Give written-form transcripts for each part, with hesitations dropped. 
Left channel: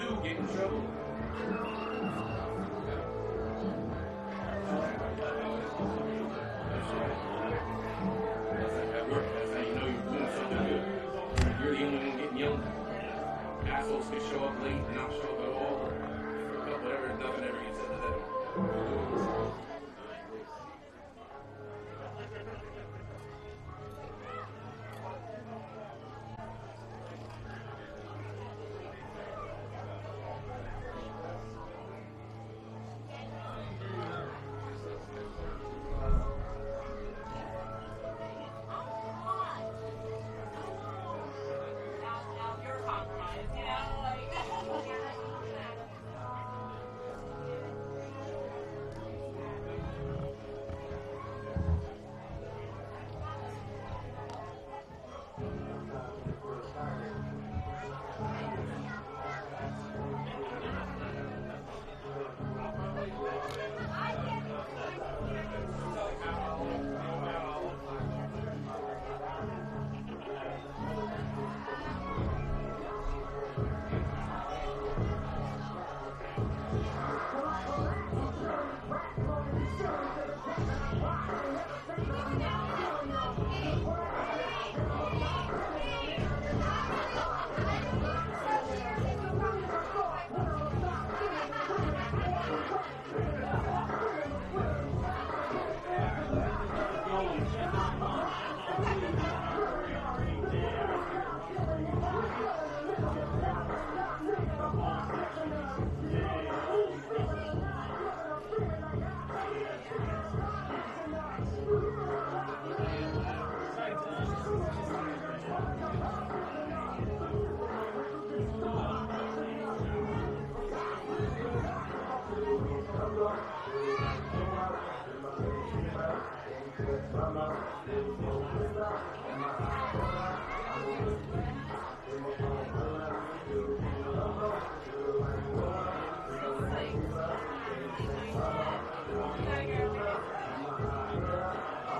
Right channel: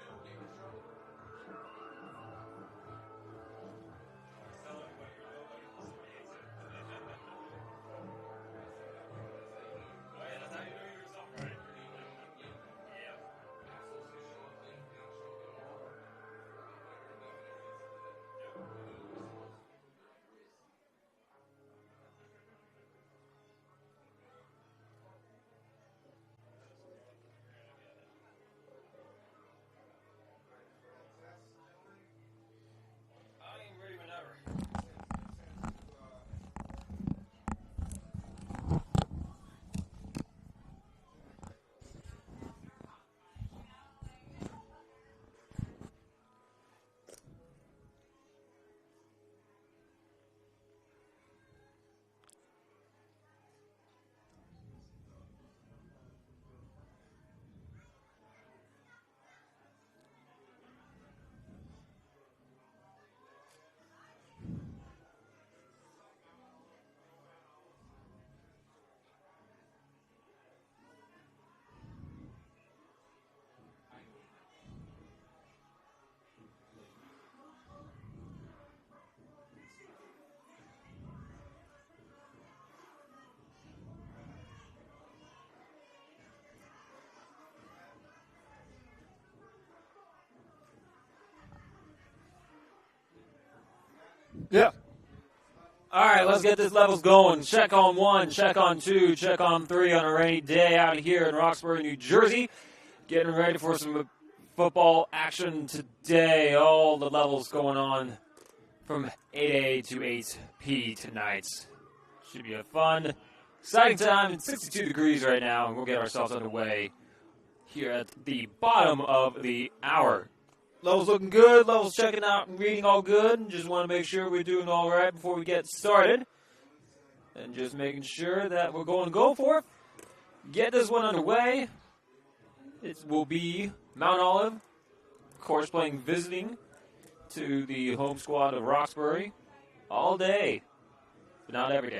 do get in trouble. That's how you know you're doing something good. You're the only one getting yelled at. Assholes can show up late and not show up at all. Whatever, nothing ever gets said to them. Yep. All right, let's get this levels going. Check on 1, check on 2, check on 3 on a rainy day out here in Roxbury, New Jersey. Getting ready for some football action today. All the levels going on from 8 a to 8 p tonight. Should be a fun, exciting time. It's 62 degrees right now. We'll get ourselves underway here at the bottom of the hour. Levels looking good, levels checking out, reading all good. Just want to make sure we're doing all right before we get started. Just making sure that we're going to go for it. Get this one underway. This will be Mount Olive, of course, playing visiting to the home squad of Roxbury all day, not every day.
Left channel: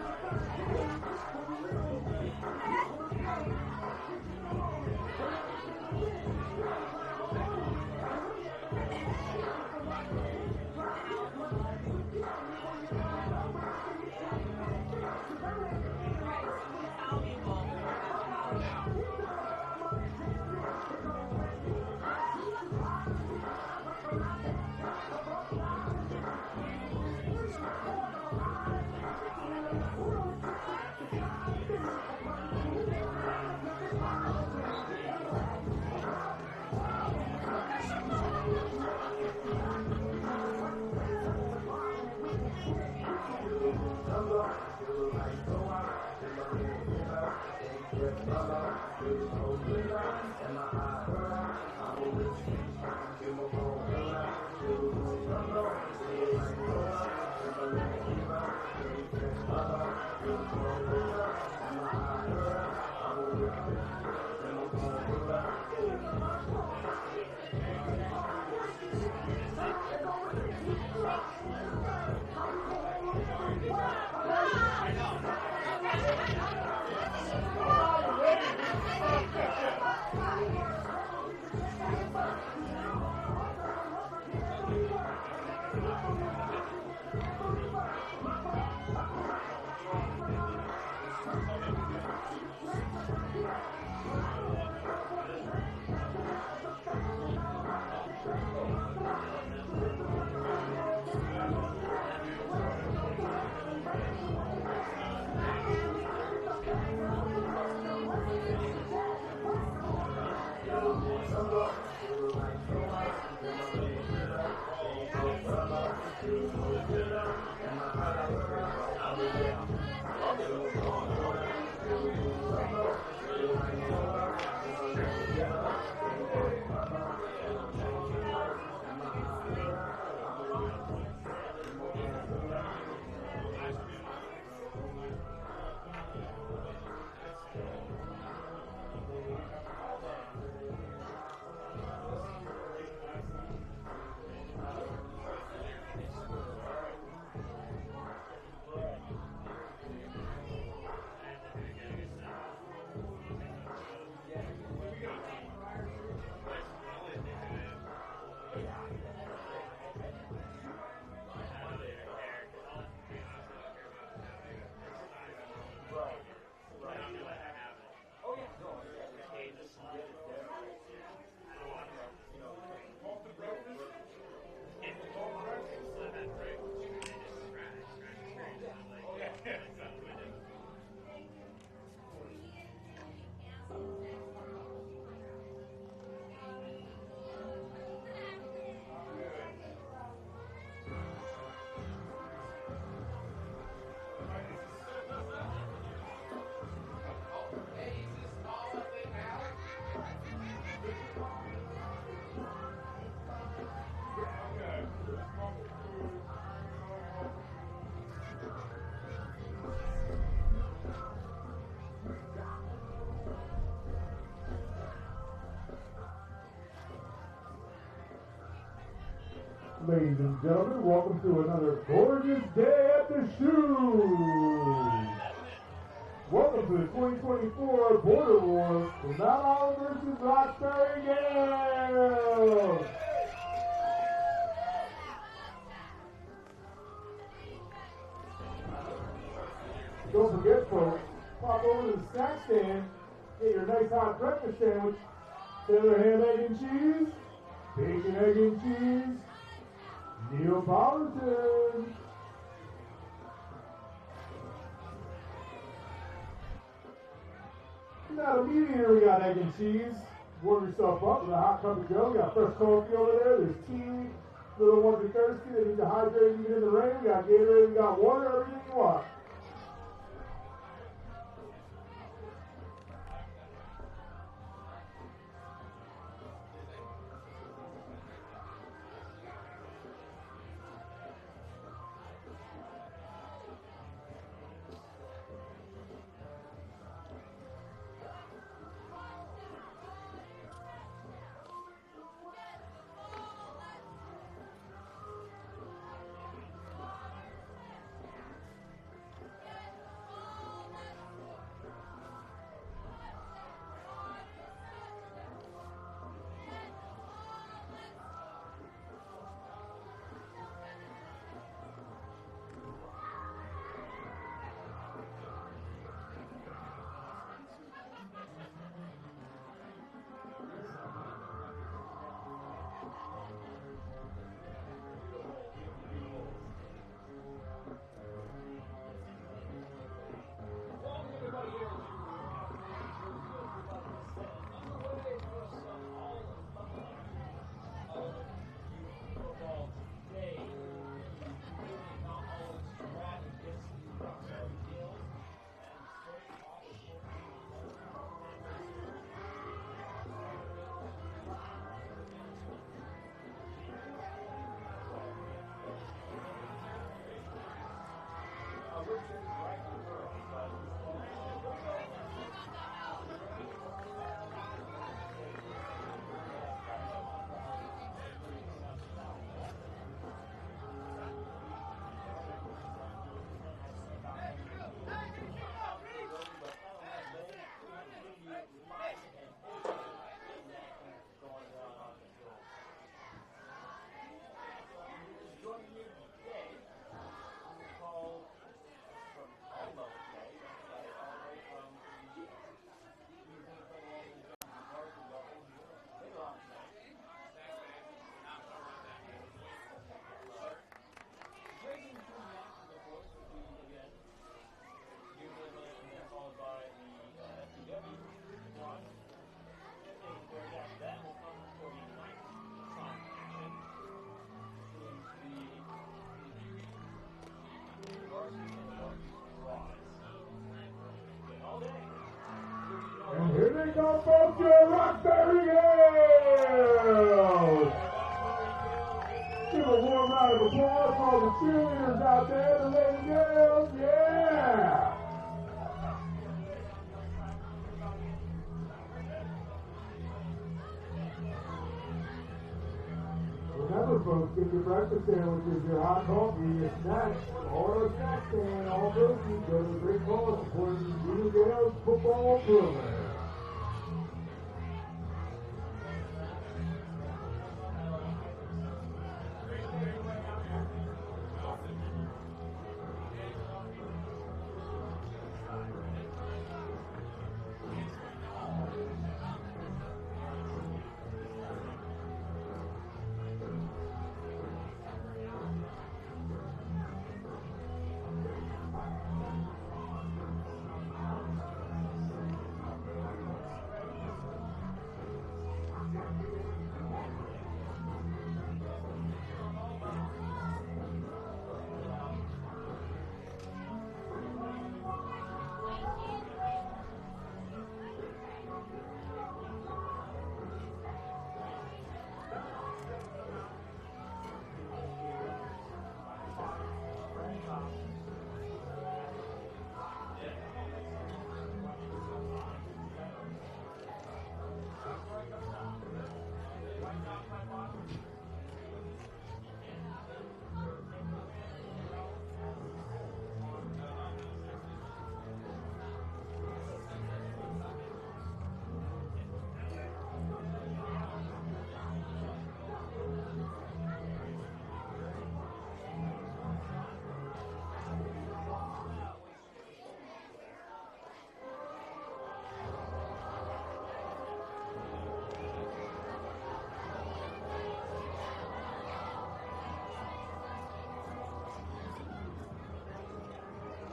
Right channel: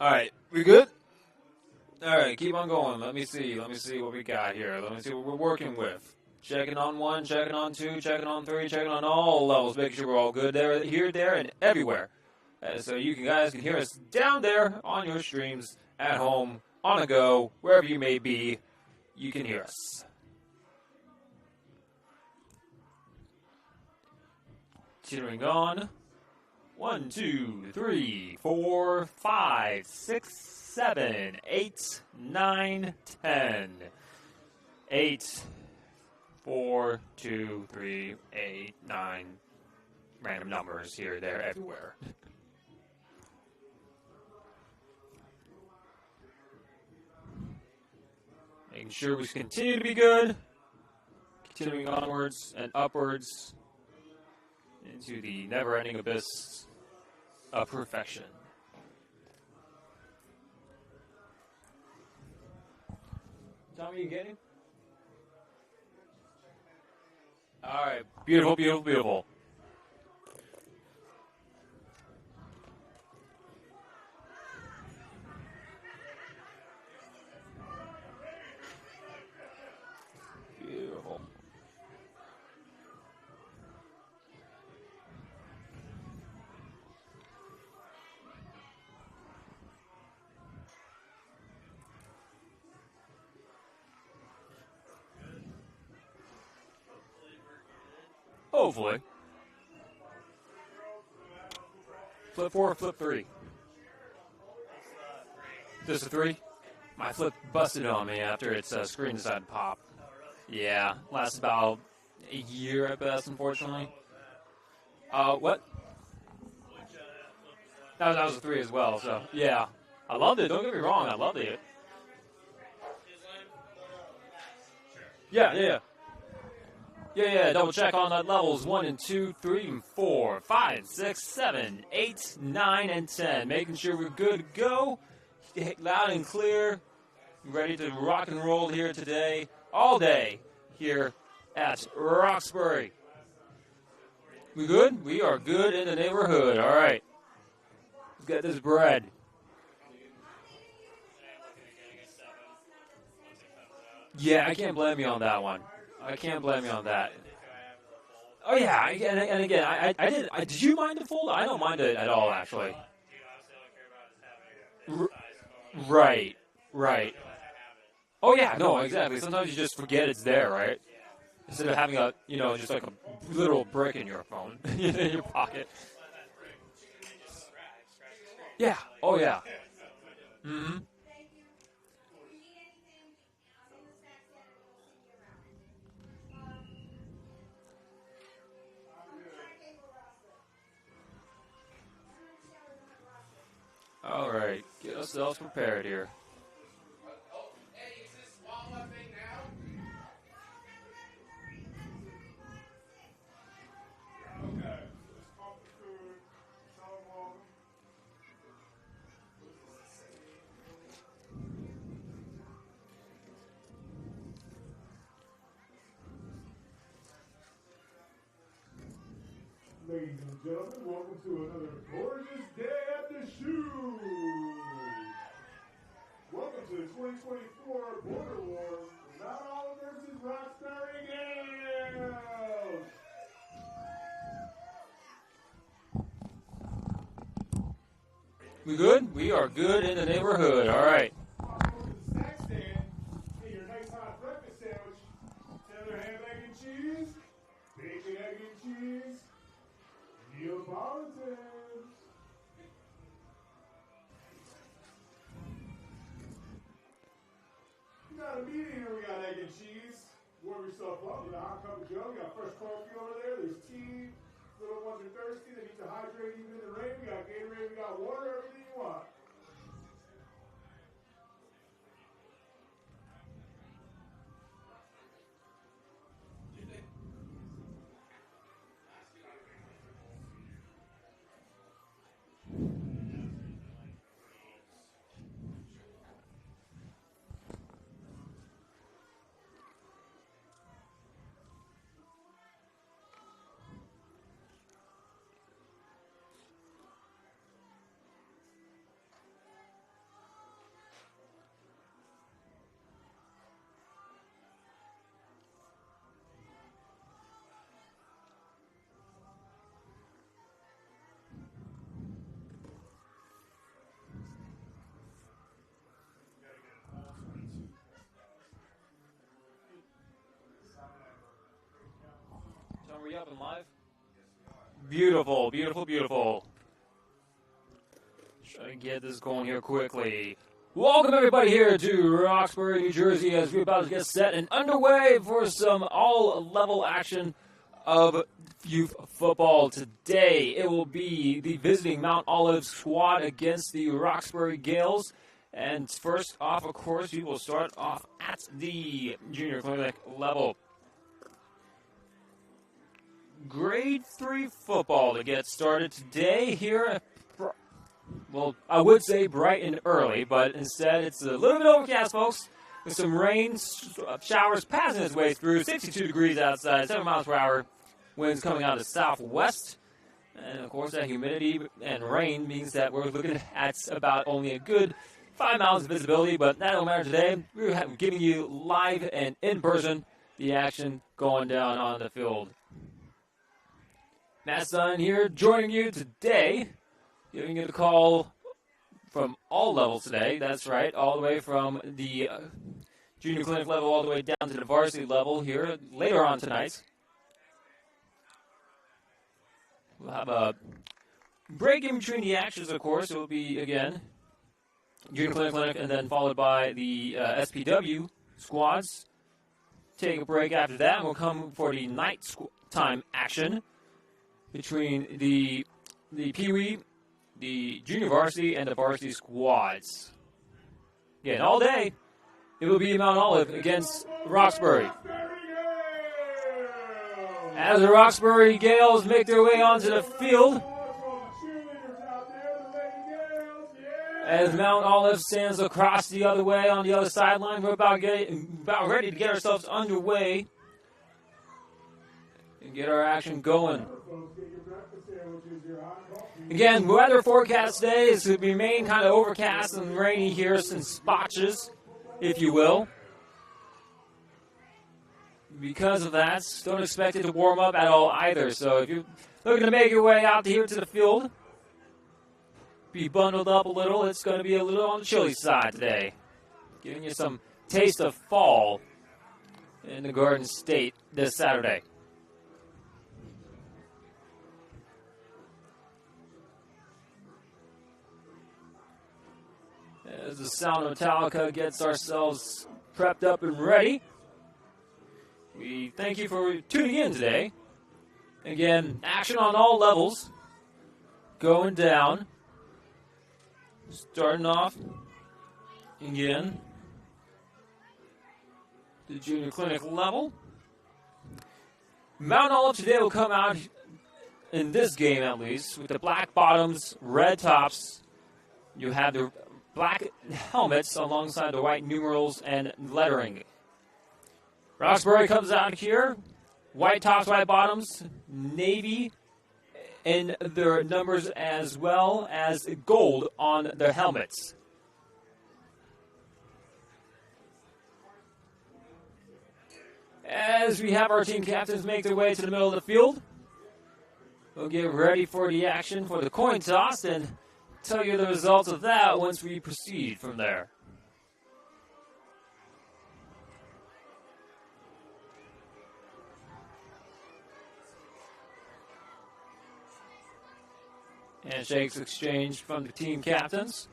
All right, you good? All right, keep on going. Let me see what we got here. Let me see what we're working with. Checking on 1, checking on 2, checking on 3, checking on all levels. Making sure we're all good there, here, there, and everywhere. So you guys can hear us down there on your streams, at home, on the go, wherever you may be, you can hear us. Continuing on. 1, 2, 3, 4, 5, 6, 7, 8, 9, 10. 8, 4, 2, 3, 8, 9. Random numbers here, there, everywhere. Make sure we continue to be good. Continuing onwards and upwards into the never-ending abyss of perfection. All right, beautiful, beautiful, beautiful. Hopefully. Flip 4, flip 3. This is 3. My flip busted on me after its screen decided to pop. Yeah, lasts about a year at best, unfortunately. What? No, that was a 3 as well, so yeah. I loved it, don't get me wrong, I loved it. Yeah. Yeah, double check on the levels 1 and 2, 3 and 4, 5, 6, 7, 8, 9, and 10. Making sure we're good to go. Loud and clear. Ready to rock and roll here today. All day here at Roxbury. We good? We are good in the neighborhood. All right. Let's get this bread. Yeah, I can't blame you on that one. I can't blame you on that. Oh yeah, and again, I did. Did you mind the fold? I don't mind it at all, actually. Right. Oh yeah, no, exactly. Sometimes you just forget it's there, right? Instead of having a, just like a little brick in your phone in your pocket. Yeah. Oh yeah. Mm-hmm. All right, get ourselves prepared here. Ladies and gentlemen, welcome to another gorgeous day at the shoe. Welcome to the 2024 Border Wars with Mount Olive versus Roxbury Gales. We good? We are good in the neighborhood. All right. Pop over to the snack stand, get your nice hot breakfast sandwich, Taylor ham, egg, and cheese, bacon, egg, and cheese, Neapolitan. Not immediately, we got egg and cheese. Warm yourself up with a hot cup of joe. We got fresh coffee over there. There's tea. Little ones are thirsty. They need to hydrate even in the rain. We got Gatorade. We got water. Everything you want. Beautiful, beautiful, beautiful. Try to get this going here quickly. Welcome everybody here to Roxbury, New Jersey, as we're about to get set and underway for some all-level action of youth football. Today it will be the visiting Mount Olive squad against the Roxbury Gales. And first off, of course, we will start off at the junior clinic level. Grade 3 football to get started today here. Well, I would say bright and early, but instead it's a little bit overcast, folks, with some rain, showers passing its way through. 62 degrees outside, 7 miles per hour. Winds coming out of the southwest. And, of course, that humidity and rain means that we're looking at about only a good 5 miles of visibility, but that don't matter today. We're giving you live and in person the action going down on the field. Matt Stein here joining you today, giving you the call from all levels today. That's right, all the way from the junior clinic level all the way down to the varsity level here later on tonight. We'll have a break in between the actions, of course. It will be, again, junior clinic and then followed by the SPW squads. Take a break after that, and we'll come for the nighttime action between the Pee Wee, the junior varsity, and the varsity squads. Again, all day, it will be Mount Olive against Roxbury. As the Roxbury Gales make their way onto the field, as Mount Olive stands across the other way on the other sideline, we're about ready to get ourselves underway. Get our action going. Again, weather forecast today is to remain kind of overcast and rainy here, some spotches, if you will. because of that, don't expect it to warm up at all either. So if you're looking to make your way out here to the field, be bundled up a little. It's going to be a little on the chilly side today, giving you some taste of fall in the Garden State this Saturday. As the sound of Metallica gets ourselves prepped up and ready, we thank you for tuning in today. Again, action on all levels going down. Starting off again, the junior clinic level. Mount Olive today will come out in this game at least with the black bottoms, red tops. You have the black helmets alongside the white numerals and lettering. Roxbury comes out here, white tops, white bottoms, navy in their numbers as well as gold on their helmets. As we have our team captains make their way to the middle of the field, we'll get ready for the action for the coin toss and tell you the results of that once we proceed from there. Handshakes exchanged from the team captains.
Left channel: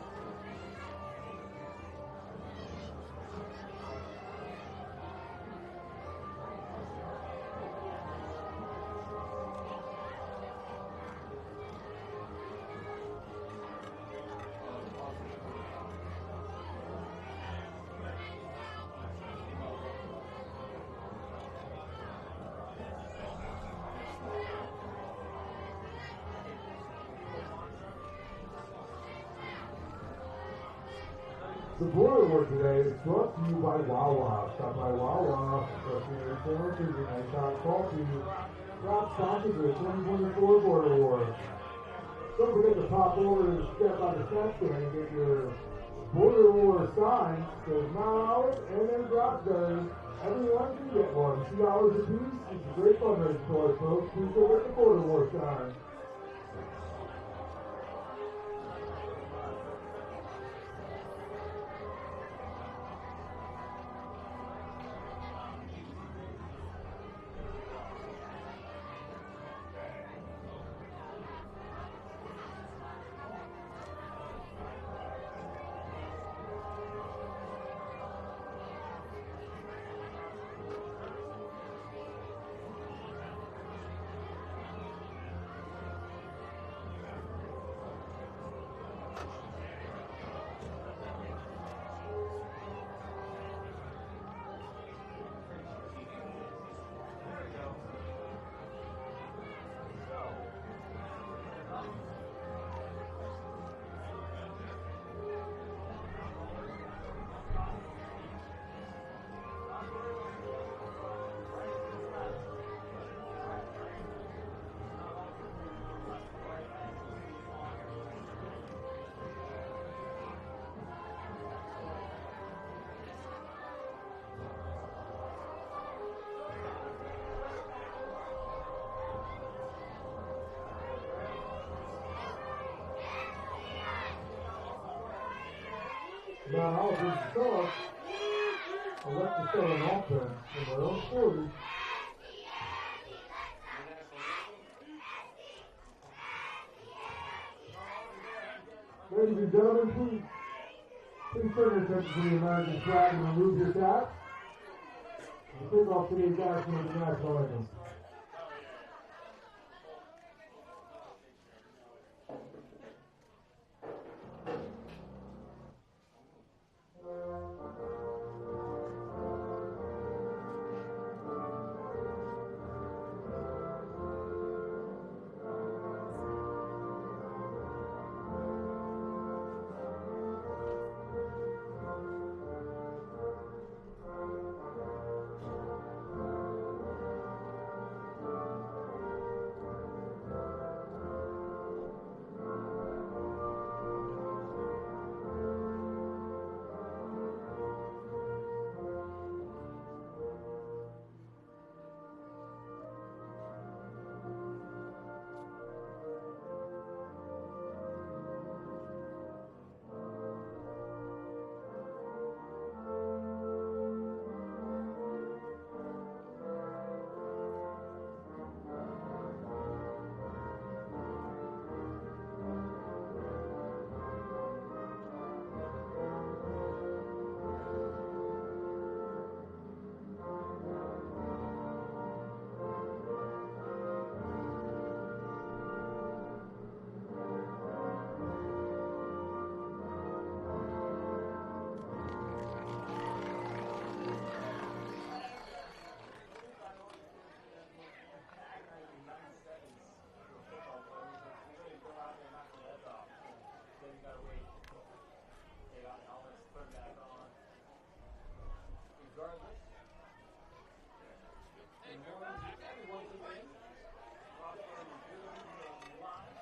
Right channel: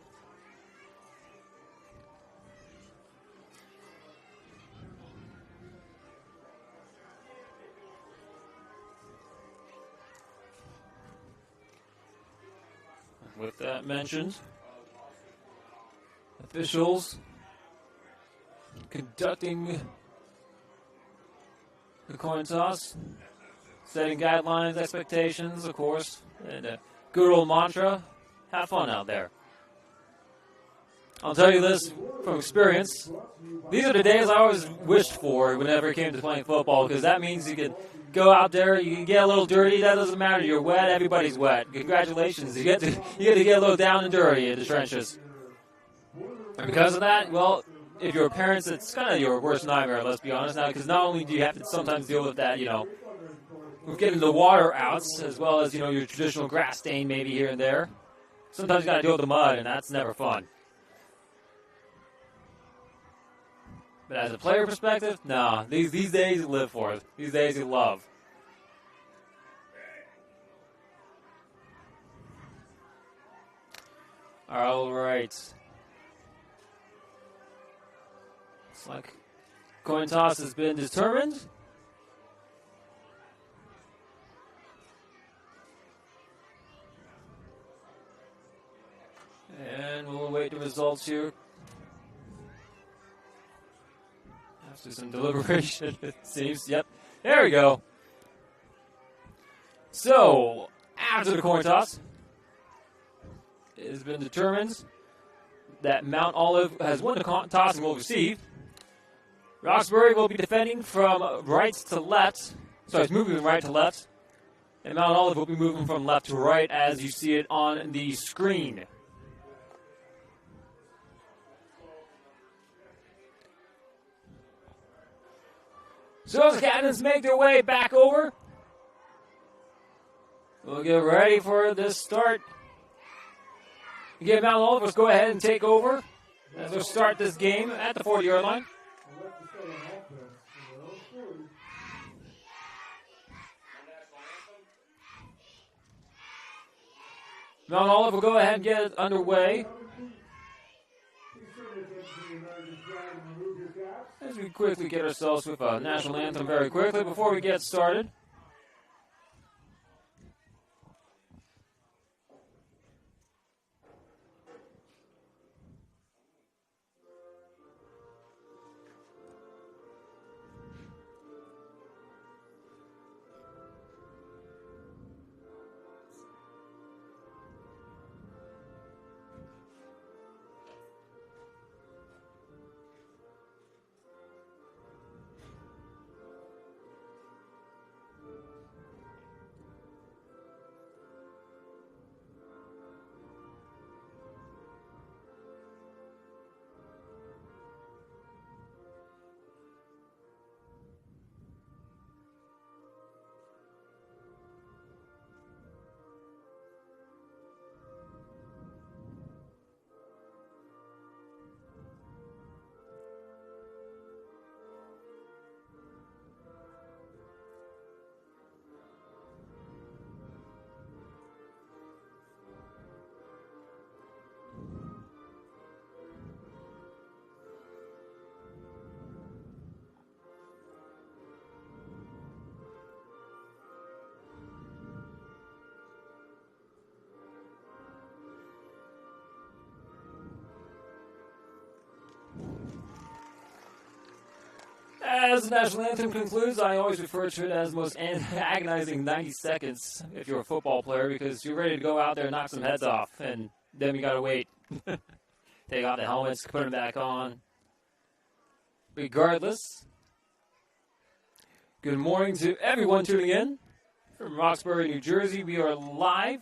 With that mentioned, officials conducting the coin toss, setting guidelines, expectations, of course, and good old mantra, have fun out there. I'll tell you this from experience. These are the days I always wished for whenever it came to playing football, because that means you can go out there, you can get a little dirty. That doesn't matter. You're wet. Everybody's wet. Congratulations. You get to get a little down and dirty in the trenches. And because of that, well, if you're a parent, it's kind of your worst nightmare, let's be honest, because not only do you have to sometimes deal with that, getting the water out, as well as, your traditional grass stain maybe here and there. Sometimes you got to deal with the mud, and that's never fun. But as a player perspective, nah, these days you live for it. These days you love. All right. Coin toss has been determined. And we'll await the results here. After some deliberation, it seems. Yep. There we go. So, after the coin toss, it has been determined that Mount Olive has won the toss and will receive. Roxbury will be defending from right to left. Sorry, it's moving right to left. And Mount Olive will be moving from left to right as you see it on the screen. So as the captains make their way back over, we'll get ready for this start. Again, Mount Olive, let's go ahead and take over. We'll start this game at the 40-yard line. Mount Olive will go ahead and get it underway. As we quickly get ourselves with a national anthem very quickly before we get started. As the national anthem concludes, I always refer to it as the most agonizing 90 seconds if you're a football player, because you're ready to go out there and knock some heads off, and then you got to wait. Take out the helmets, put them back on. Regardless, good morning to everyone tuning in from Roxbury, New Jersey. We are live.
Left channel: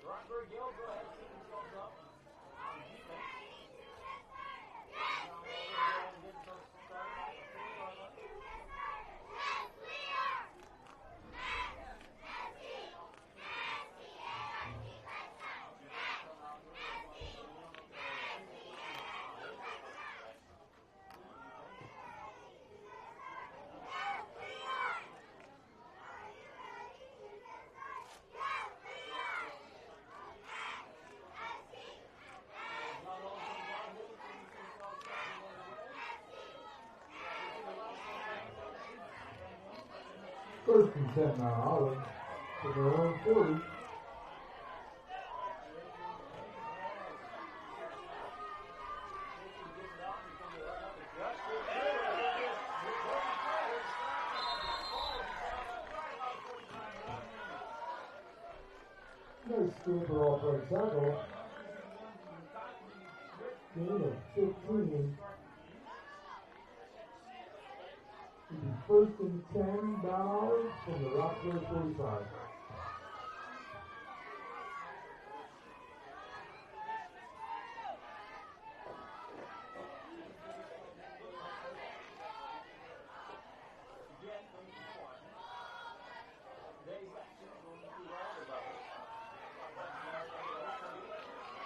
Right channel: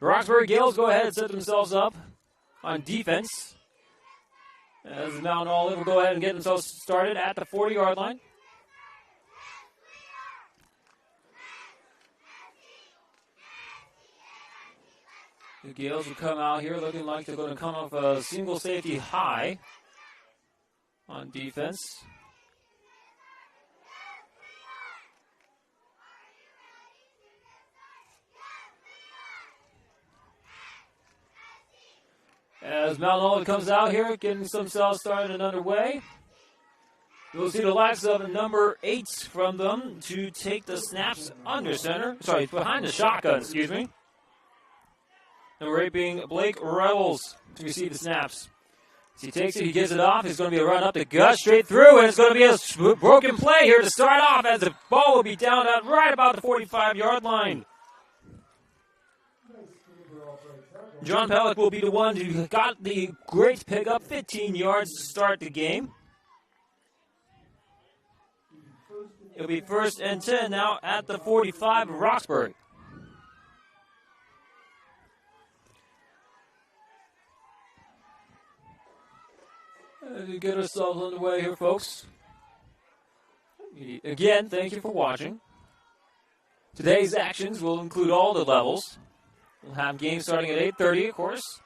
The Roxbury Gales go ahead and set themselves up on defense. As Mount Olive will go ahead and get themselves started at the 40-yard line. The Gales will come out here looking like they're going to come off a single safety high on defense. As Mount Olive comes out here, getting themselves started and underway. We'll see the likes of number 8 from them to take the snaps under center. Sorry, behind the shotgun, excuse me. Number 8 being Blake Revels to receive the snaps. As he takes it, he gives it off. It's going to be a run up the gut, straight through, and it's going to be a broken play here to start off as the ball will be down at right about the 45-yard line. John Pellick will be the one who got the great pickup, 15 yards to start the game. It'll be 1st and 10 now at the 45 of Roxbury. To get ourselves underway here, folks. Again, thank you for watching. Today's actions will include all the levels. We'll have games starting at 8:30, of course,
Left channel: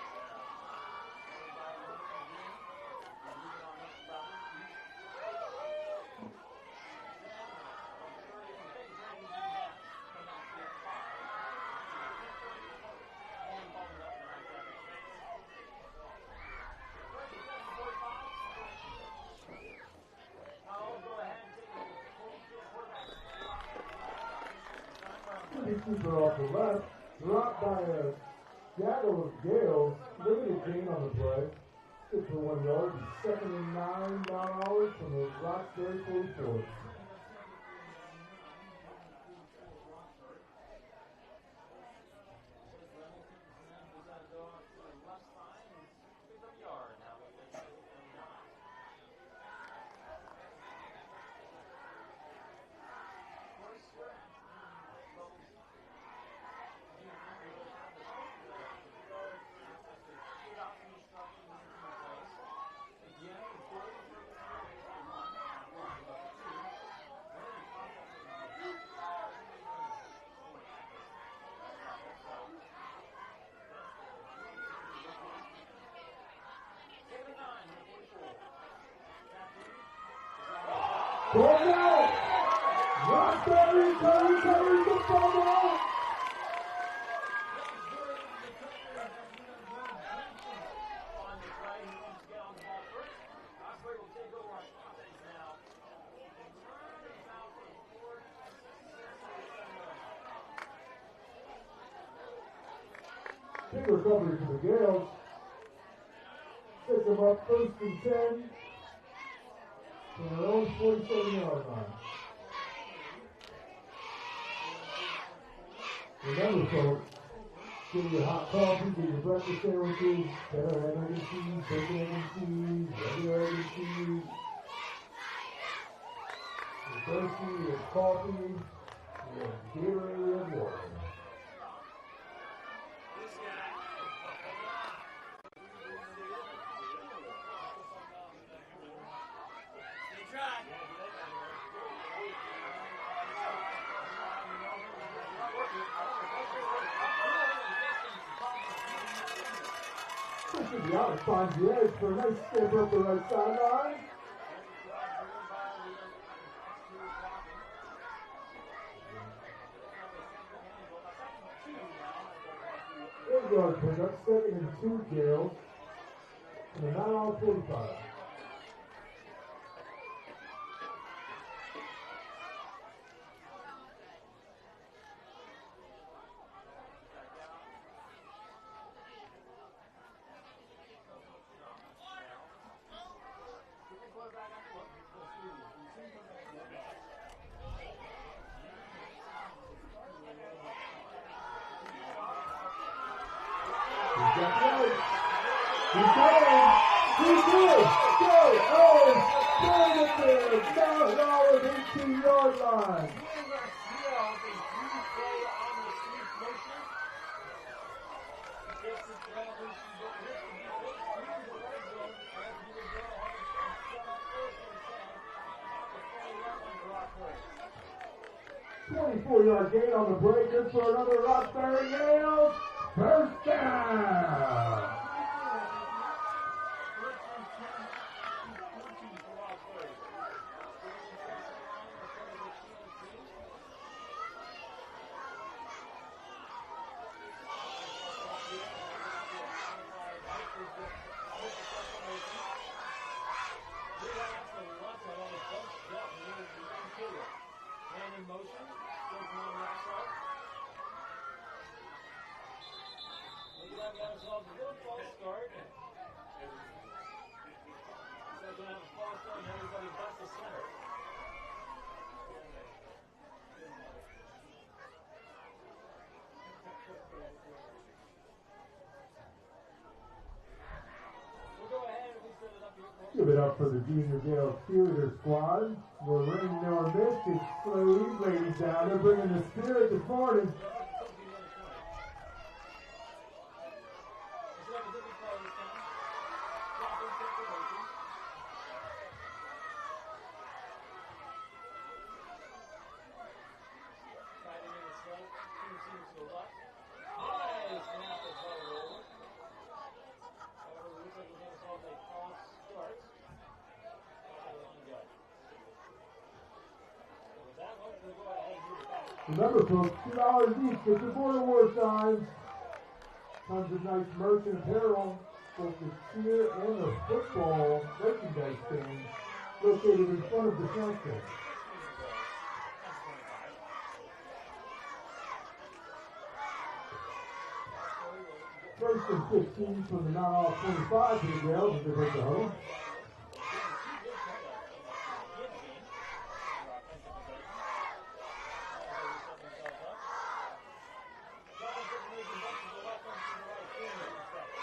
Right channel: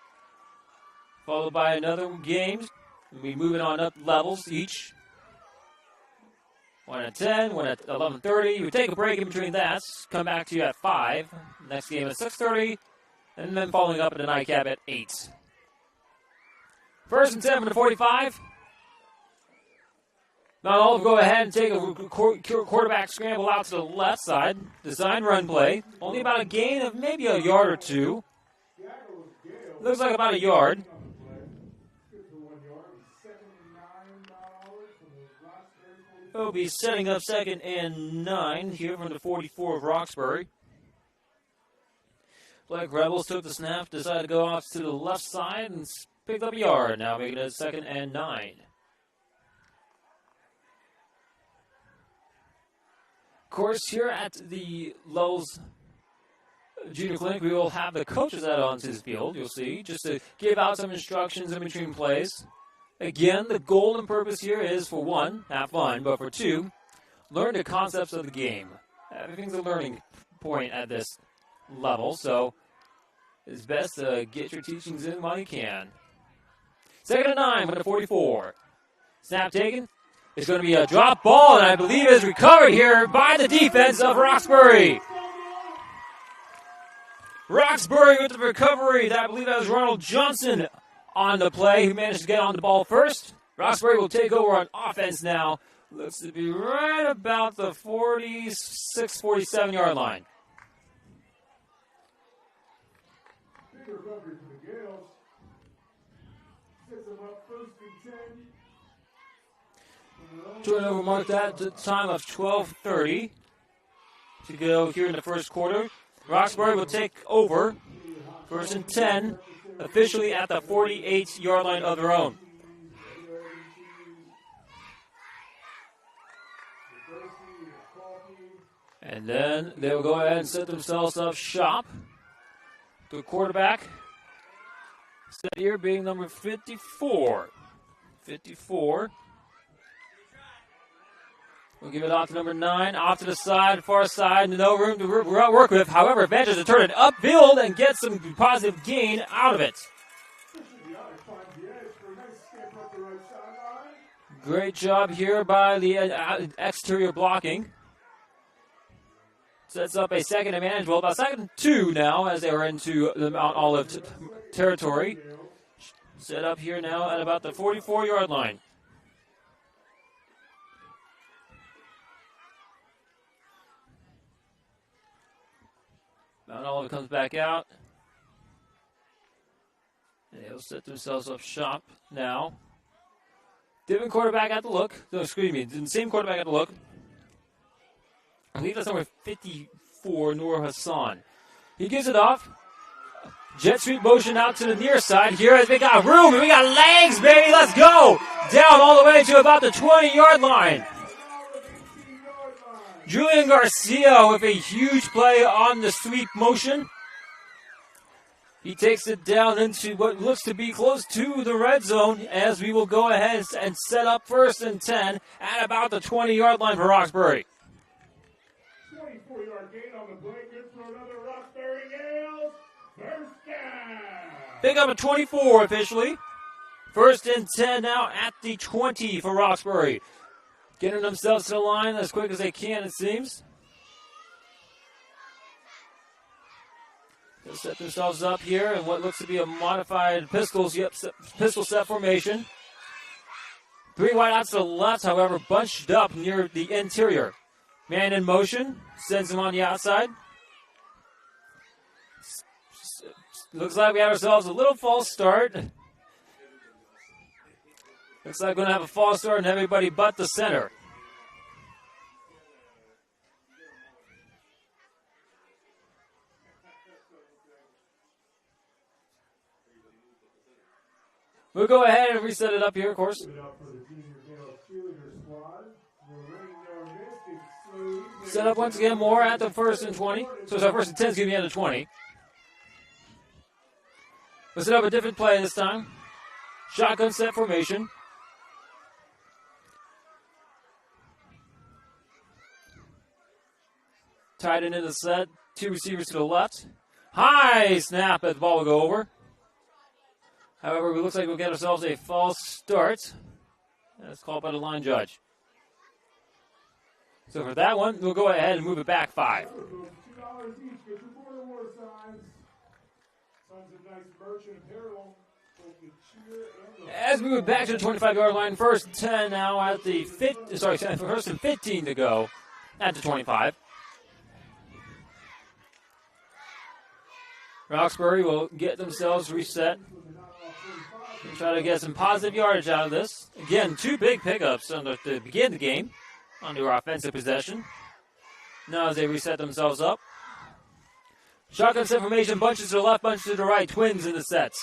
followed by another game. We'll be moving on up levels each. One at 10, one at 11:30. We take a break in between that. Come back to you at 5. Next game at 6:30, and then following up at the nightcap at 8. 1st and 10 from the 45. Now all go ahead and take a quarterback scramble out to the left side. Design run play. Only about a gain of maybe a yard or two. Looks like about a yard. They'll be setting up 2nd and 9 here from the 44 of Roxbury. Blake Rebels took the snap, decided to go off to the left side and picked up a yard. Now making it 2nd and 9. Of course, here at the Lowell's Junior Clinic, we will have the coaches out onto the field, you'll see, just to give out some instructions in between plays. Again, the goal and purpose here is, for 1, have fun, but for 2, learn the concepts of the game. Everything's a learning point at this level, so it's best to get your teachings in while you can. 2nd and 9 for the 44. Snap taken. It's going to be a drop ball, and I believe it's recovered here by the defense of Roxbury. Roxbury with the recovery. I believe that was Ronald Johnson on the play, who managed to get on the ball first. Roxbury will take over on offense now. Looks to be right about the 46, 47-yard line. Big recovery for the Gales. Sets them up 1st and 10. Turnover marked at the time of 12:30 to go here in the 1st quarter. Roxbury will take over. 1st and 10, officially at the 48-yard line of their own. And then they will go ahead and set themselves up shop. The quarterback set here being number 54. 54. We'll give it off to number 9, off to the side, far side, no room to work with. However, manages to turn it upfield and get some positive gain out of it. Great job here by the exterior blocking. Sets up a 2nd and manageable, about 2nd and 2 now as they are into the Mount Olive territory. Set up here now at about the 44-yard line. Mount Olive comes back out. And they'll set themselves up shop now. Different quarterback at the look. No, excuse me, the same quarterback at the look. I believe that's number 54, Noor Hassan. He gives it off. Jet sweep motion out to the near side. Here as we got room and we got legs, baby. Let's go. Down all the way to about the 20-yard line. Julian Garcia with a huge play on the sweep motion. He takes it down into what looks to be close to the red zone as we will go ahead and set up 1st and 10 at about the 20-yard line for Roxbury. 24-yard gain on the break. Good for another Roxbury Gales. First down. Pick up a 24 officially. 1st and 10 now at the 20 for Roxbury. Getting themselves to the line as quick as they can, it seems. They'll set themselves up here in what looks to be a modified pistol set formation. 3 wideouts to the left, however, bunched up near the interior. Man in motion, sends him on the outside. Looks like we have ourselves a little false start. Looks like we're going to have a false start and everybody but the center. We'll go ahead and reset it up here, of course. Give it up for the Junior Gale cheerleader squad. Set up once again more at the 1st and 20. So it's our 1st and 10 is going to be at the 20. We'll set up a different play this time. Shotgun set formation. Tight end in the set. 2 receivers to the left. High snap, as the ball will go over. However, it looks like we'll get ourselves a false start. That's called by the line judge. So for that one, we'll go ahead and move it back 5. Remember, folks, $2 each. Get your border war signs. Tons of nice merch and apparel. Both the cheer and the as we move back to the 25-yard line, 1st and 10 now at the 1st and 15 to go at the 25. Roxbury will get themselves reset. Try to get some positive yardage out of this. Again, 2 big pickups to begin the game on their offensive possession. Now as they reset themselves up. Shotgun set formation, bunches to the left, bunches to the right, twins in the sets.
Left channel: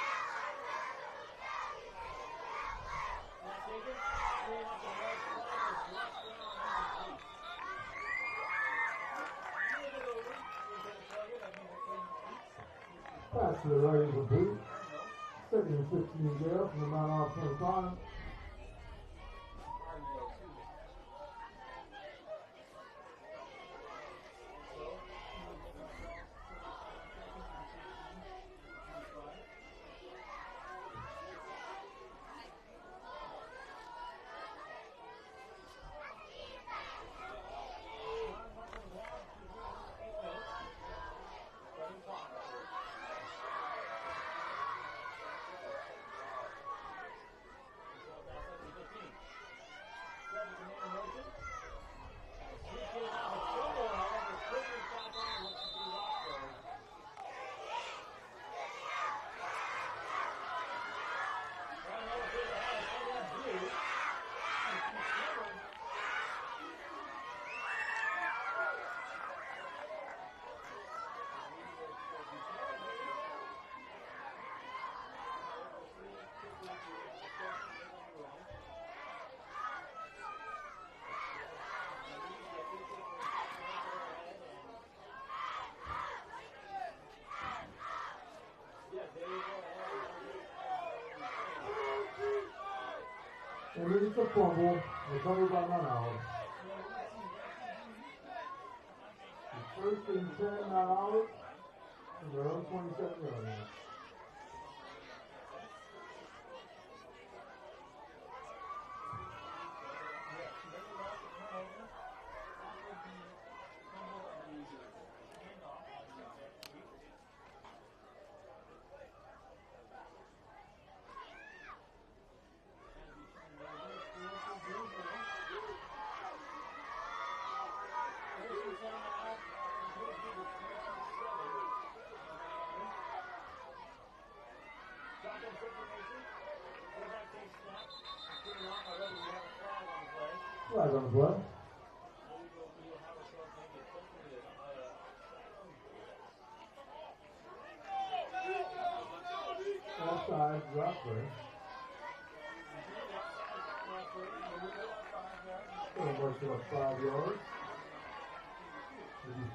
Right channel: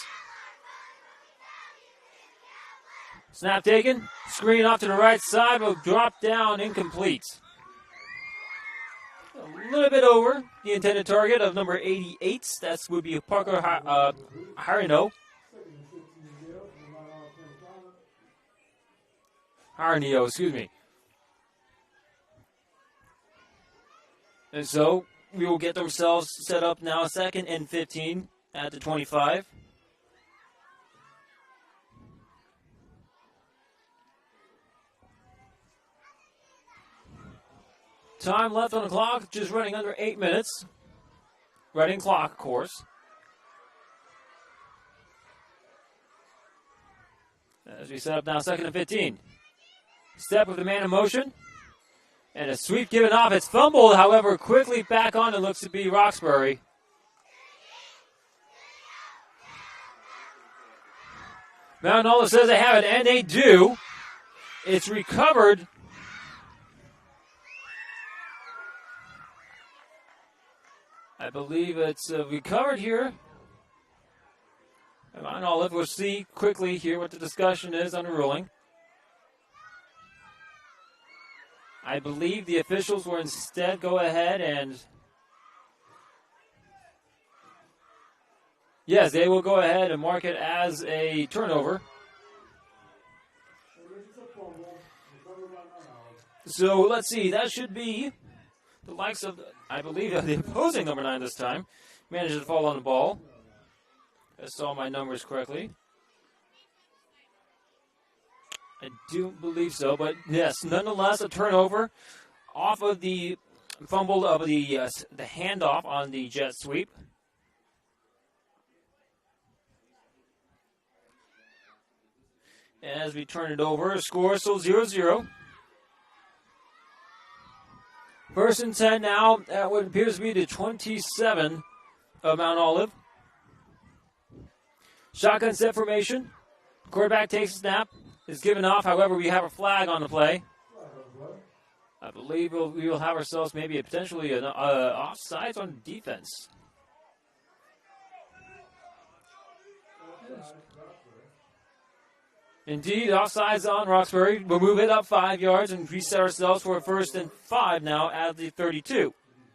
Snap taken, screen off to the right side, will drop down incomplete. A little bit over the intended target of number 88. That would be Parker Harino. Harnio, excuse me. And so we will get themselves set up now, 2nd and 15 at the 25. Time left on the clock, just running under 8 minutes. Running clock, of course. As we set up now, 2nd and 15. Step with the man in motion. And a sweep given off. It's fumbled, however, quickly back on. It looks to be Roxbury. Mount Olive says they have it, and they do. It's recovered. I believe it's recovered here. Mount Olive, we'll see quickly here what the discussion is on the ruling. I believe the officials will instead go ahead and... Yes, they will go ahead and mark it as a turnover. So let's see, that should be the likes of, I believe, the opposing number 9 this time. Manages to fall on the ball. I saw my numbers correctly. I do believe so, but yes, nonetheless, a turnover off of the fumble of the handoff on the jet sweep. As we turn it over, a score still 0-0. 1st and 10 now at what appears to be the 27 of Mount Olive. Shotgun set formation. Quarterback takes a snap. is given off. However, we have a flag on the play. Flag on the play. I believe we will have ourselves maybe potentially an offsides on defense. Offside, Roxbury. Indeed, offsides on Roxbury. We'll move it up 5 yards and reset ourselves for a 1st and 5 now at the 32.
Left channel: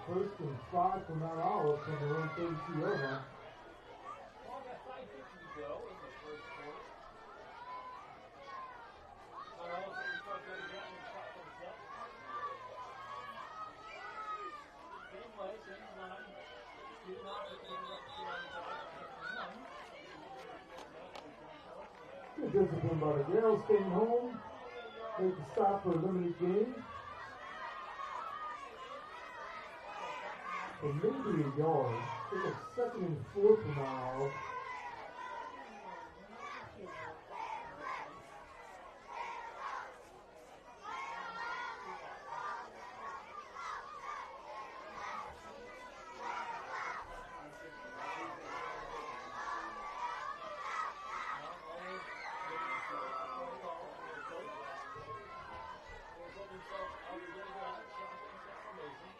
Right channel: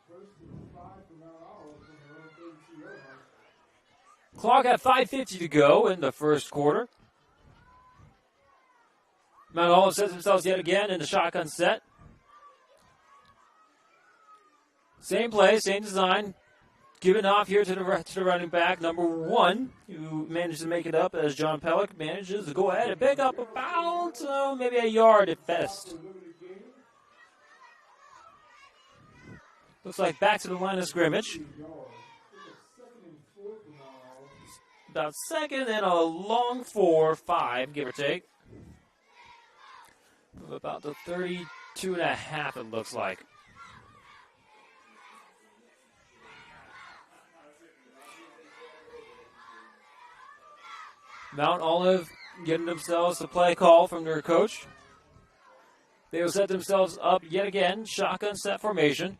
First and 5 from Mount Olive from their own 32-yard line. Clock at 5:50 to go in the first quarter. Mount Olive sets themselves yet again in the shotgun set. Same play, same design. Given off here to the running back, number 1, who manages to make it up as John Pellick manages to go ahead and pick up about maybe a yard at best. Looks like back to the line of scrimmage. About 2nd and a long 4-5, give or take. About the 32 and a half, it looks like. Mount Olive getting themselves a play call from their coach. They will set themselves up yet again, shotgun set formation.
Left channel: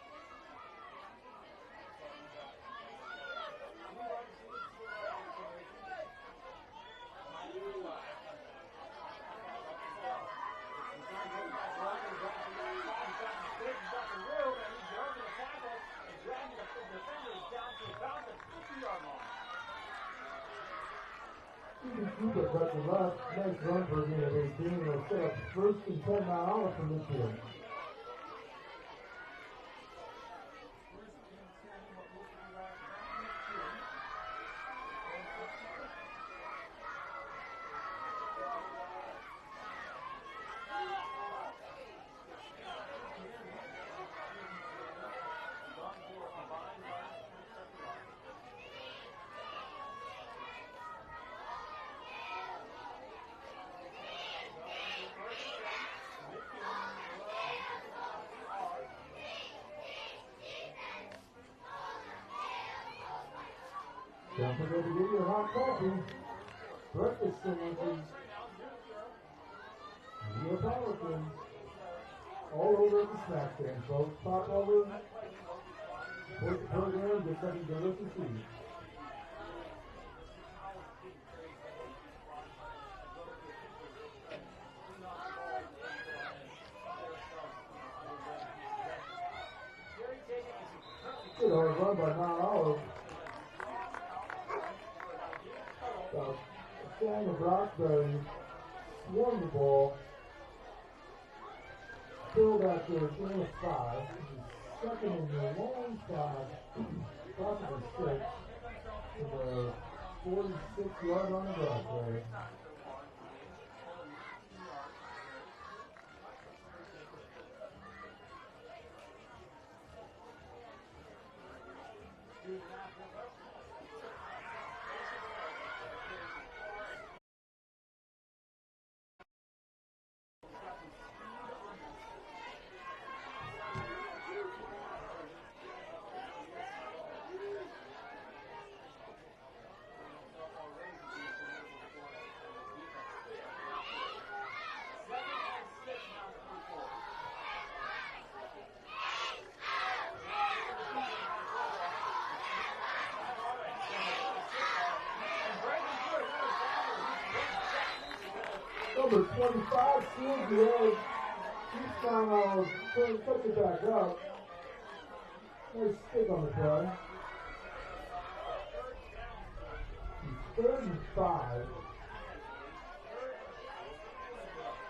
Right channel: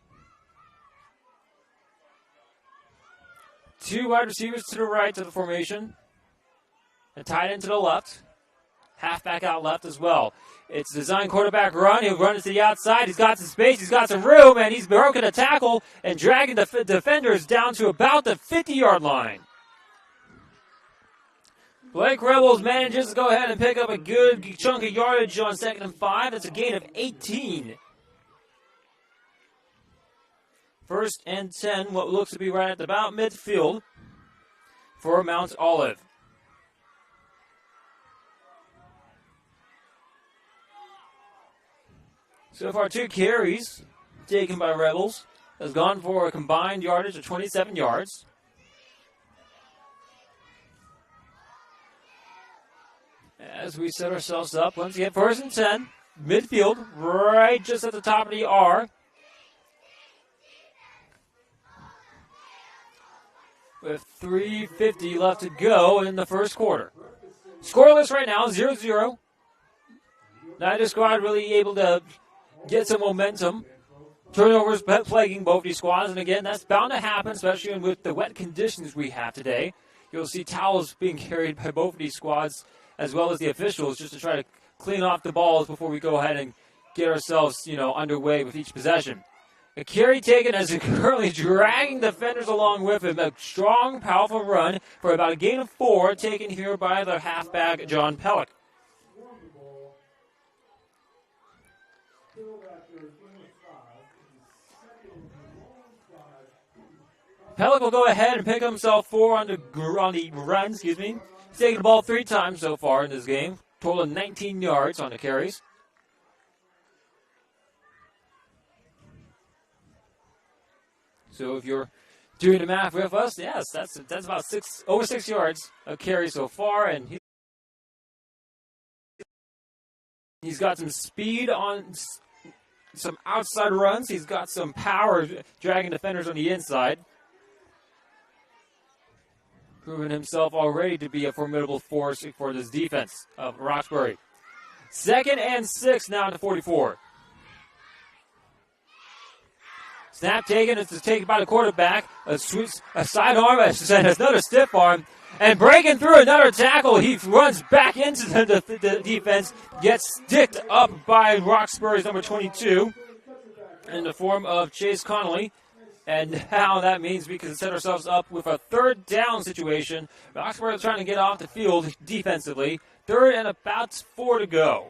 2 wide receivers to the right of the formation. A tight end to the left. Halfback out left as well. It's design quarterback run. He'll run it to the outside. He's got some space. He's got some room. And he's broken a tackle and dragging the defenders down to about the 50-yard line. Blake Rebels manages to go ahead and pick up a good chunk of yardage on 2nd and 5. That's a gain of 18. 1st and 10, what looks to be right at about midfield for Mount Olive. So far, 2 carries taken by Rebels. Has gone for a combined yardage of 27 yards. As we set ourselves up, once again, 1st and 10, midfield, right just at the top of the R. With 3:50 left to go in the first quarter. Scoreless right now, 0-0. Neither squad really able to get some momentum. Turnovers plaguing both these squads, and again, that's bound to happen, especially with the wet conditions we have today. You'll see towels being carried by both of these squads, as well as the officials, just to try to clean off the balls before we go ahead and get ourselves, underway with each possession. A carry taken as he's currently dragging defenders along with him. A strong, powerful run for about a gain of 4 taken here by the halfback, John Pellick. Pellick will go ahead and pick himself 4 on the run, He's taken the ball 3 times so far in this game. Total of 19 yards on the carries. So if you're doing the math with us, yes, that's about over 6 yards of carry so far, and he's got some speed on some outside runs. He's got some power dragging defenders on the inside. Proven himself already to be a formidable force for this defense of Roxbury. 2nd and 6 now to 44. Snap taken. It's taken by the quarterback. A sidearm, another stiff arm. And breaking through another tackle, he runs back into the defense, gets sticked up by Roxbury's number 22 in the form of Chase Connolly. And now that means we can set ourselves up with a 3rd down situation. Roxbury trying to get off the field defensively. 3rd and about 4 to go.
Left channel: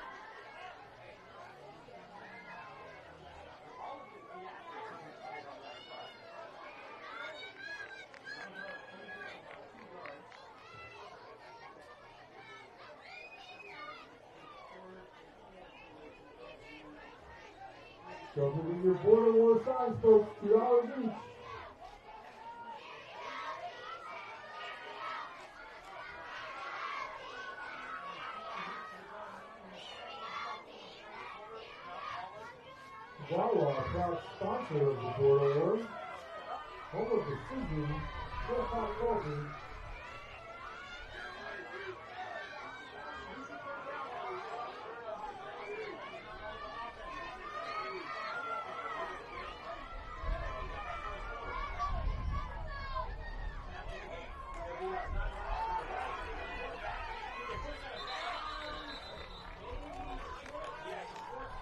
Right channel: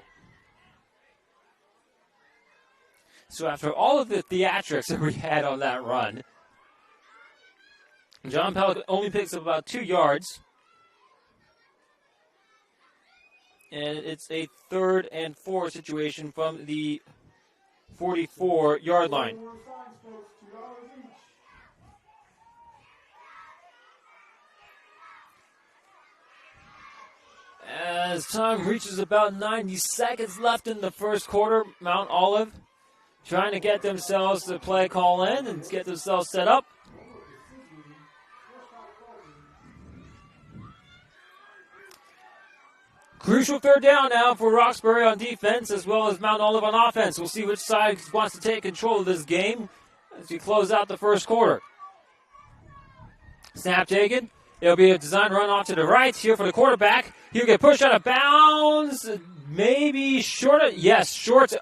So after all of the theatrics that we had on that run, John Pellick only picks up about 2 yards. And it's a 3rd and 4 situation from the 44-yard line. As time reaches about 90 seconds left in the first quarter, Mount Olive trying to get themselves to play call in and get themselves set up. Crucial third down now for Roxbury on defense as well as Mount Olive on offense. We'll see which side wants to take control of this game as we close out the first quarter. Snap taken. It'll be a design run off to the right here for the quarterback. He'll get pushed out of bounds. Maybe short. Yes, short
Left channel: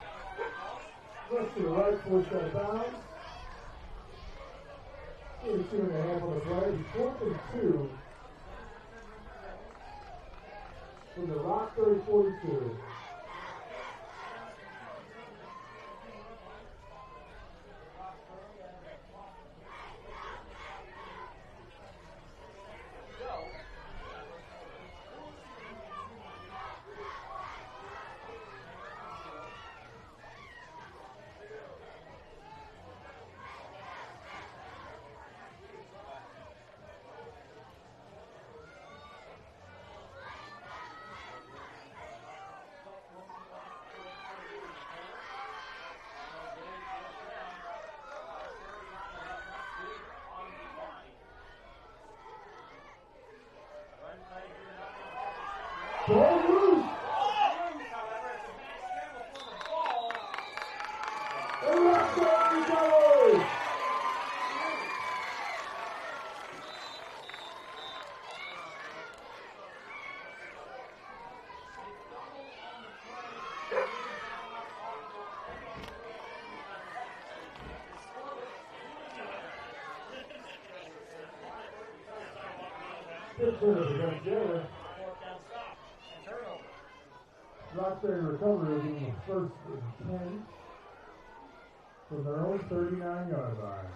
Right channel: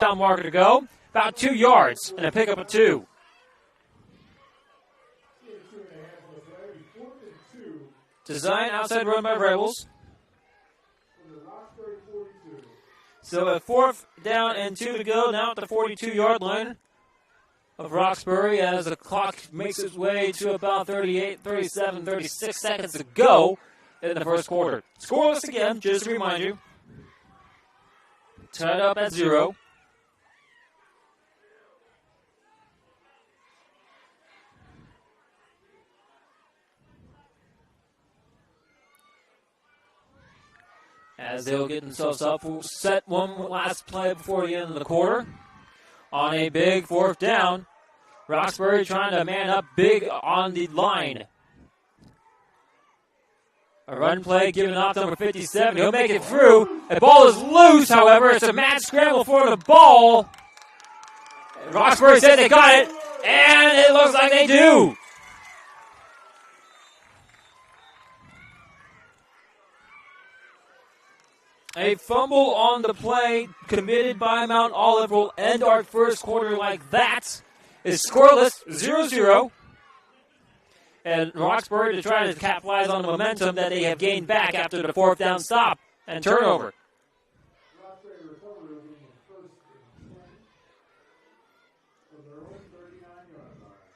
down marker to go. About 2 yards and a pickup of 2. 32.5 on the play. 4th and 2 Design outside run by Rebels. from the Roxbury 42. So a 4th down and 2 to go now at the 42-yard line of Roxbury as the clock makes its way to about 38, 37, 36 seconds to go in the first quarter. Scoreless again, just to remind you. Tied up at 0. As they'll get themselves up, we'll set one last play before the end of the quarter. On a big 4th down, Roxbury trying to man up big on the line. A run play given off to number 57. He'll make it through. The ball is loose, however. It's a mad scramble for the ball. Roxbury said they got it, and it looks like they do. A fumble on the play committed by Mount Olive will end our first quarter like that. It's scoreless, 0-0. And Roxbury to try to capitalize on the momentum that they have gained back after the 4th down stop and turnover. Roxbury recovery in the 1st and 10 from their own 39-yard line.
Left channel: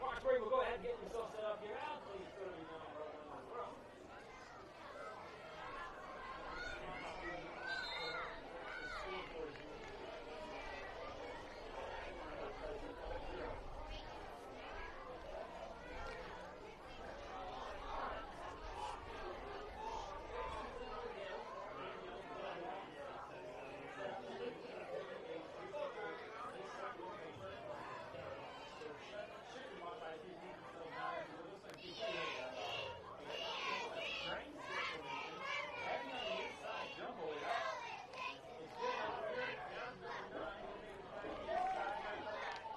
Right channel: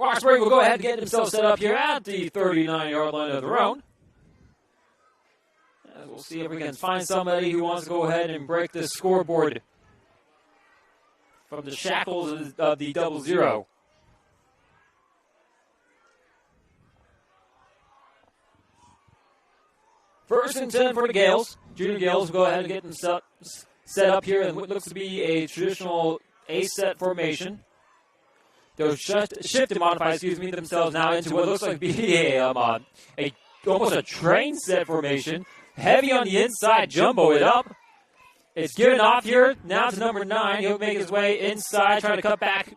Roxbury will go ahead and get himself set up here at the 39-yard line of their own. We'll see if we can find somebody who wants to go ahead and break this scoreboard from the shackles of the 0-0. First and 10 for the Gales. Junior Gales will go ahead and get themselves set up here in what looks to be a traditional A-set formation. They'll shift and modify, themselves now into what looks like to be almost a train set formation. Heavy on the inside, jumbo it up. It's given off here now to number 9. He'll make his way inside, try to cut back.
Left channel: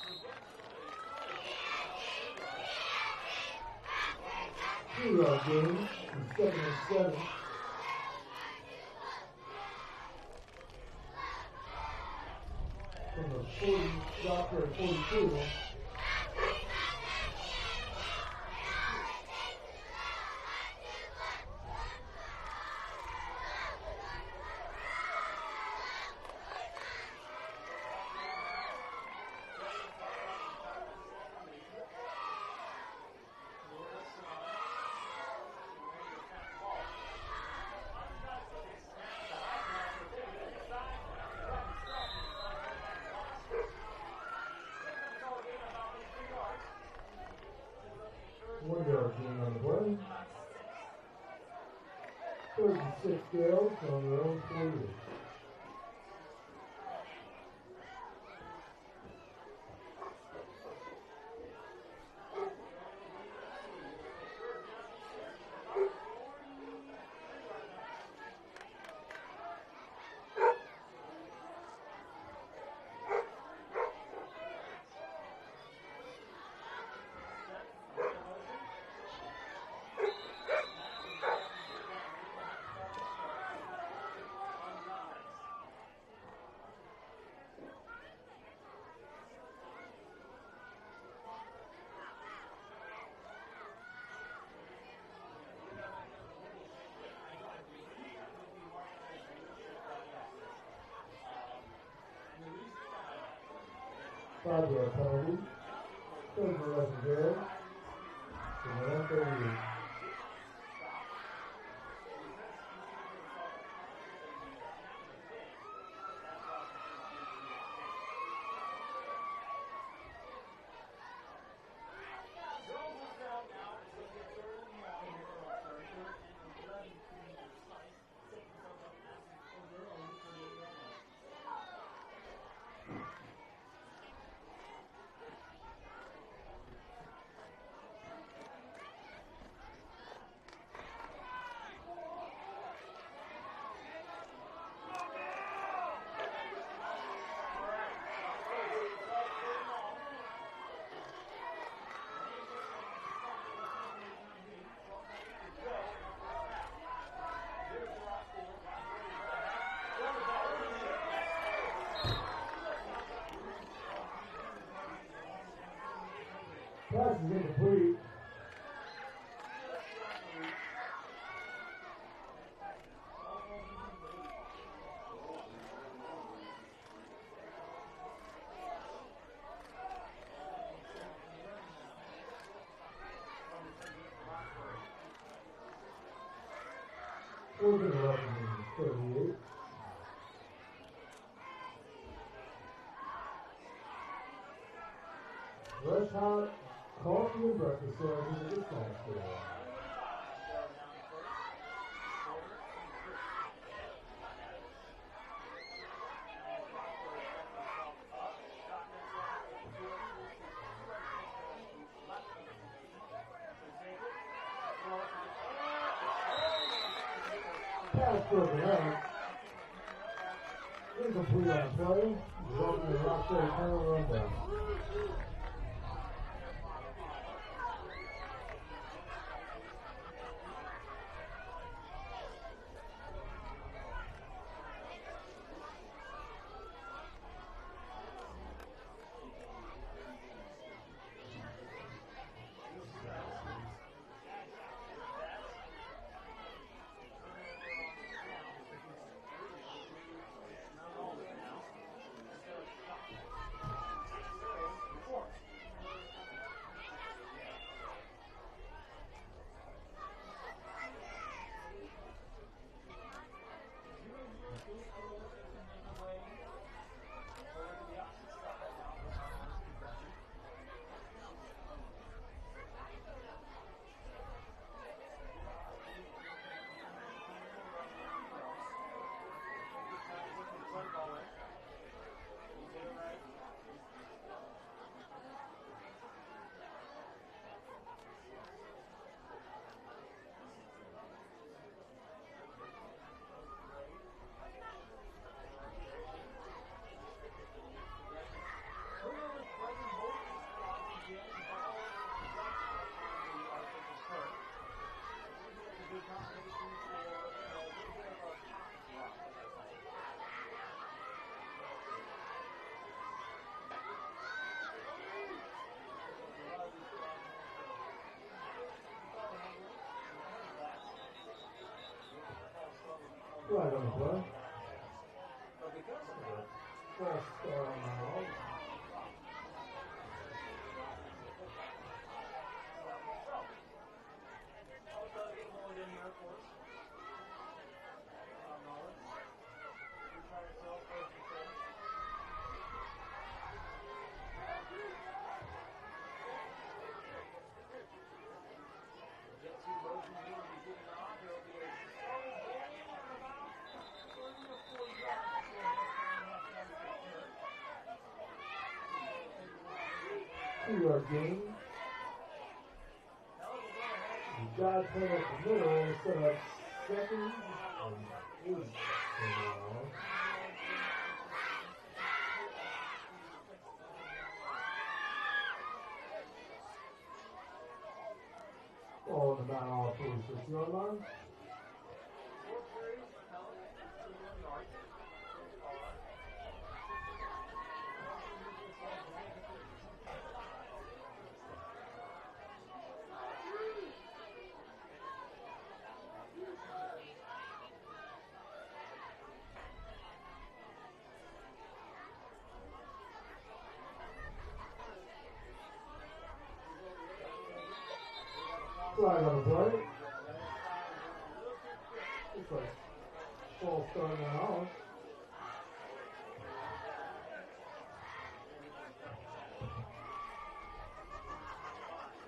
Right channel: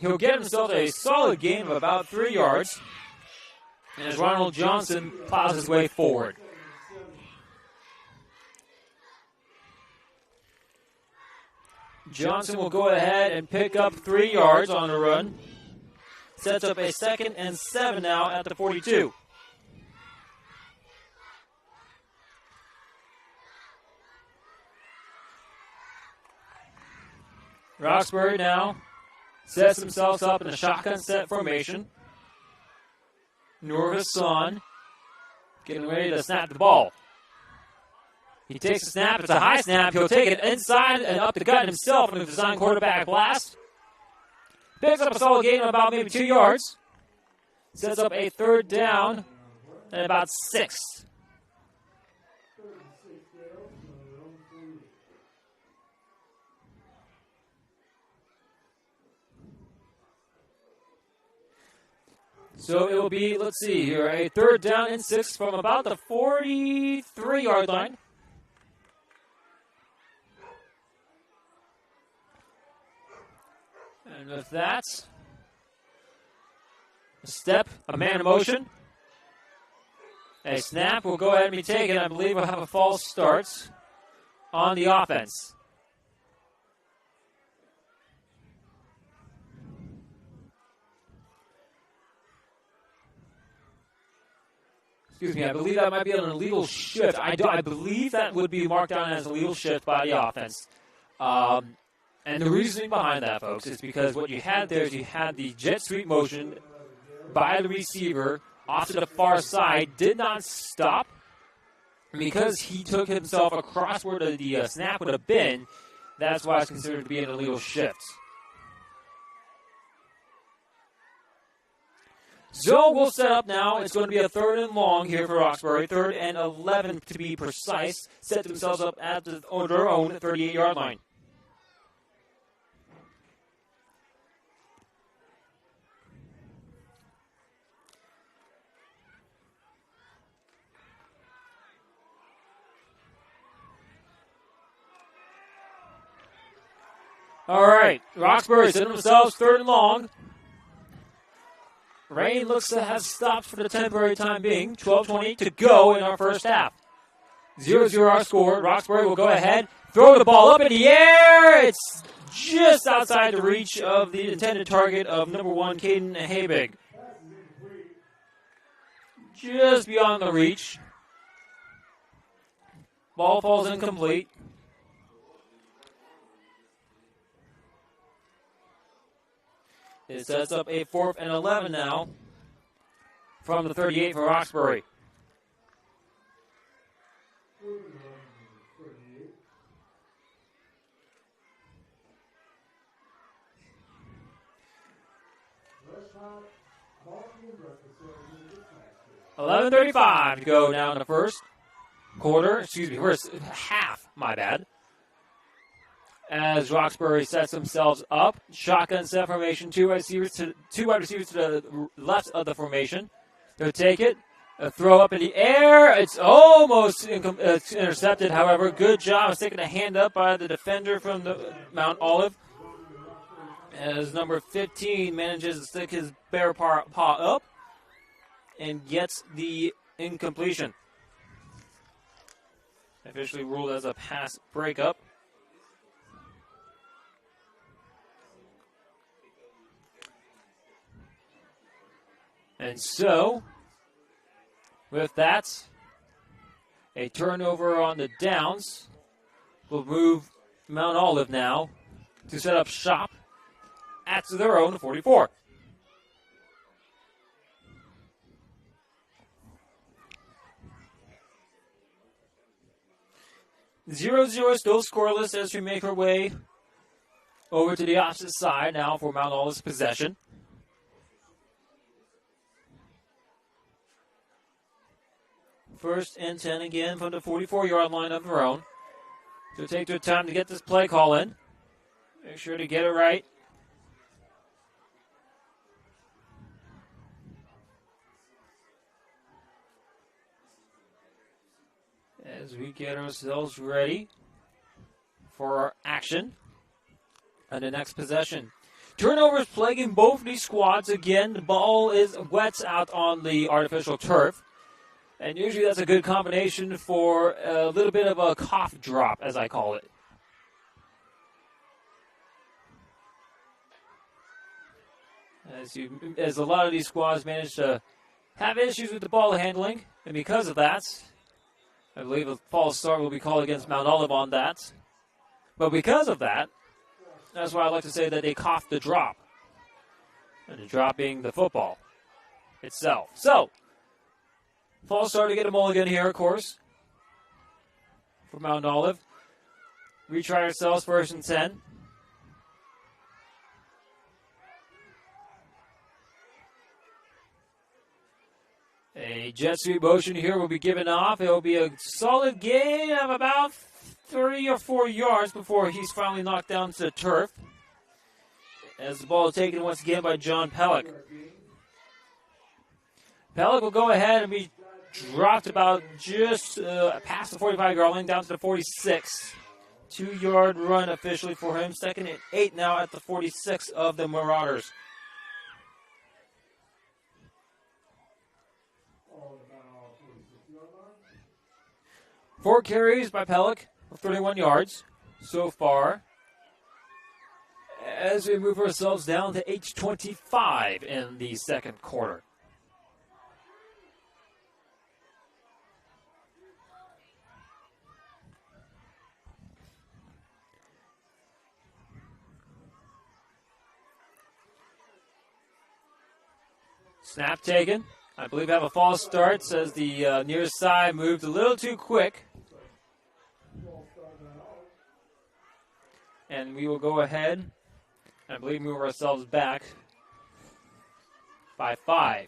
He'll get himself a solid gain of about 3 yards. And as Ronald Johnson plows his way forward. Johnson will go ahead and pick up 3 yards on the run. Sets up a 2nd and 7 now at the 42. Roxbury now sets themselves up in a shotgun set formation. Norvis on, getting ready to snap the ball. He takes the snap. It's a high snap. He'll take it inside and up the gut himself in the design quarterback blast. Picks up a solid gain of about maybe 2 yards. Sets up a 3rd down and about 6. 3rd and 6 Gales on their own 40. So it will be, let's see here, a 3rd down and 6 from about the 43-yard line. And with that, a step, a man in motion. A snap will go ahead and be taken. I believe we'll have a false start on the offense. Excuse me, I believe that might be an illegal shift. I believe that would be marked down as a illegal shift by the offense. And the reasoning behind that, folks, is because what you had there is you had the jet sweep motion by the receiver off to the far side, did not stop. Because he took himself across where the snap would have been, that's why it's considered to be an illegal shift. So we'll set up now. It's going to be a 3rd and long here for Roxbury. 3rd and 11 to be precise. Set themselves up at their own 38-yard line. All right, Roxbury setting themselves 3rd and long. Rain looks to have stopped for the temporary time being. 12:20 to go in our first half. 0-0 our score. Roxbury will go ahead, throw the ball up in the air. It's just outside the reach of the intended target of number 1, Caden Habig. Pass is incomplete. Just beyond the reach. Ball falls incomplete. It sets up a 4th and 11 now from the 38 for Roxbury. 4th and 11, 38. Rush hot, coffee and breakfast sandwiches at the snack store. 11:35 to go now in the first half, my bad. As Roxbury sets themselves up, shotgun set formation, two wide receivers to the left of the formation. They'll take it, a throw up in the air. It's almost intercepted. However, good job of sticking a hand up by the defender from the Mount Olive. As number 15 manages to stick his bare paw up and gets the incompletion. Officially ruled as a pass breakup. And so, with that, a turnover on the downs will move Mount Olive now to set up shop at their own 44. Zero still scoreless as we make our way over to the opposite side now for Mount Olive's possession. First and 10 again from the 44-yard line of their own. So take their time to get this play call in. Make sure to get it right. As we get ourselves ready for our action on the next possession. Turnovers plaguing both these squads. Again, the ball is wet out on the artificial turf. And usually that's a good combination for a little bit of a cough drop, as I call it. As a lot of these squads manage to have issues with the ball handling, and because of that, I believe a false start will be called against Mount Olive on that. But because of that, that's why I like to say that they coughed the drop. And the drop being the football itself. So, false start to get a mulligan here, of course, for Mount Olive. Retry ourselves, 1st and 10. A jet sweep motion here will be given off. It will be a solid gain of about 3 or 4 yards before he's finally knocked down to the turf. As the ball is taken once again by John Pellick. Pellick will go ahead and be dropped about just past the 45-yard line down to the 46. 2-yard run officially for him. 2nd and 8 now at the 46 of the Marauders. Ball on the Mount 46-yard line. 4 carries by Pellick for 31 yards so far. As we move ourselves down to 8:25 in the second quarter. Snap taken. I believe have a false start, says the near side moved a little too quick. And we will go ahead, I believe, move ourselves back by 5.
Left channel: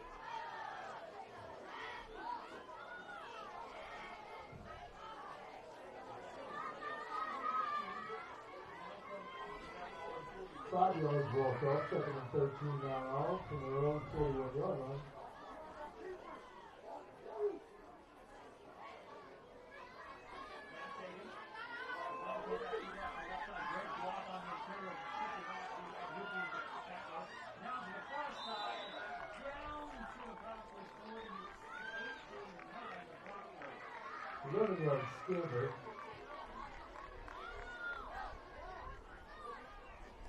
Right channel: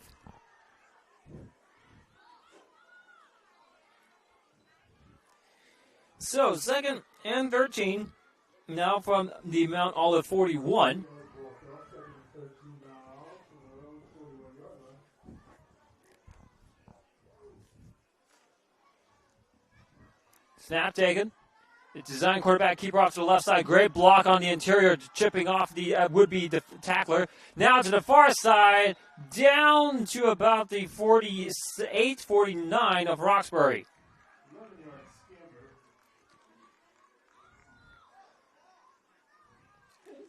So, 2nd and 13, now from the Mount Olive 41. Snap taken. The design quarterback keeper off to the left side. Great block on the interior, chipping off the would-be tackler. Now to the far side, down to about the 48, 49 of Roxbury.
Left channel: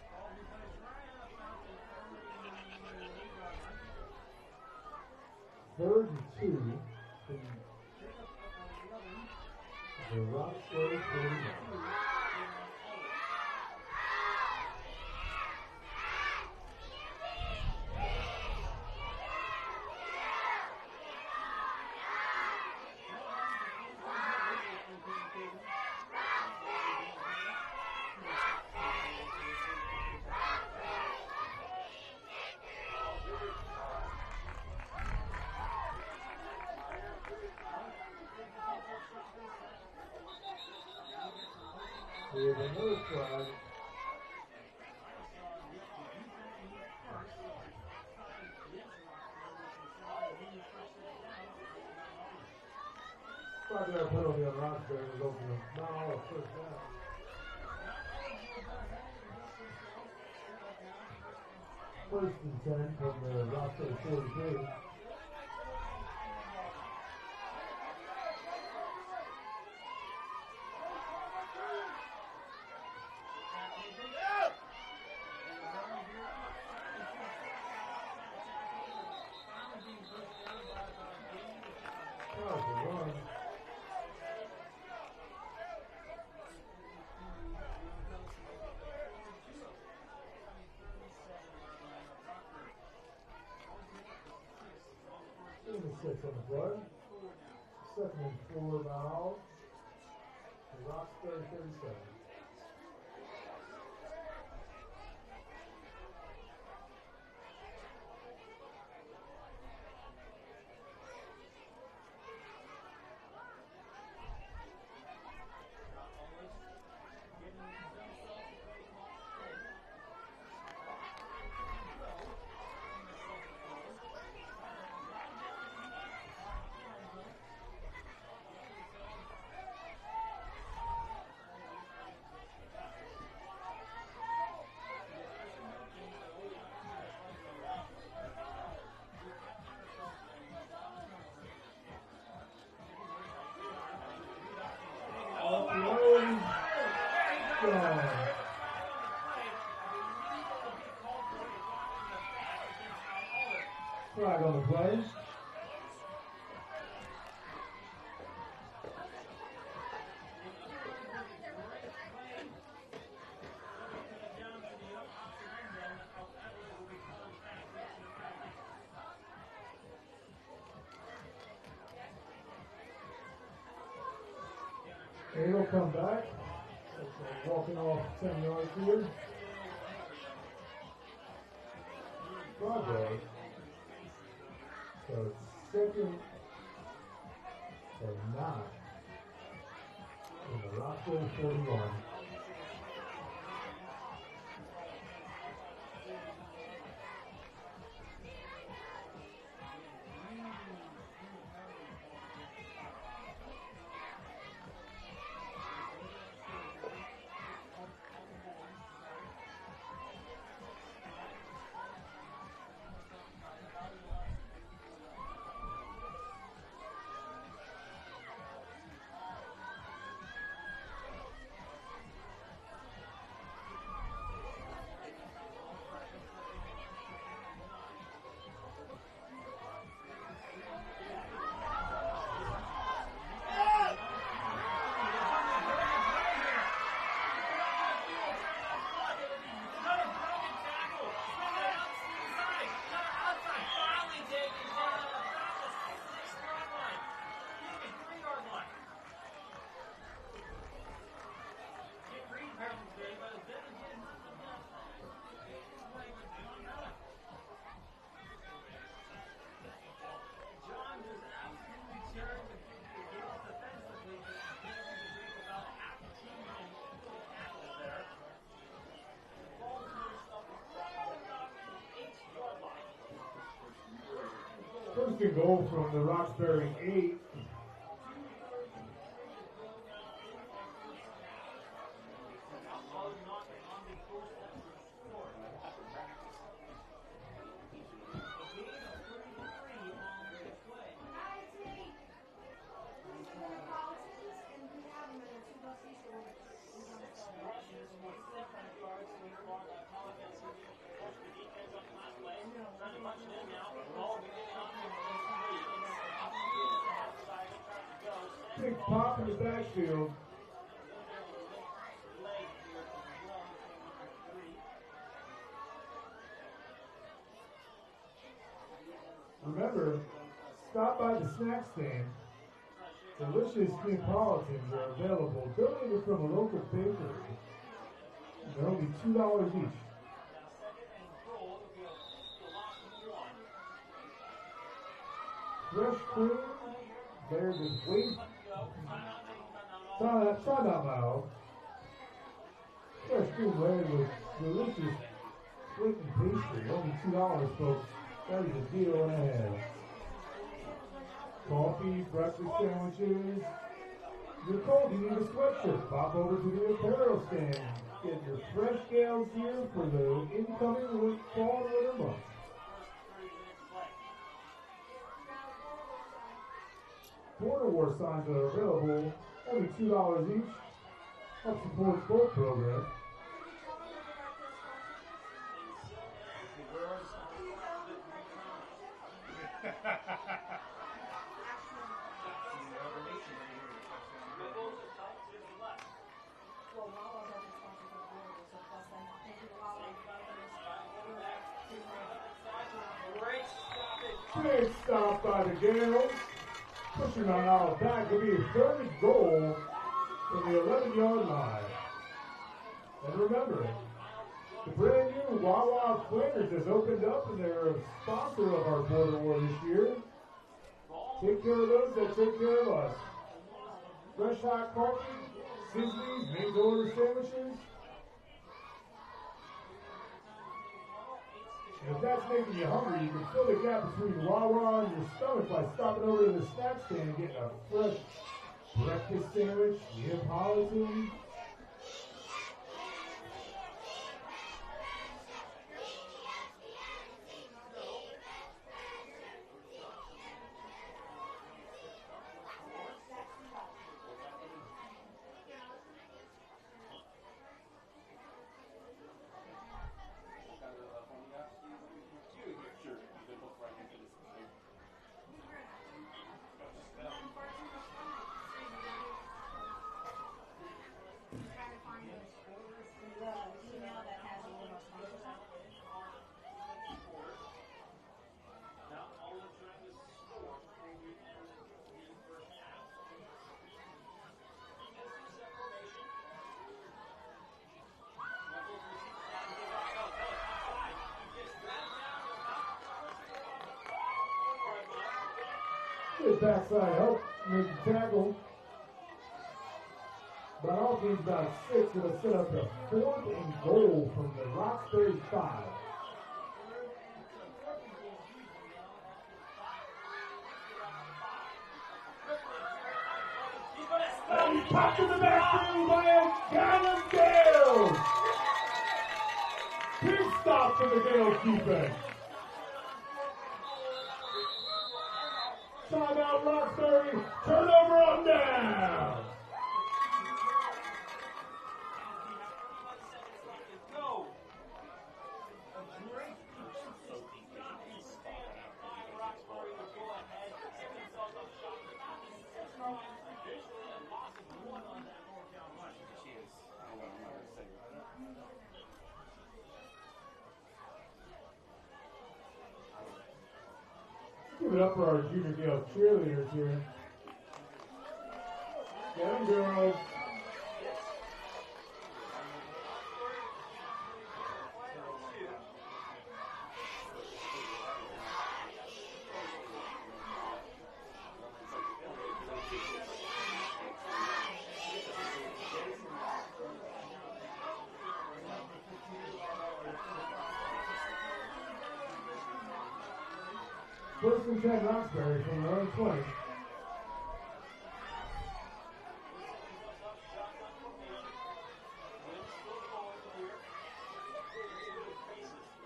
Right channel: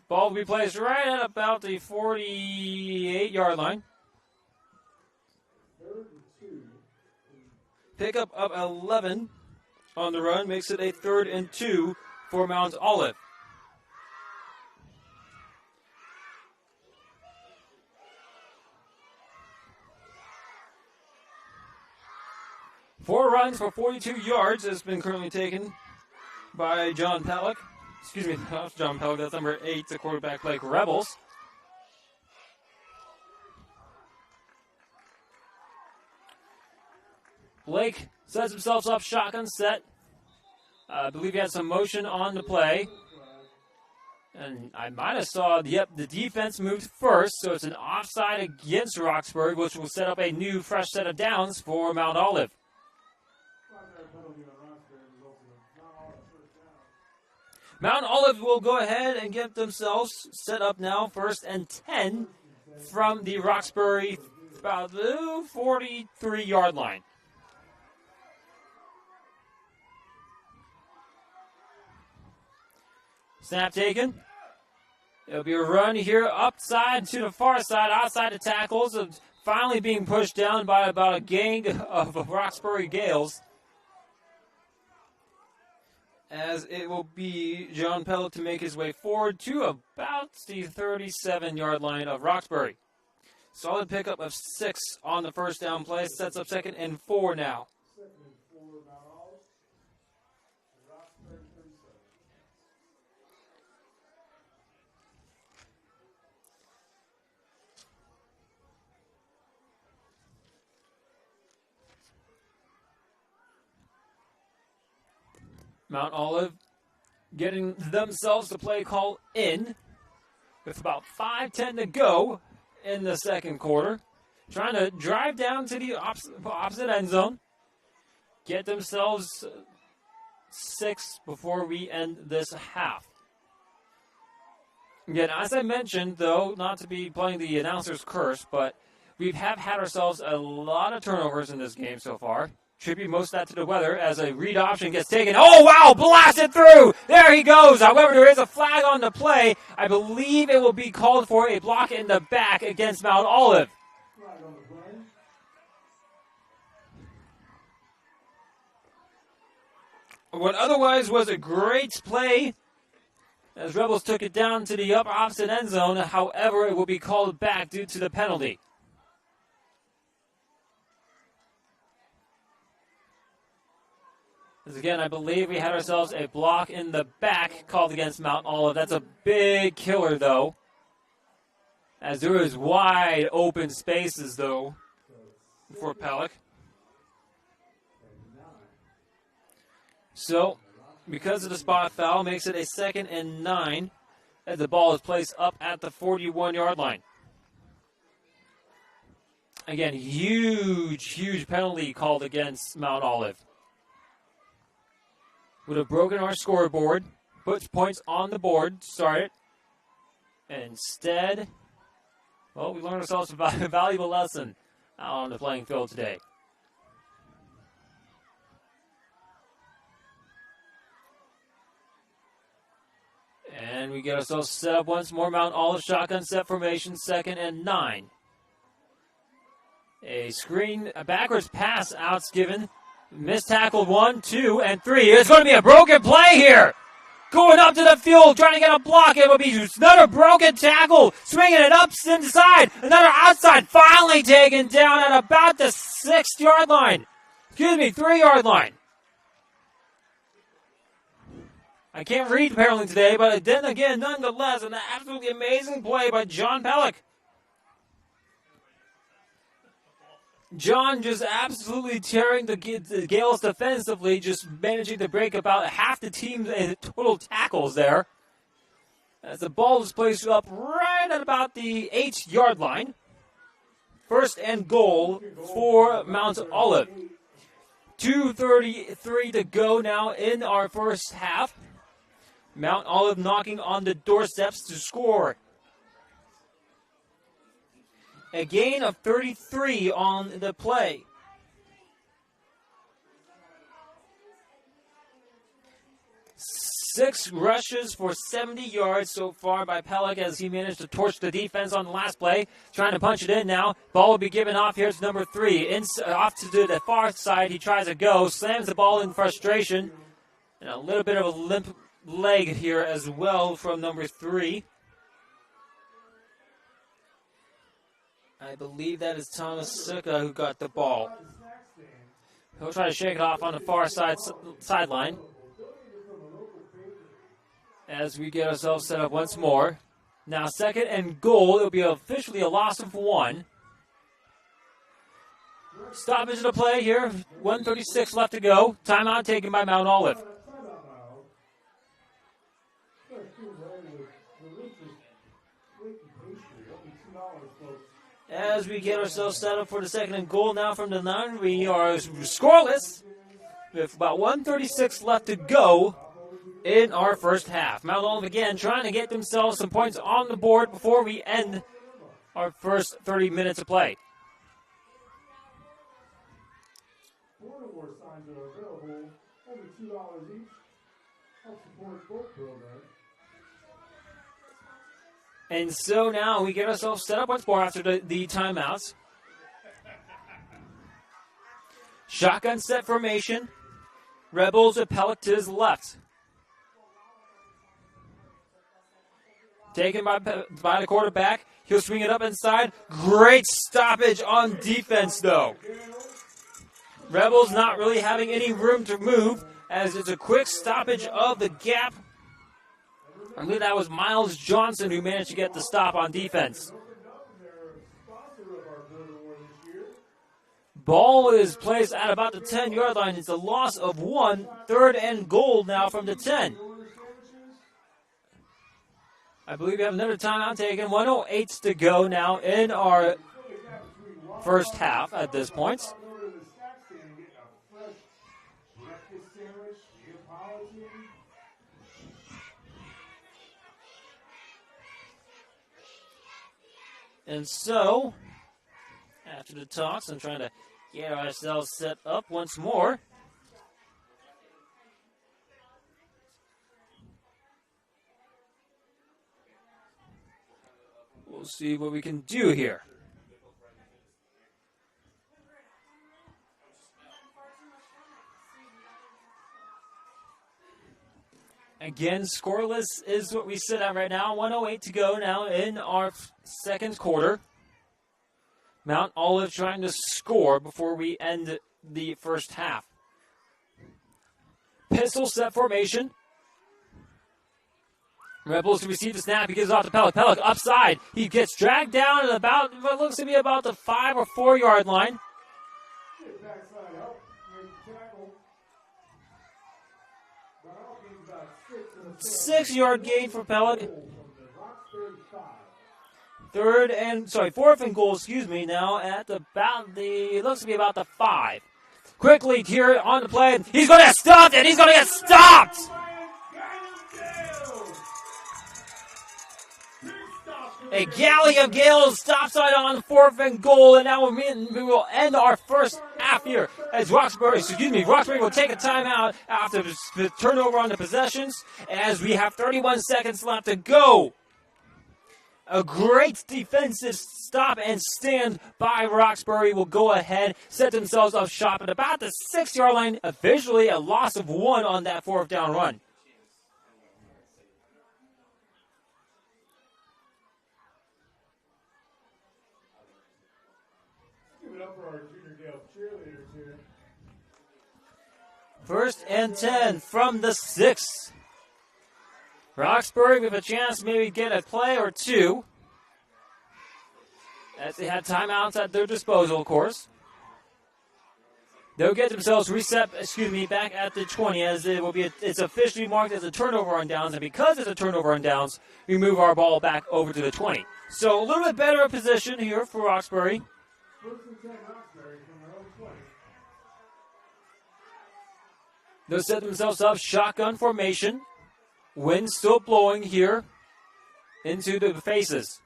Ball will be placed right at about the 48-yard line. Third and 2. Pickup of 11 on the run makes it a 3rd and 2 for Mount Olive. Four runs for 42 yards has been currently taken by John Pellick. Excuse me, not John Pellick, that's number 8, the quarterback Lake Rebels. Blake sets himself up, shotgun set. I believe he had some motion on the play. And I might have saw, the defense moved first, so it's an offside against Roxbury, which will set up a new fresh set of downs for Mount Olive. Mount Olive will go ahead and get themselves set up now, 1st and 10 from the Roxbury about the 43-yard line. Snap taken. It'll be a run here upside to the far side, outside the tackles, and finally being pushed down by about a gang of Roxbury Gales. As it will be John Pellick to make his way forward to about the 37-yard line of Roxbury. Solid pickup of 6 on the first down play, sets up 2nd and 4 now. 2nd and 4 now. Roxbury 37. Mount Olive getting themselves the play call in with about 5:10 to go in the second quarter. Trying to drive down to the opposite end zone. Get themselves 6 before we end this half. Again, as I mentioned, though, not to be playing the announcer's curse, but we have had ourselves a lot of turnovers in this game so far. Attribute most of that to the weather as a read option gets taken. Oh, wow, blasted through. There he goes. However, there is a flag on the play. I believe it will be called for a block in the back against Mount Olive. Flag on the play. What otherwise was a great play as Rebels took it down to the opposite end zone. However, it will be called back due to the penalty. Again, I believe we had ourselves a block in the back called against Mount Olive. That's a big killer, though, as there is wide open spaces, though, for Pellick. So, because of the spot foul, makes it a 2nd and 9 as the ball is placed up at the 41-yard line. Again, huge penalty called against Mount Olive. Would have broken our scoreboard, puts points on the board, start it. And instead, well, we learned ourselves a valuable lesson out on the playing field today. And we get ourselves set up once more. Mount Olive shotgun set formation, 2nd and 9. A screen, a backwards pass out's given. Missed tackle 1, 2, and 3. It's going to be a broken play here. Going up to the field, trying to get a block. It will be another broken tackle. Swinging it up inside. Another outside. Finally taken down at about the 6-yard line. 3-yard line. I can't read apparently today, but then again, nonetheless, an absolutely amazing play by John Pellick. John just absolutely tearing the Gales defensively, just managing to break about half the team's total tackles there. As the ball is placed up right at about the 8-yard line. 1st and goal for Mount Olive. 2:33 to go now in our first half. Mount Olive knocking on the doorsteps to score. A gain of 33 on the play. Six rushes for 70 yards so far by Pellick as he managed to torch the defense on the last play. Trying to punch it in now. Ball will be given off. Here's number 3. Off to the far side. He tries to go. Slams the ball in frustration. And a little bit of a limp leg here as well from number 3. I believe that is Thomas Sika who got the ball. He'll try to shake it off on the far sideline. As we get ourselves set up once more. Now 2nd and goal. It'll be officially a loss of 1. Stoppage of the play here. 1:36 left to go. Timeout taken by Mount Olive. As we get ourselves set up for the 2nd and goal now from the 9, we are scoreless with about 1:36 left to go in our first half. Mount Olive again trying to get themselves some points on the board before we end our first 30 minutes of play. Border War signs are available, only $2 each. Help support both programs. And so now we get ourselves set up once more after the timeouts. Shotgun set formation. Rebels with Pellick to his left. Taken by the quarterback. He'll swing it up inside. Great stoppage on defense, though. Rebels not really having any room to move as it's a quick stoppage of the gap. I believe that was Miles Johnson who managed to get the stop on defense. Ball is placed at about the 10-yard line. It's a loss of 1. 3rd and goal now from the 10. I believe we have another timeout taken. 1:08 to go now in our first half at this point. And so, after the talks, I'm trying to get ourselves set up once more. We'll see what we can do here. Again, scoreless is what we sit at right now. 1:08 to go now in our second quarter. Mount Olive trying to score before we end the first half. Pistol set formation. Rebels to receive the snap. He gives it off to Pellick. Pellick upside. He gets dragged down at about what looks to be about the 5 or 4 yard line. Good backside help. Make the tackle. 6-yard gain for Pellick. From the Roxbury 5. 4th and goal, now at it looks to be about the 5. Quickly here on the play. He's going to get stopped, and he's going to get stopped! A Gallium Gale stop sign on 4th and goal, and now we will end our first half here as Roxbury will take a timeout after the turnover on the possessions as we have 31 seconds left to go. A great defensive stop and stand by Roxbury will go ahead, set themselves up shop at about the 6-yard line, officially a loss of 1 on that 4th down run. Give it up for our Junior Gale cheerleaders here. 1st and 10 from the 6. Roxbury with a chance to maybe get a play or two, as they had timeouts at their disposal, of course. They'll get themselves back at the 20 as it's officially marked as a turnover on downs, and because it's a turnover on downs, we move our ball back over to the 20. So a little bit better position here for Roxbury. 1st and 10 Roxbury from their own 20. They'll set themselves up, shotgun formation. Wind still blowing here into the faces.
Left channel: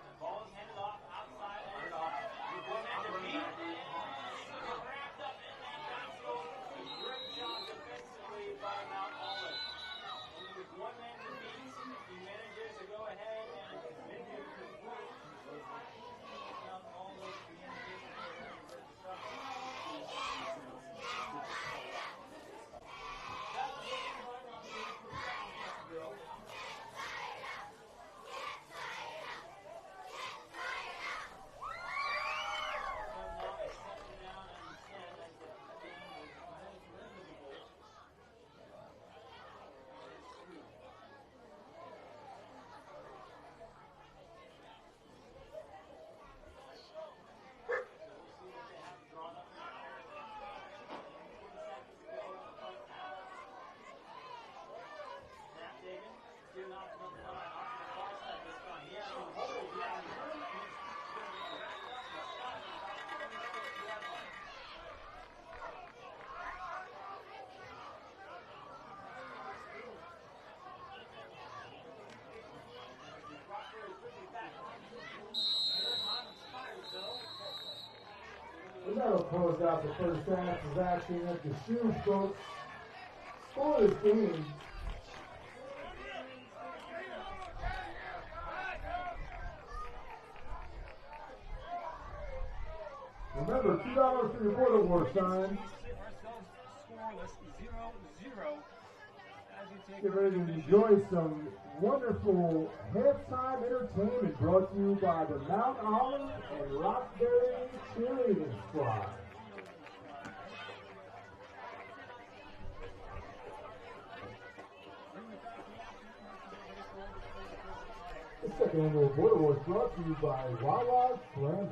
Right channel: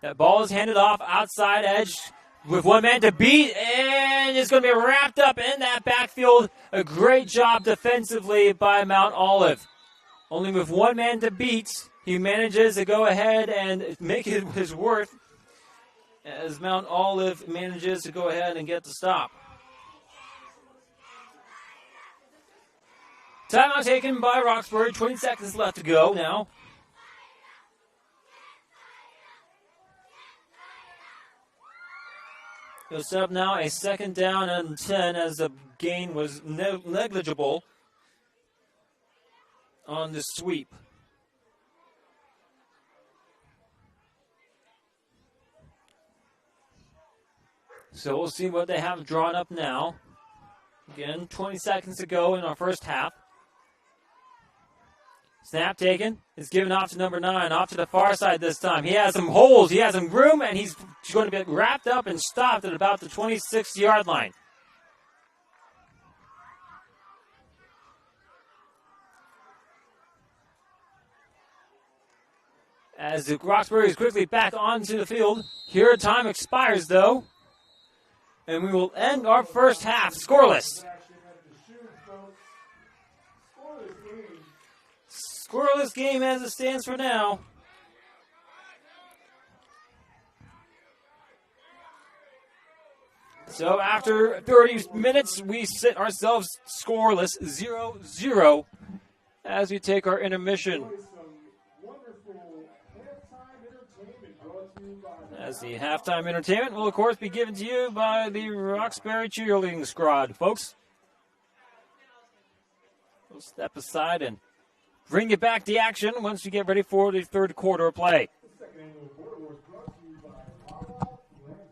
That ball is handed off outside edge with one man to beat, and it's going to be wrapped up in that backfield. A great job defensively by Mount Olive. Only with one man to beat, he manages to go ahead and make it his worth as Mount Olive manages to go ahead and get the stop. Timeout taken by Roxbury. 20 seconds left to go now. We'll set up now a 2nd down and 10 as the gain was negligible on the sweep. So we'll see what they have drawn up now. Again, 20 seconds to go in our first half. Snap taken. It's given off to number 9, off to the far side this time. He has some holes. He has some room, and he's going to be wrapped up and stopped at about the 26-yard line. As the Roxbury is quickly back onto the field. Here, time expires, though. And we will end our first half scoreless. Scoreless game as it stands for now. So after 30 minutes, we sit ourselves scoreless, 0-0, as we take our intermission. Enjoy some wonderful halftime entertainment brought to you by the As the halftime entertainment will, of course, be given to you by the Roxbury cheerleading squad, folks. We'll step aside and bring you back to action once we get ready for the third quarter of play. The second annual Border Wars brought to you by Roxbury.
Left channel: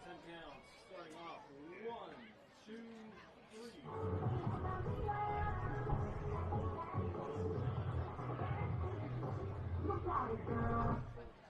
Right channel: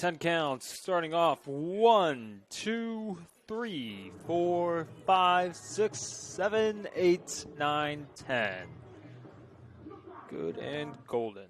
10 counts. Starting off 1, 2, 3, 4, 5, 6, 7, 8, 9, 10. Good and golden.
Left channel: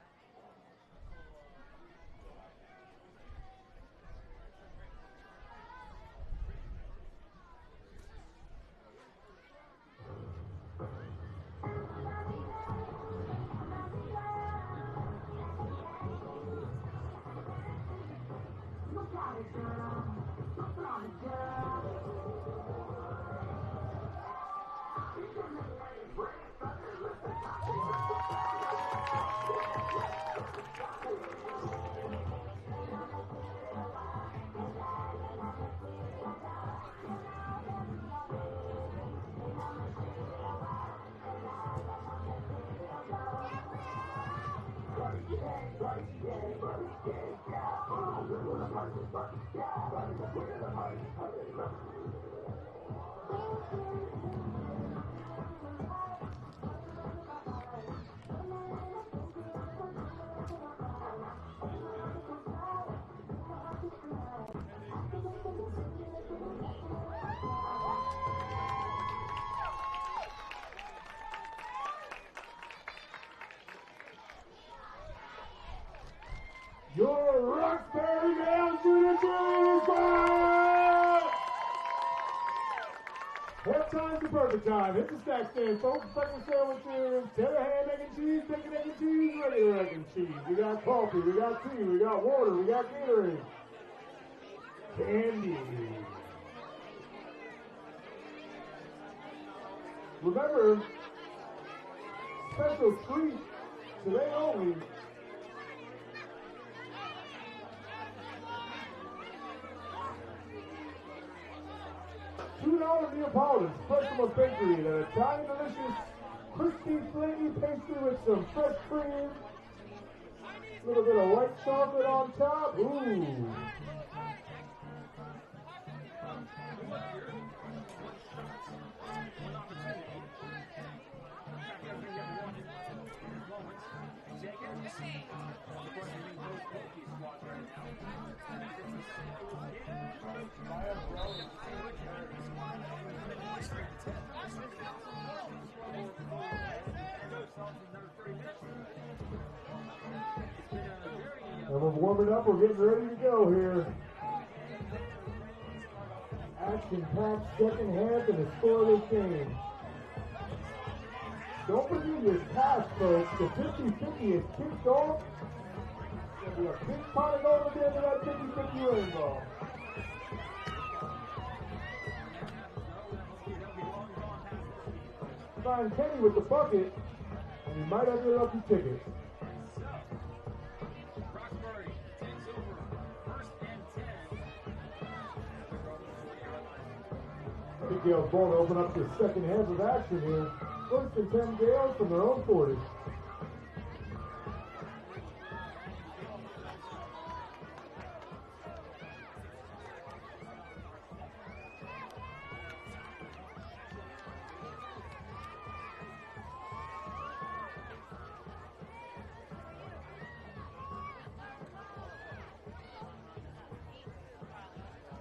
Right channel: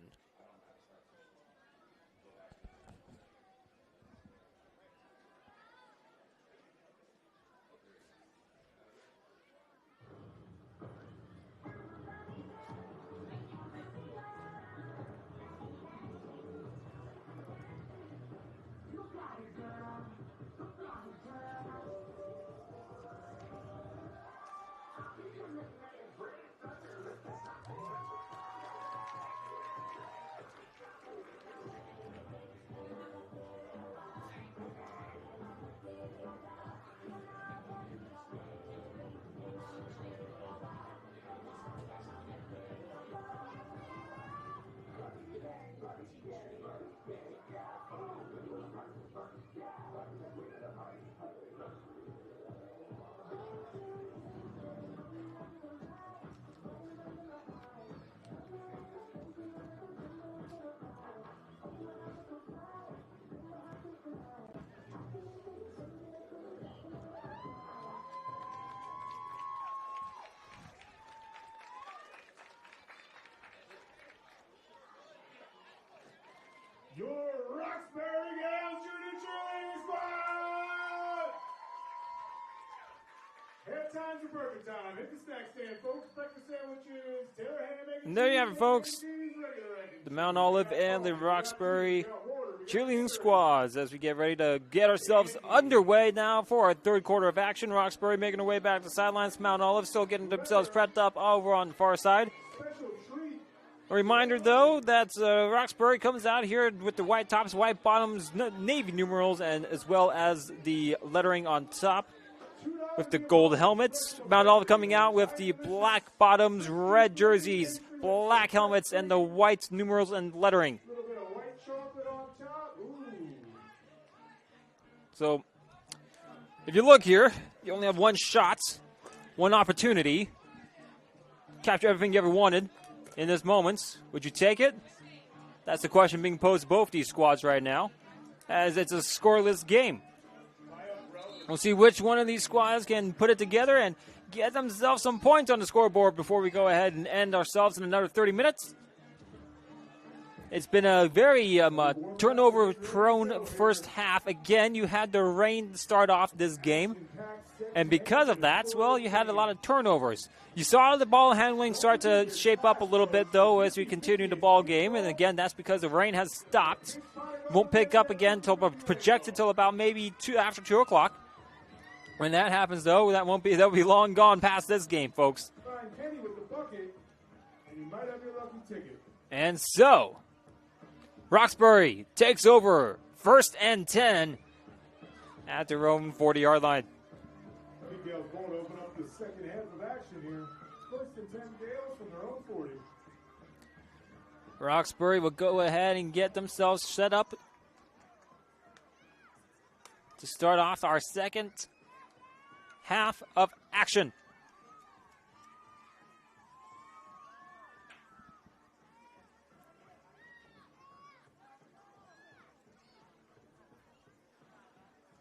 Your Roxbury Gales Junior Cheerleading Squad! Halftime's the perfect time. Hit the snack stand, folks. Breakfast sandwiches, tender ham, egg, and There you cheese, have it, bacon, folks. egg, and cheese, regular egg and The cheese. Mount We Olive got and coffee, the we got Roxbury tea, we got water, we got cheerleading cereal. squads as we get ready to get ourselves underway now for our third quarter of action. Roxbury making their way back to the sidelines. Mount Olive still getting themselves prepped up over on the far side. Special treat. A reminder, though, that Roxbury comes out here with the white tops, white bottoms, navy numerals, and as well as the lettering on top with the gold helmets. Mount Olive coming out with the black bottoms, red jerseys, black helmets, and the white numerals and lettering. A little bit of white chocolate on top. Ooh. So, if you look here, you only have one shot, one opportunity. Capture everything you ever wanted in this moment. Would you take it? That's the question being posed to both these squads right now, as it's a scoreless game. We'll see which one of these squads can put it together and get themselves some points on the scoreboard before we go ahead and end ourselves in another 30 minutes. It's been a very turnover-prone first half. Again, you had the rain start off this game, and because of that, well, you had a lot of turnovers. You saw the ball handling start to shape up a little bit, though, as we continue the ball game, and again, that's because the rain has stopped. Won't pick up again until projected till about maybe after 2 o'clock. When that happens, though, that'll be long gone past this game, folks. Find Kenny with the bucket, and you might have your lucky ticket. And so, Roxbury takes over 1st and 10 at their own 40-yard line. I think Gales ball to open up the second half of action here. 1st and 10 Gales from their own 40. Roxbury will go ahead and get themselves set up to start off our second half of action.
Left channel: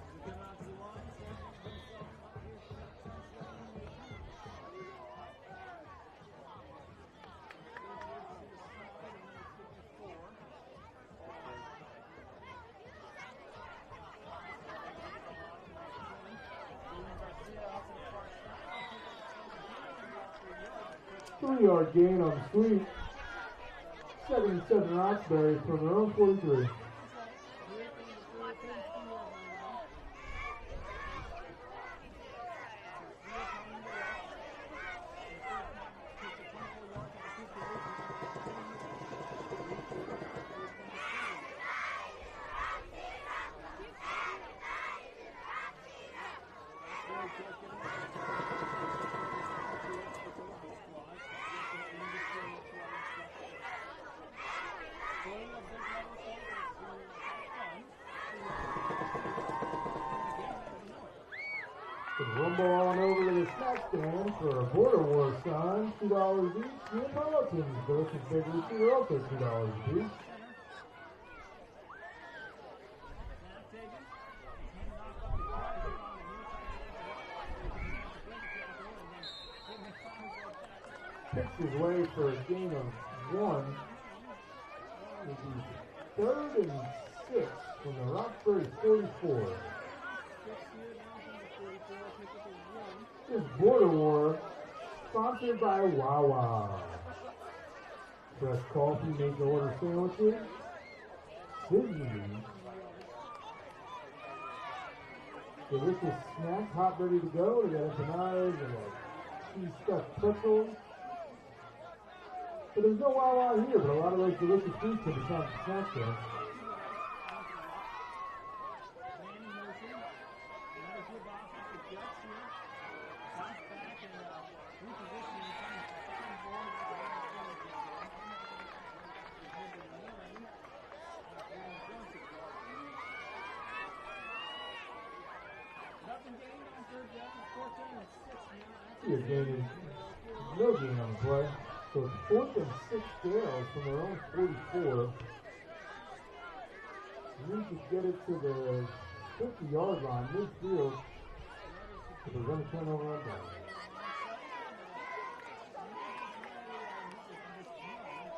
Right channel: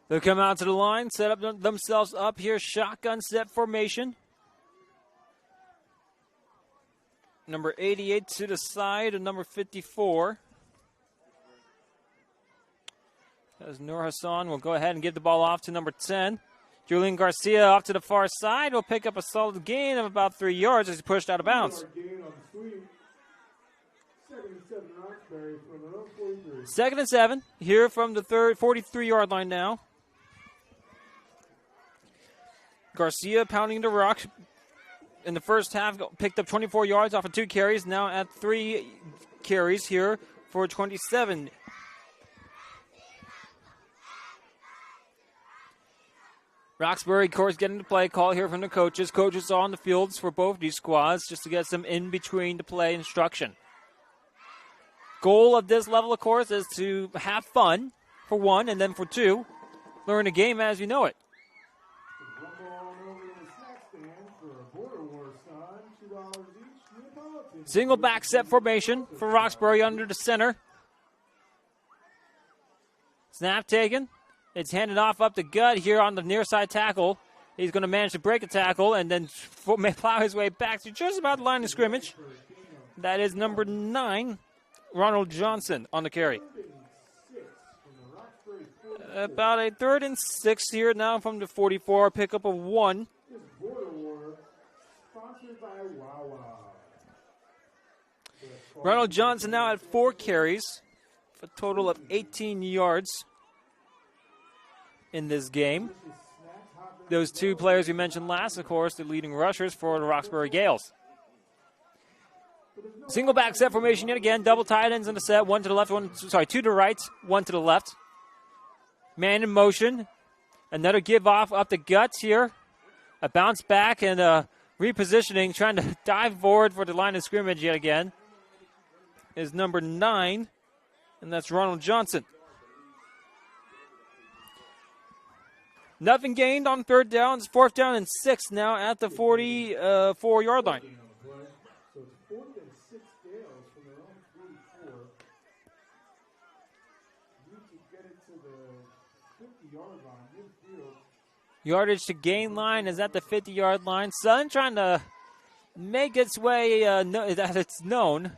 They'll come out to the line, set up themselves up here, shotgun set formation. Number 88 to the side and number 54. As Noor Hassan will go ahead and give the ball off to number 10. Julian Garcia off to the far side will pick up a solid gain of about 3 yards as he pushed out of bounds. 3-yard gain on the sweep. 2nd and 7 Roxbury from their own 43. 2nd and 7 here from the 43-yard line now. Garcia pounding the rock in the first half, picked up 24 yards off of 2 carries, now at 3 carries here for 27. Roxbury, of course, getting the play call here from the coaches. Coaches on the fields for both these squads just to get some in-between the play instruction. Goal of this level, of course, is to have fun, for one, and then for two, learn the game as you know it. Rumble on over to the snack stand for a Border War sign, $2 each. Neapolitan. Single back set formation for Roxbury under the center. Snap taken. It's handed off up the gut here on the near side tackle. He's going to manage to break a tackle and then plow his way back to just about the line of scrimmage. That is number 9, Ronald Johnson on the carry. About a 3rd and 6 here now from the 44, pickup of 1. Border War, sponsored by Wawa. Ronald Johnson now at 4 carries, a total of 18 yards in this game. Those 2 players we mentioned last, of course, the leading rushers for the Roxbury Gales. Single back set formation yet again, double tight ends in the set, 1 to the left, 2 to the right, 1 to the left. Man in motion, another give off up the guts here. A bounce back and repositioning, trying to dive forward for the line of scrimmage yet again, is number 9, and that's Ronald Johnson. Nothing gained on 3rd down. It's 4th down and 6 now at the 44-yard line. So it's 4th and 6 Gales from their own 44. Need to get it to the 50-yard line, midfield. Yardage to gain line is at the 50-yard line. Sun trying to make its way that it's known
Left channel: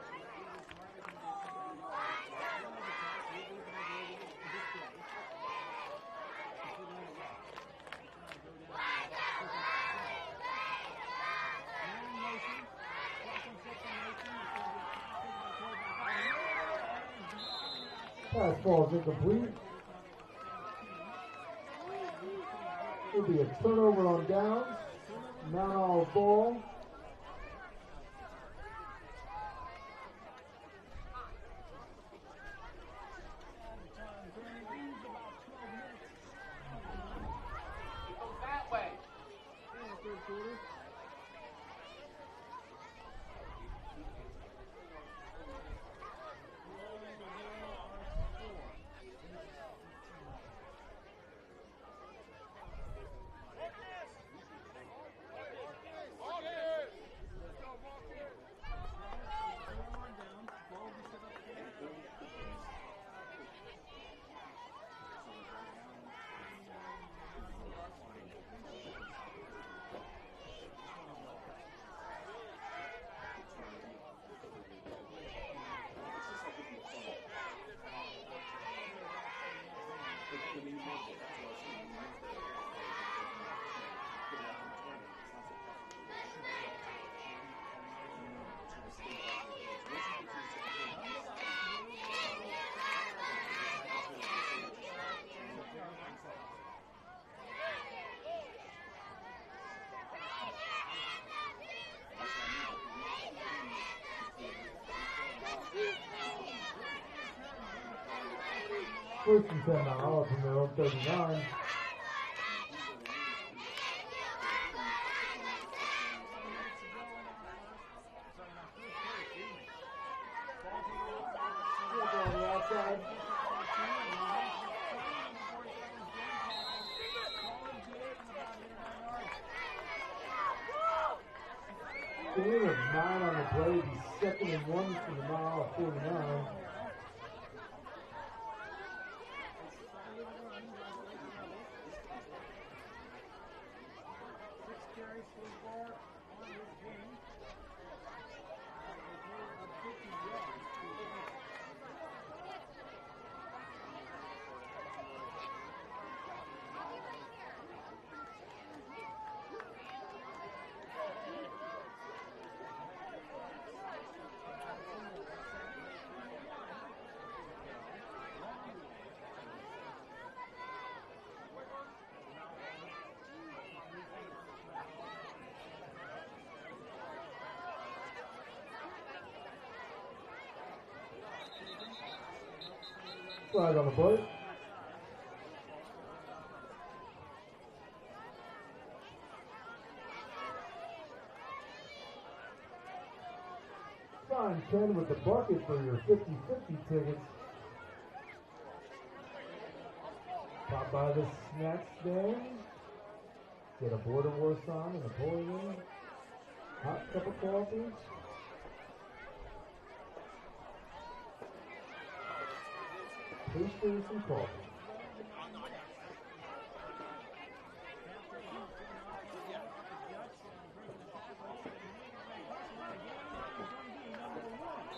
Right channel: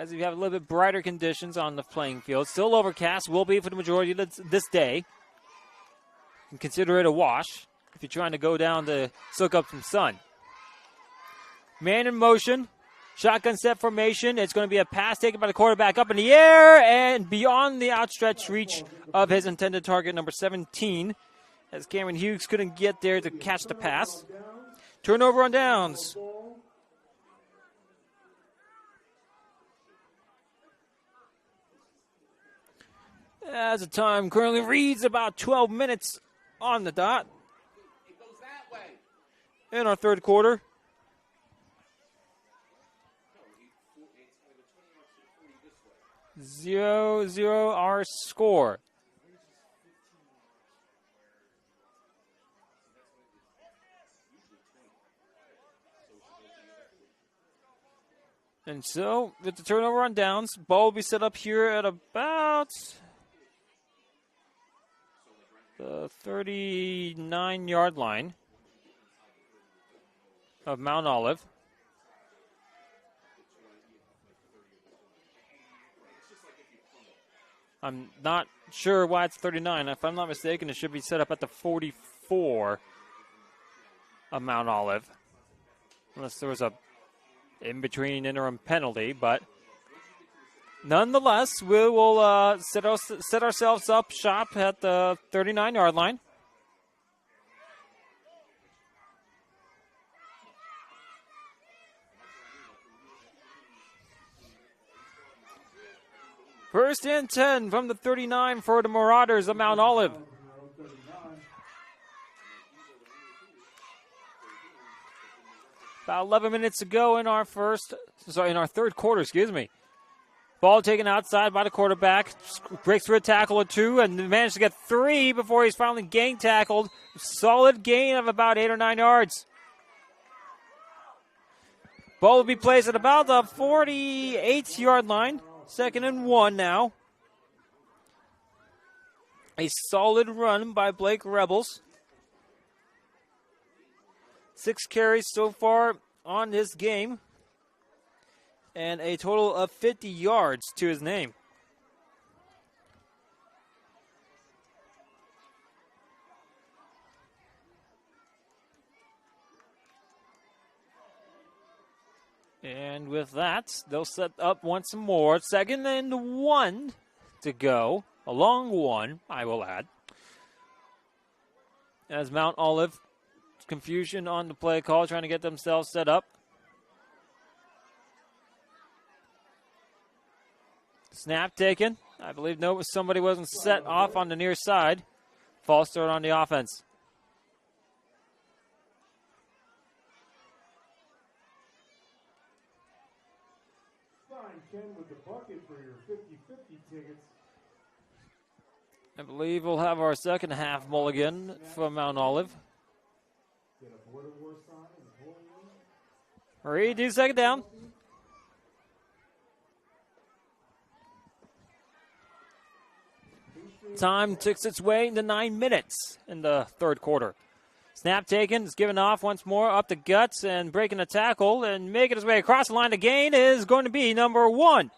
as we have a little bit brighter conditions on the playing field. Still overcast, will be for the majority of this day. And consider it a wash if you're trying to go down to soak up some sun. Man in motion, shotgun set formation. It's going to be a pass taken by the quarterback up in the air and beyond the outstretched reach of his intended target, number 17. As Cameron Hughes couldn't get there to catch the pass. Turnover on downs. As the time currently reads about 12 minutes on the dot in our 3rd quarter. 0-0 our score. And so, with the turnover on downs, ball will be set up here at about the 39-yard line of Mount Olive. I'm not sure why it's 39. If I'm not mistaken, it should be set up at the 44 of Mount Olive. Unless there was a in-between interim penalty, but nonetheless, we will set ourselves up shop at the 39-yard line. First and 10 from the 39 for the Marauders of Mount Olive. About 11 minutes to go in our 3rd quarter, excuse me. Ball taken outside by the quarterback, breaks through a tackle or 2, and managed to get 3 before he's finally gang tackled. Solid gain of about 8 or 9 yards. Ball will be placed at about the 48-yard line. 2nd and 1 now. A solid run by Blake Rebels. 6 carries so far on this game, and a total of 50 yards to his name. And with that, they'll set up once more. 2nd and 1 to go. A long one, I will add. As Mount Olive, confusion on the play call, trying to get themselves set up. Snap taken. I believe somebody wasn't set off on the near side. False start on the offense. Sign 10 with the bucket for your 50-50 tickets. I believe we'll have our second half mulligan from Mount Olive. Get a Border War sign and a Napoleon. Redo 2nd down. Time ticks its way into 9 minutes in the third quarter. Snap taken, it's given off once more, up the guts and breaking a tackle and making his way across the line to gain is going to be number 1.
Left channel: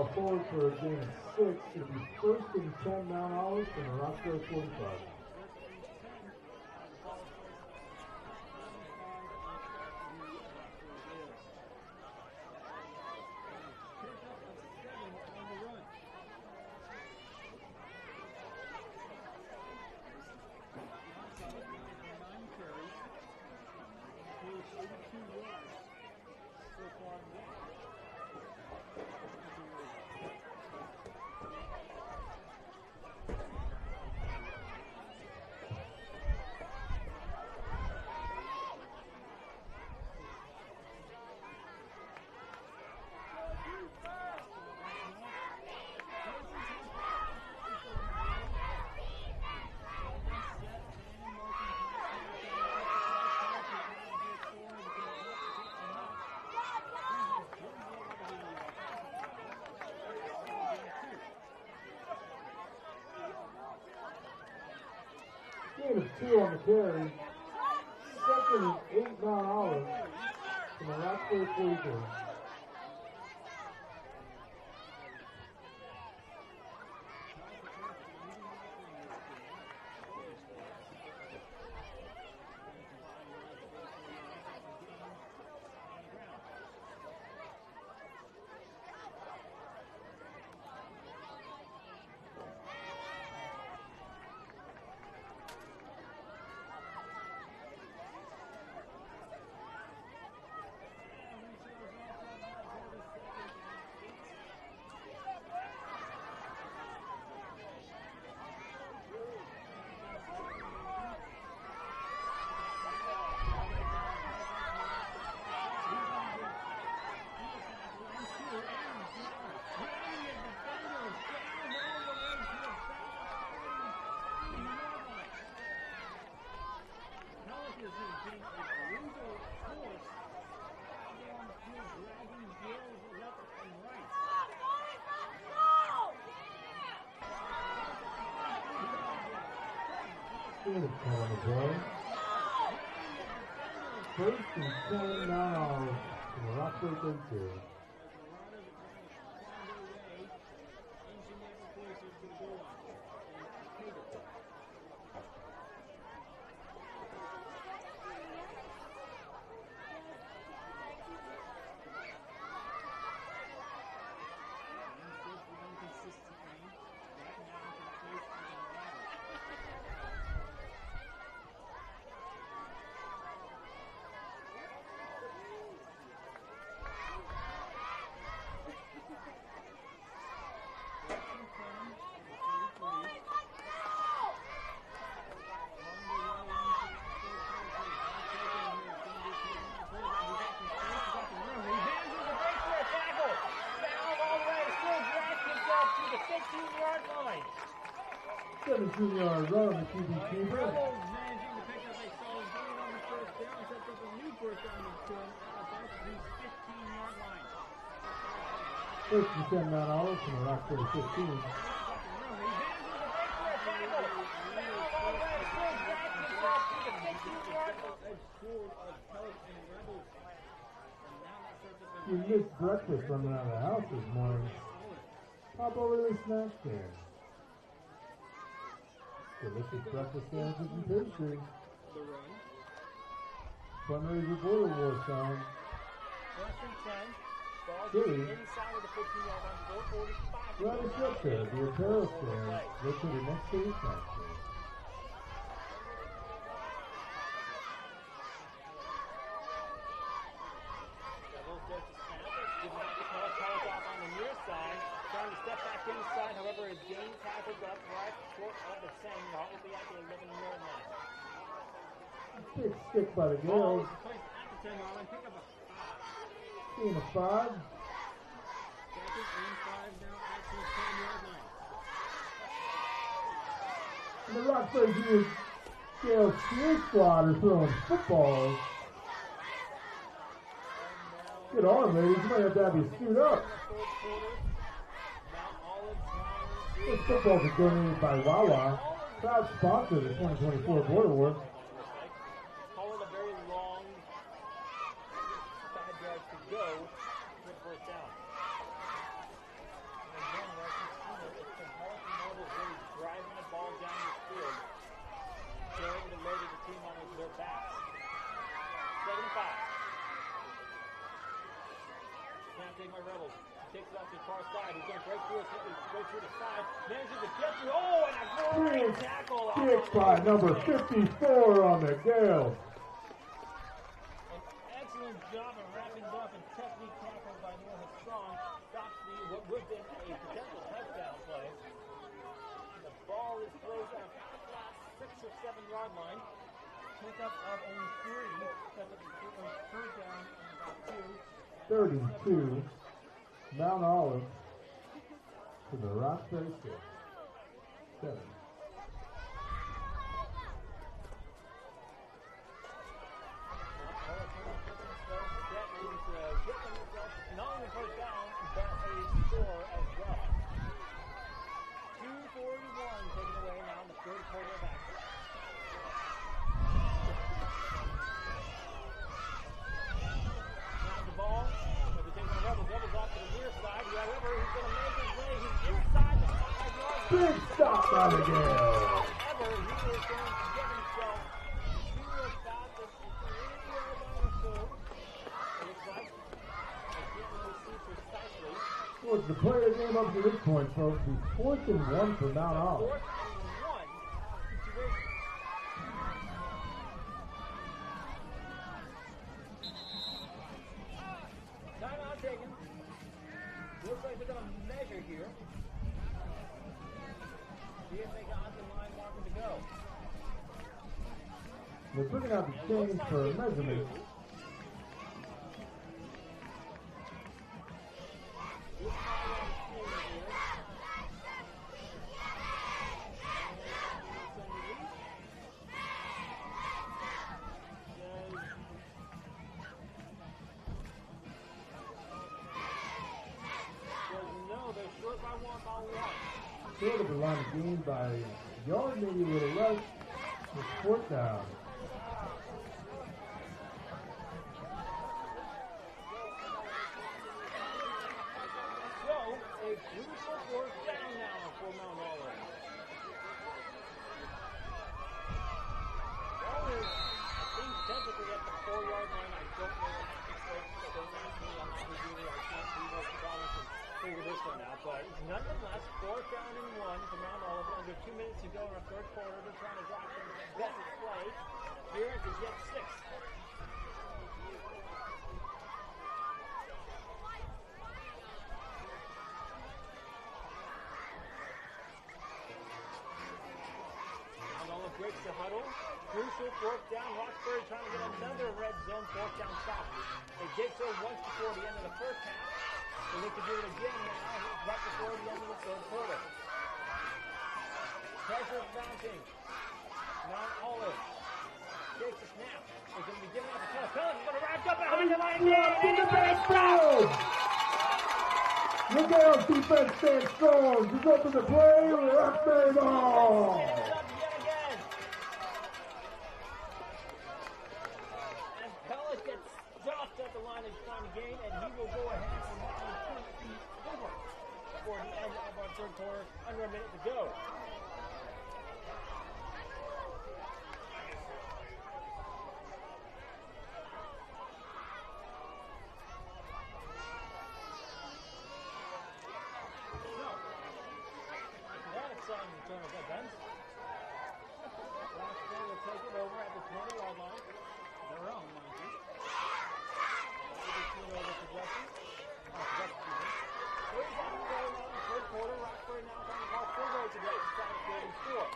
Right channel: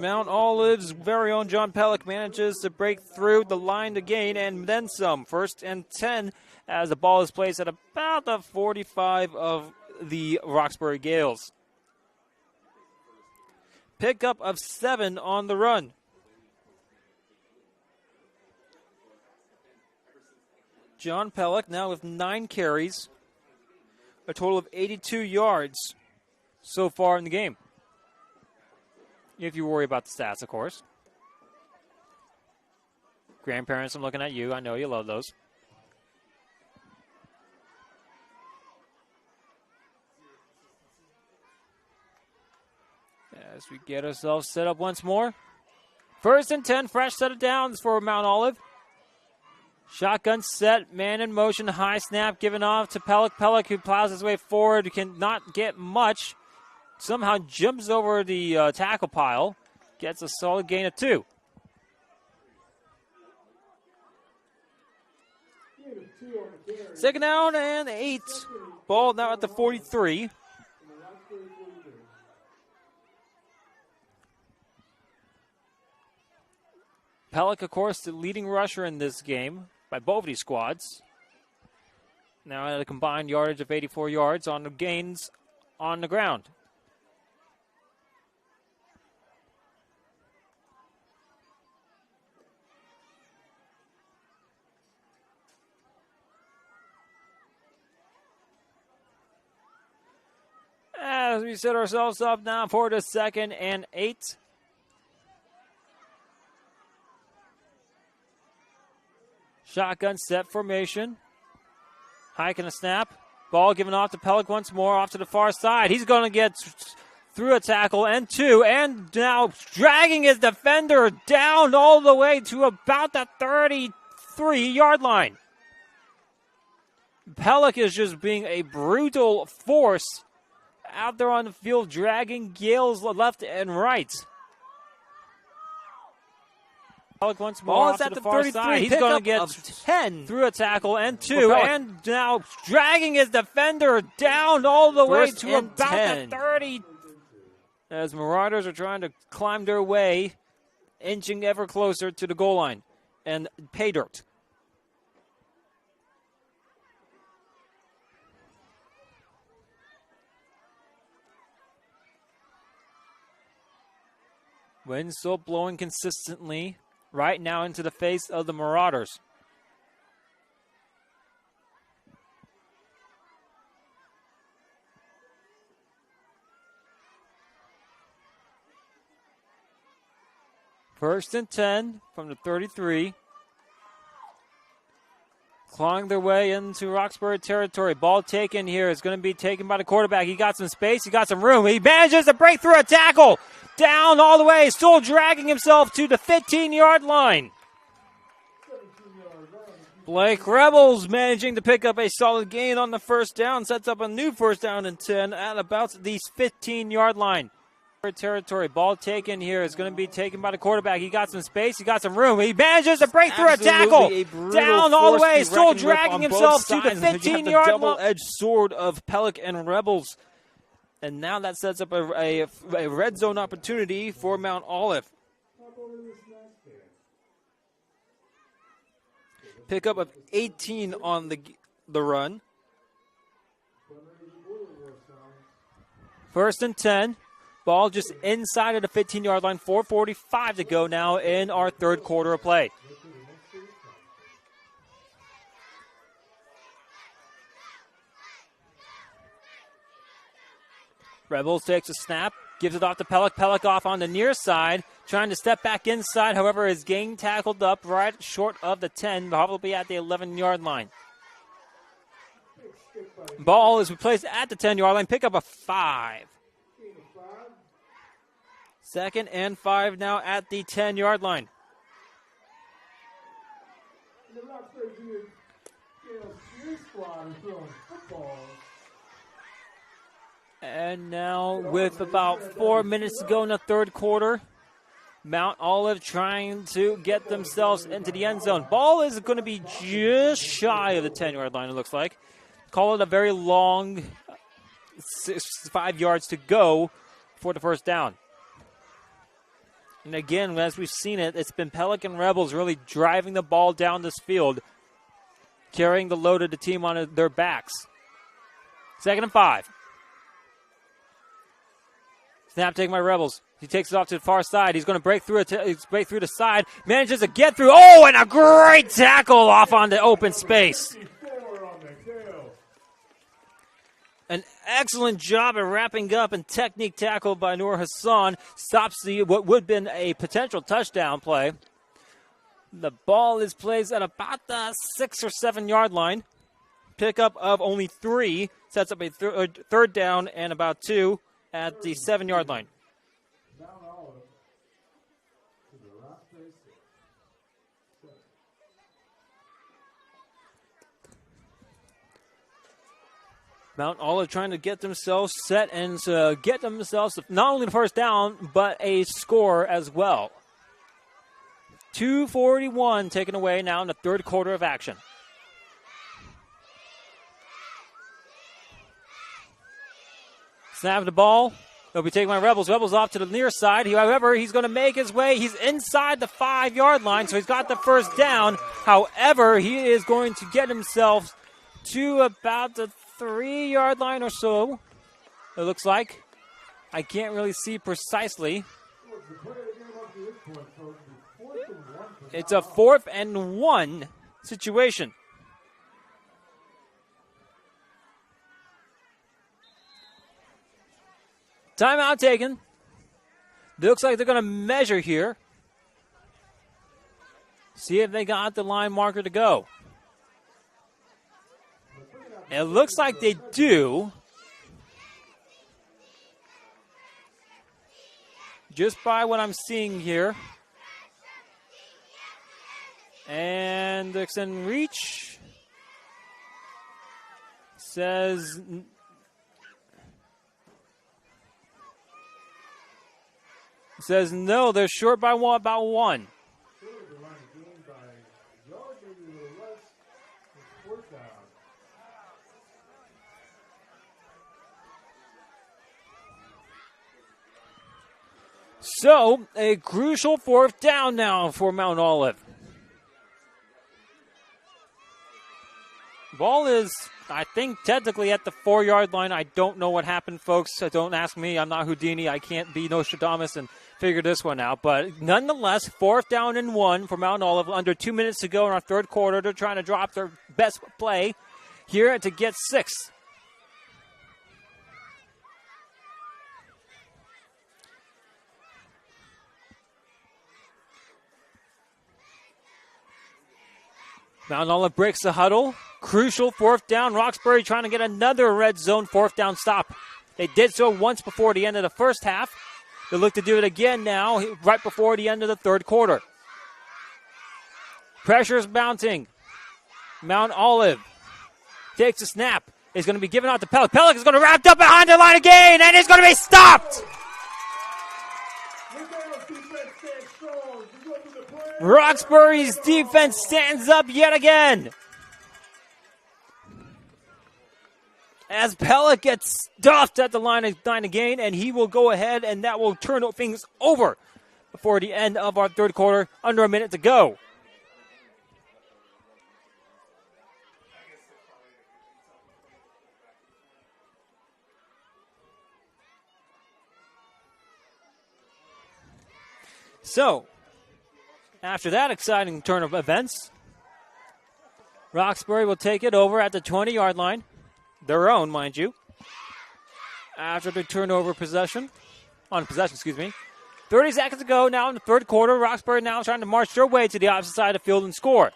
Mount Olive's very own John Pellick manages to break through the line to gain and then some. 1st and 10 as the ball is placed at about the 45 of the Roxbury Gales. Pickup of 7 on the run. John Pellick now with 9 carries, a total of 82 yards so far in the game. If you worry about the stats, of course. Grandparents, I'm looking at you. I know you love those. As we get ourselves set up once more. 1st and 10, fresh set of downs for Mount Olive. Shotgun set, man in motion, high snap given off to Pellick. Pellick, who plows his way forward, cannot get much. Somehow jumps over the tackle pile, gets a solid gain of 2. Second down and 8. Ball now at the 43. Pellick, of course, the leading rusher in this game by both of these squads. Now at a combined yardage of 84 yards on the gains on the ground. As we set ourselves up now for the 2nd and 8. Shotgun set formation. Hiking a snap. Ball given off to Pellick once more, off to the far side. He's going to get through a tackle and 2, and now dragging his defender down all the way to about the 33-yard line. Pellick is just being a brutal force out there on the field, dragging Gales left and right. Once more Ball is at the 33. He's going to get 10 through a tackle and 2, and now dragging his defender down all the way to about the 30. As Marauders are trying to climb their way, inching ever closer to the goal line and pay dirt. Wind still blowing consistently right now into the face of the Marauders. First and 10 from the 33. Clawing their way into Roxbury territory. Ball taken here is going to be taken by the quarterback. He got some space. He got some room. He manages to break through a tackle. Down all the way. Still dragging himself to the 15-yard line. Blake Rebels managing to pick up a solid gain on the first down. Sets up a new 1st down and 10 at about the 15-yard line. Territory. Ball taken here is going to be taken by the quarterback. He got some space. He got some room. He manages to break through a tackle. Down all the way. Still dragging himself to the 15-yard line. Double-edged sword of Pellick and Rebels. And now that sets up a red zone opportunity for Mount Olive. Pickup of 18 on the run. 1st and 10. Ball just inside of the 15-yard line. 4:45 to go now in our third quarter of play. Rebels takes a snap, gives it off to Pellick. Pellick off on the near side, trying to step back inside. However, is getting tackled up right short of the 10, probably at the 11-yard line. Ball is replaced at the 10-yard line. Pick up a 5. 2nd and 5 now at the 10-yard line. The Roxbury Gales cheer squad is throwing footballs. And now with about 4 minutes to go in the third quarter, Mount Olive trying to get themselves into the end zone. Ball is going to be just shy of the 10-yard line, it looks like. Call it a very long 5 yards to go for the first down. And again, as we've seen it, it's been Pelican Rebels really driving the ball down this field, carrying the load of the team on their backs. 2nd and 5. Snap taken by Rebels. He takes it off to the far side. He's going to break through the side. Manages to get through. Oh, and a great tackle off on the open space. 54 on the Gales. An excellent job at wrapping up and technique tackle by Noor Hassan. Stops what would have been a potential touchdown play. The ball is placed at about the 6 or 7 yard line. Pickup of only 3. Sets up a third down and about 2 at the 7 yard line. Mount Olive to the Roxbury 6. 7. Mount Olive trying to get themselves set and get themselves not only the first down, but a score as well. 2:41 taken away now in the third quarter of action. Snap the ball. It'll be taken by Rebels. Rebels off to the near side. However, he's going to make his way. He's inside the 5 yard line, so he's got the first down. However, he is going to get himself to about the 3 yard line or so, it looks like. I can't really see precisely. Well, the play of the game up to this point, folks, is 4th and 1 for It's Mount a Olive. 4th and 1 situation. Timeout taken. Looks like they're going to measure here. See if they got the line marker to go. It looks like they do. Just by what I'm seeing here. And extend reach. Says no, they're short by about 1. Short of the line of game by a yard, maybe a little less. It's 4th down. So, a crucial 4th down now for Mount Olive. Ball is, I think, technically at the 4 yard line. I don't know what happened, folks. So don't ask me. I'm not Houdini. I can't be Nostradamus and figure this one out. But nonetheless, 4th down and 1 for Mount Olive. Under 2 minutes to go in our third quarter. They're trying to drop their best play here to get 6. Mount Olive breaks the huddle. Crucial 4th down. Roxbury trying to get another red zone 4th down stop. They did so once before the end of the first half. They look to do it again now, right before the end of the third quarter. Pressure's mounting. Mount Olive takes a snap. Is going to be given out to Pellick. Pellick is going to wrap up behind the line again, and it's going to be stopped. Roxbury's defense stands up yet again. As Pellick gets stuffed at the line again, and he will go ahead, and that will turn things over before the end of our third quarter. Under a minute to go. So, after that exciting turn of events, Roxbury will take it over at the 20-yard line. Their own, mind you. After the turnover possession. 30 seconds to go now in the third quarter. Roxbury now trying to march their way to the opposite side of the field and score.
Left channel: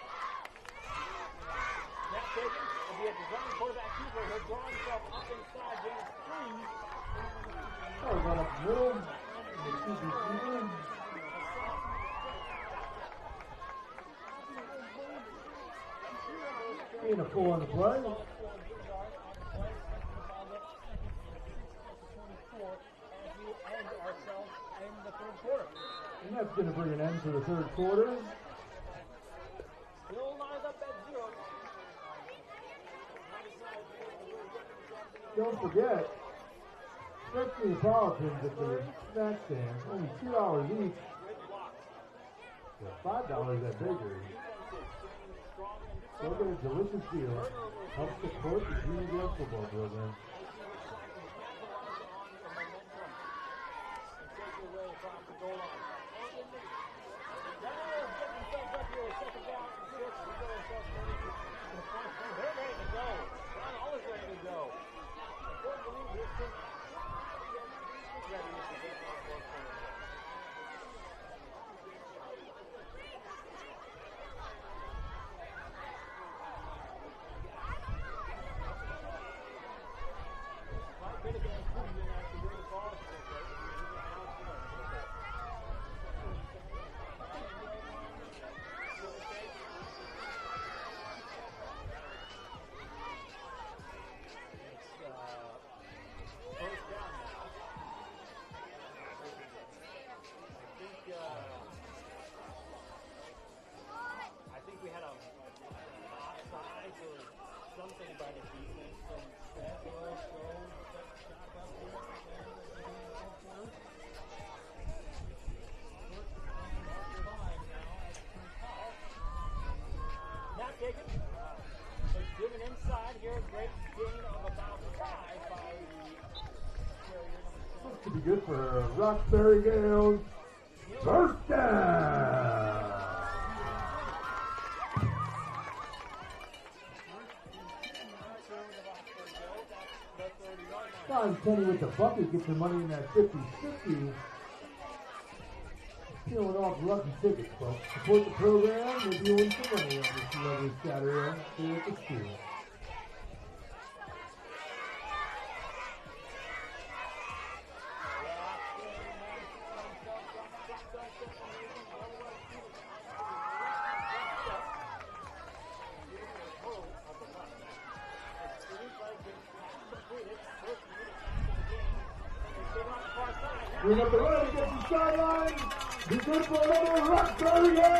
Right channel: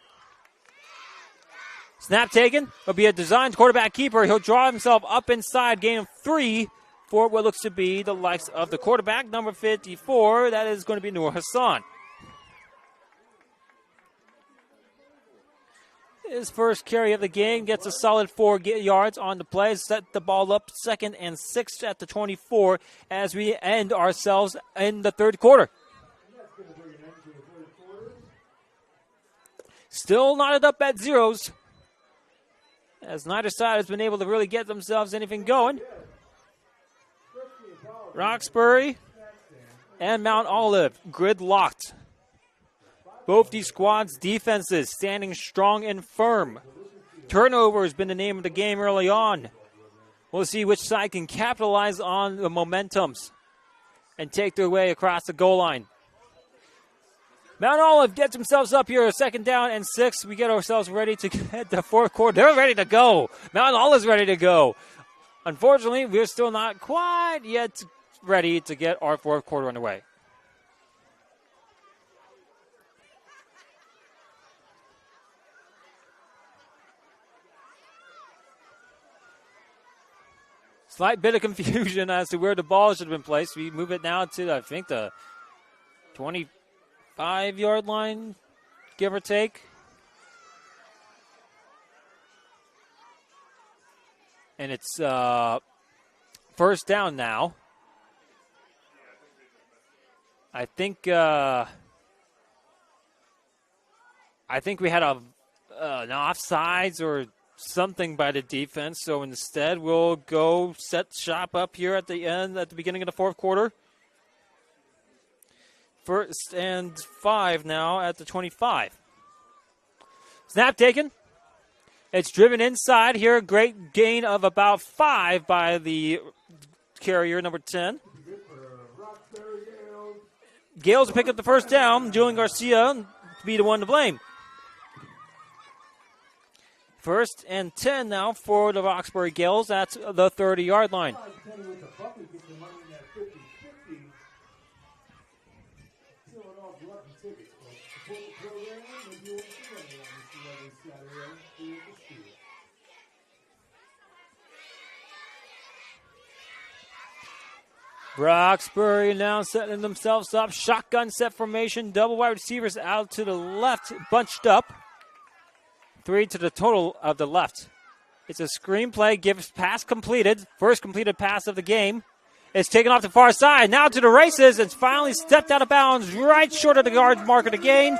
Snap taken. Will be a designed quarterback keeper. He'll draw himself up inside, gain of 3 for what looks to be the likes of the quarterback, number 54. That is going to be Noor Hassan. His first carry of the game, gets a solid 4 yards on the play. Set the ball up 2nd and 6 at the 24 as we end ourselves in the third quarter. And that's going to bring an end to the third quarter. Still knotted up at zeros, as neither side has been able to really get themselves anything going. Roxbury and Mount Olive gridlocked. Both these squads' defenses standing strong and firm. Turnover has been the name of the game early on. We'll see which side can capitalize on the momentums and take their way across the goal line. Mount Olive gets themselves up here, 2nd down and 6. We get ourselves ready to get the fourth quarter. They're ready to go. Mount Olive's ready to go. Unfortunately, we're still not quite yet ready to get our fourth quarter underway. Slight bit of confusion as to where the ball should have been placed. We move it now to, I think, the 25-yard line, give or take. And it's first down now. I think we had an offsides or something by the defense, so instead we'll go set shop up here at the beginning of the fourth quarter. 1st and 5 now at the 25. Snap taken. It's driven inside here. Great gain of about 5 by the carrier, number 10. Good for Roxbury Gales. Gales pick up the first down. Julian Garcia to be the one to blame. 1st and 10 now for the Roxbury Gales at the 30-yard line. Kenny with the bucket gets the money in that 50-50. Peeling off lucky tickets, folks. Support the program. Maybe you win some money on this lovely Saturday here at the school. Roxbury now setting themselves up. Shotgun set formation. Double wide receivers out to the left, bunched up. 3 to the total of the left. It's a screen play. Gives pass completed. First completed pass of the game. It's taken off the far side. Now to the races. It's finally stepped out of bounds right short of the yard mark of the game.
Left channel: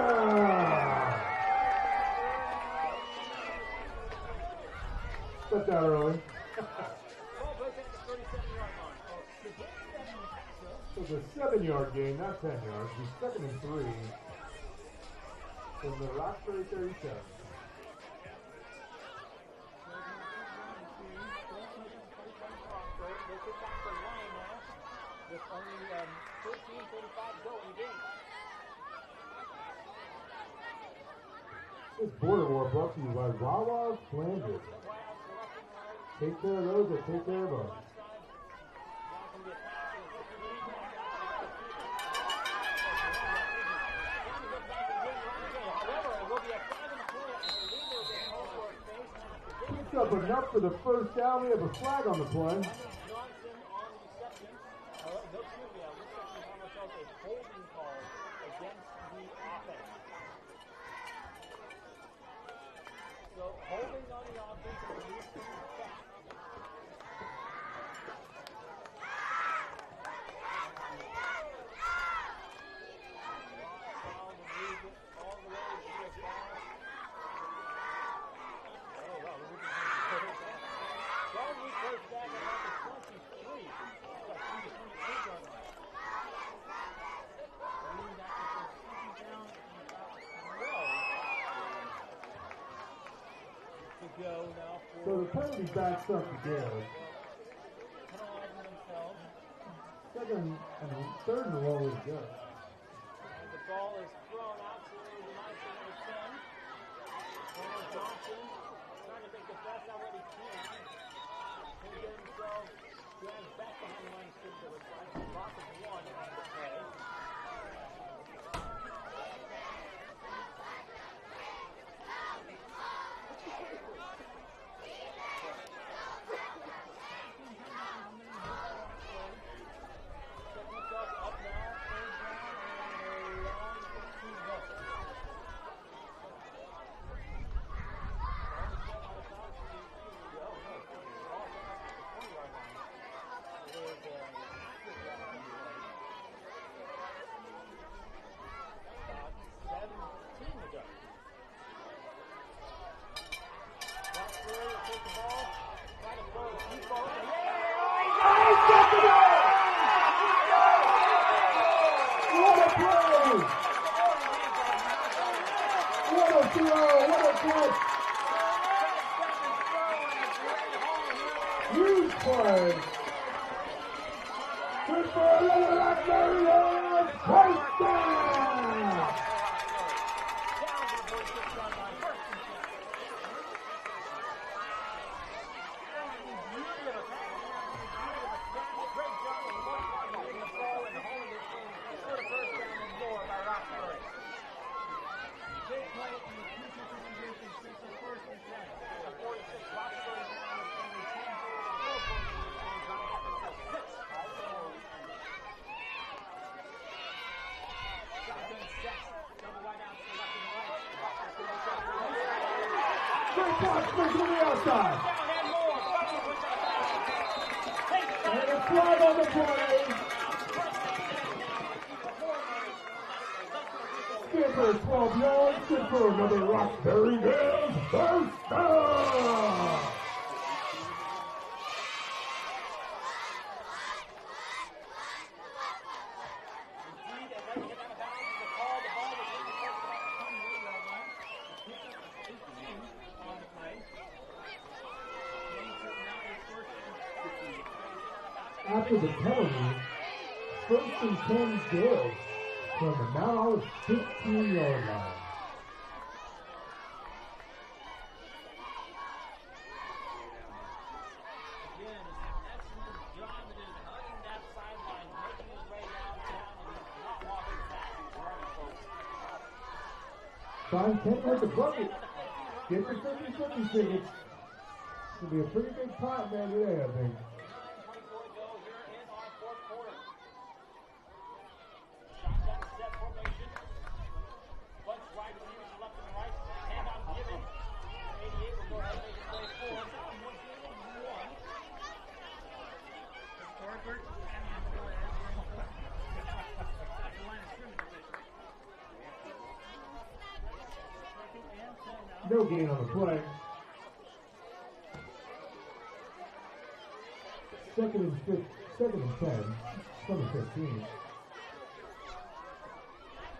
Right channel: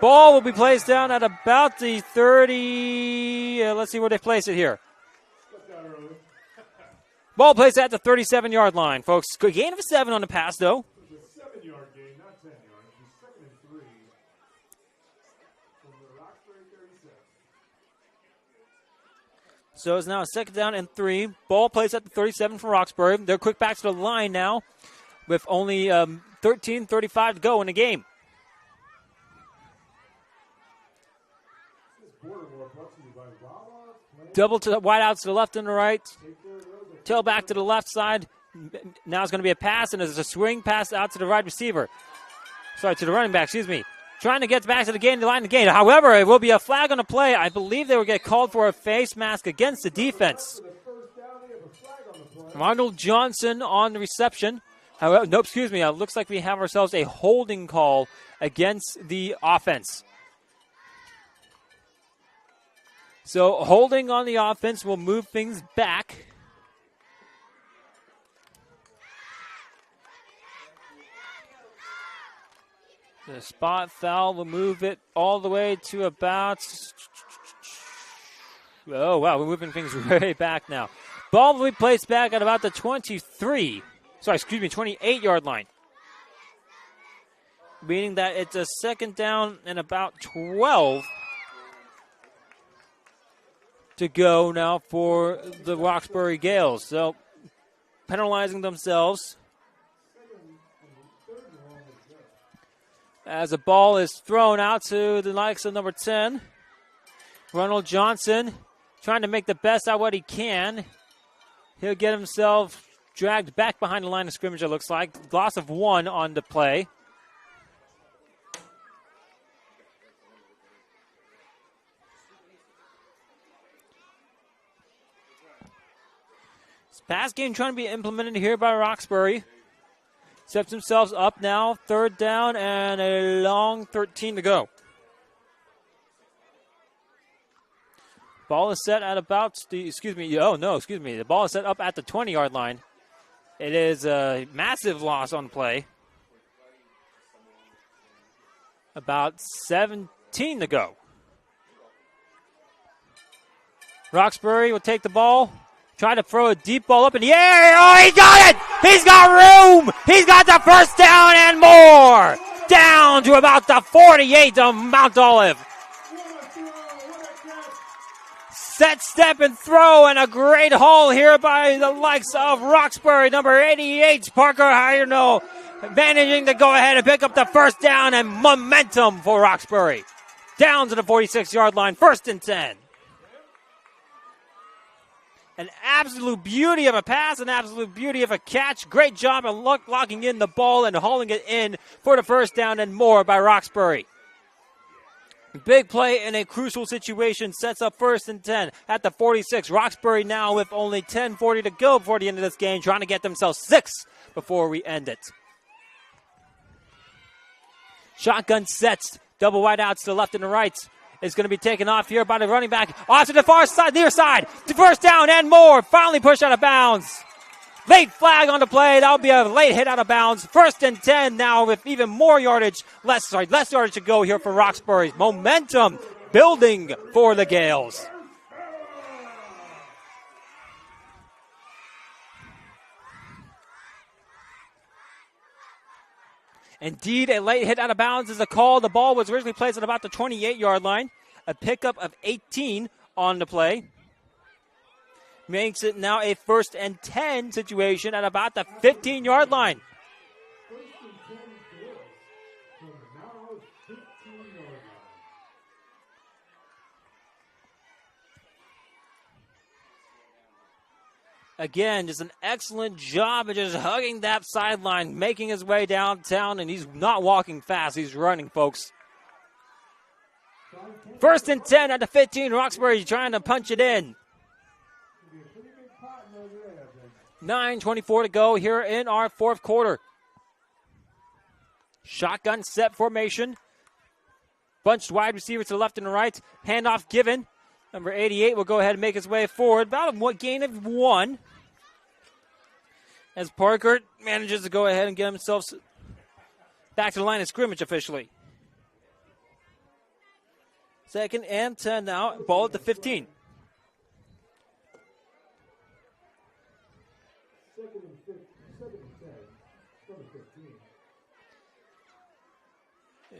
Ball will be placed down at about the 30. Let's see where they place it here. Ball placed at the 37-yard line, folks. Good gain of 7 on the pass, though. It's a 7-yard gain, not 10 yards. It's 2nd and 3 from the Roxbury 37. So it's now a 2nd down and 3. Ball placed at the 37 for Roxbury. They're quick back to the line now with only 13:35 to go in the game. This border war brought to you by Wawa. Double to the wide outs to the left and the right. Take care of those. Tail back to the left side. Now it's going to be a pass, and there's a swing pass out to the right receiver. Sorry, to the running back, excuse me. Trying to get back to the game, to line the game. However, it will be a flag on the play. I believe they will get called for a face mask against the defense. For the first down, we have a flag on the play. Arnold Johnson on the reception. However, no, excuse me. It looks like we have ourselves a holding call against the offense. So holding on the offense will move things back. The spot foul will move it all the way to about... Oh, wow, we're moving things way back now. Ball will be placed back at about the 28-yard line. Meaning that it's a 2nd down and about 12 to go now for the Roxbury Gales. So penalizing themselves. 2nd and 3rd and long is good. As the ball is thrown out to the likes of number 10. Ronald Johnson trying to make the best out of what he can. He'll get himself dragged back behind the line of scrimmage, it looks like. Loss of 1 on the play. Pass game trying to be implemented here by Roxbury. Sets themselves up now, 3rd down and a long 13 to go. Ball is set at about the, the ball is set up at the 20-yard line. It is a massive loss on play. About 17 to go. Roxbury will take the ball, try to throw a deep ball up in the air. Oh, he got it! He's got room! He's got the first down and more! Down to about the 48 of Mount Olive. Set, step, and throw, and a great haul here by the likes of Roxbury. Number 88, Parker Hirno, managing to go ahead and pick up the first down, and momentum for Roxbury. Down to the 46-yard line, 1st and 10. An absolute beauty of a pass, an absolute beauty of a catch. Great job of locking in the ball and hauling it in for the first down and more by Roxbury. Big play in a crucial situation sets up 1st and 10 at the 46. Roxbury now with only 10:40 to go before the end of this game, trying to get themselves 6 before we end it. Shotgun sets, double wide outs to the left and the right. It's going to be taken off here by the running back. Off to the far side, near side. To first down and more. Finally pushed out of bounds. Late flag on the play. That'll be a late hit out of bounds. 1st and 10 now with even more yardage. Less yardage to go here for Roxbury's. Momentum building for the Gales. Indeed, a late hit out of bounds is a call. The ball was originally placed at about the 28-yard line. A pickup of 18 on the play. Makes it now a 1st and 10 situation at about the 15-yard line. 1st and 10 Gales from the now 15-yard line. Again, just an excellent job of just hugging that sideline, making his way downtown, and he's not walking fast. He's running, folks. 1st and 10 at the 15. Roxbury trying to punch it in. Be a pretty big pot there today, I think. 9:24 to go here in our 4th quarter. Shotgun set formation. Bunched wide receiver to the left and the right. Handoff given. Number 88 will go ahead and make his way forward. About a gain of 1. As Parker manages to go ahead and get himself back to the line of scrimmage officially. 2nd and 10 now. Ball at the 15. 2nd and 10 from the 15.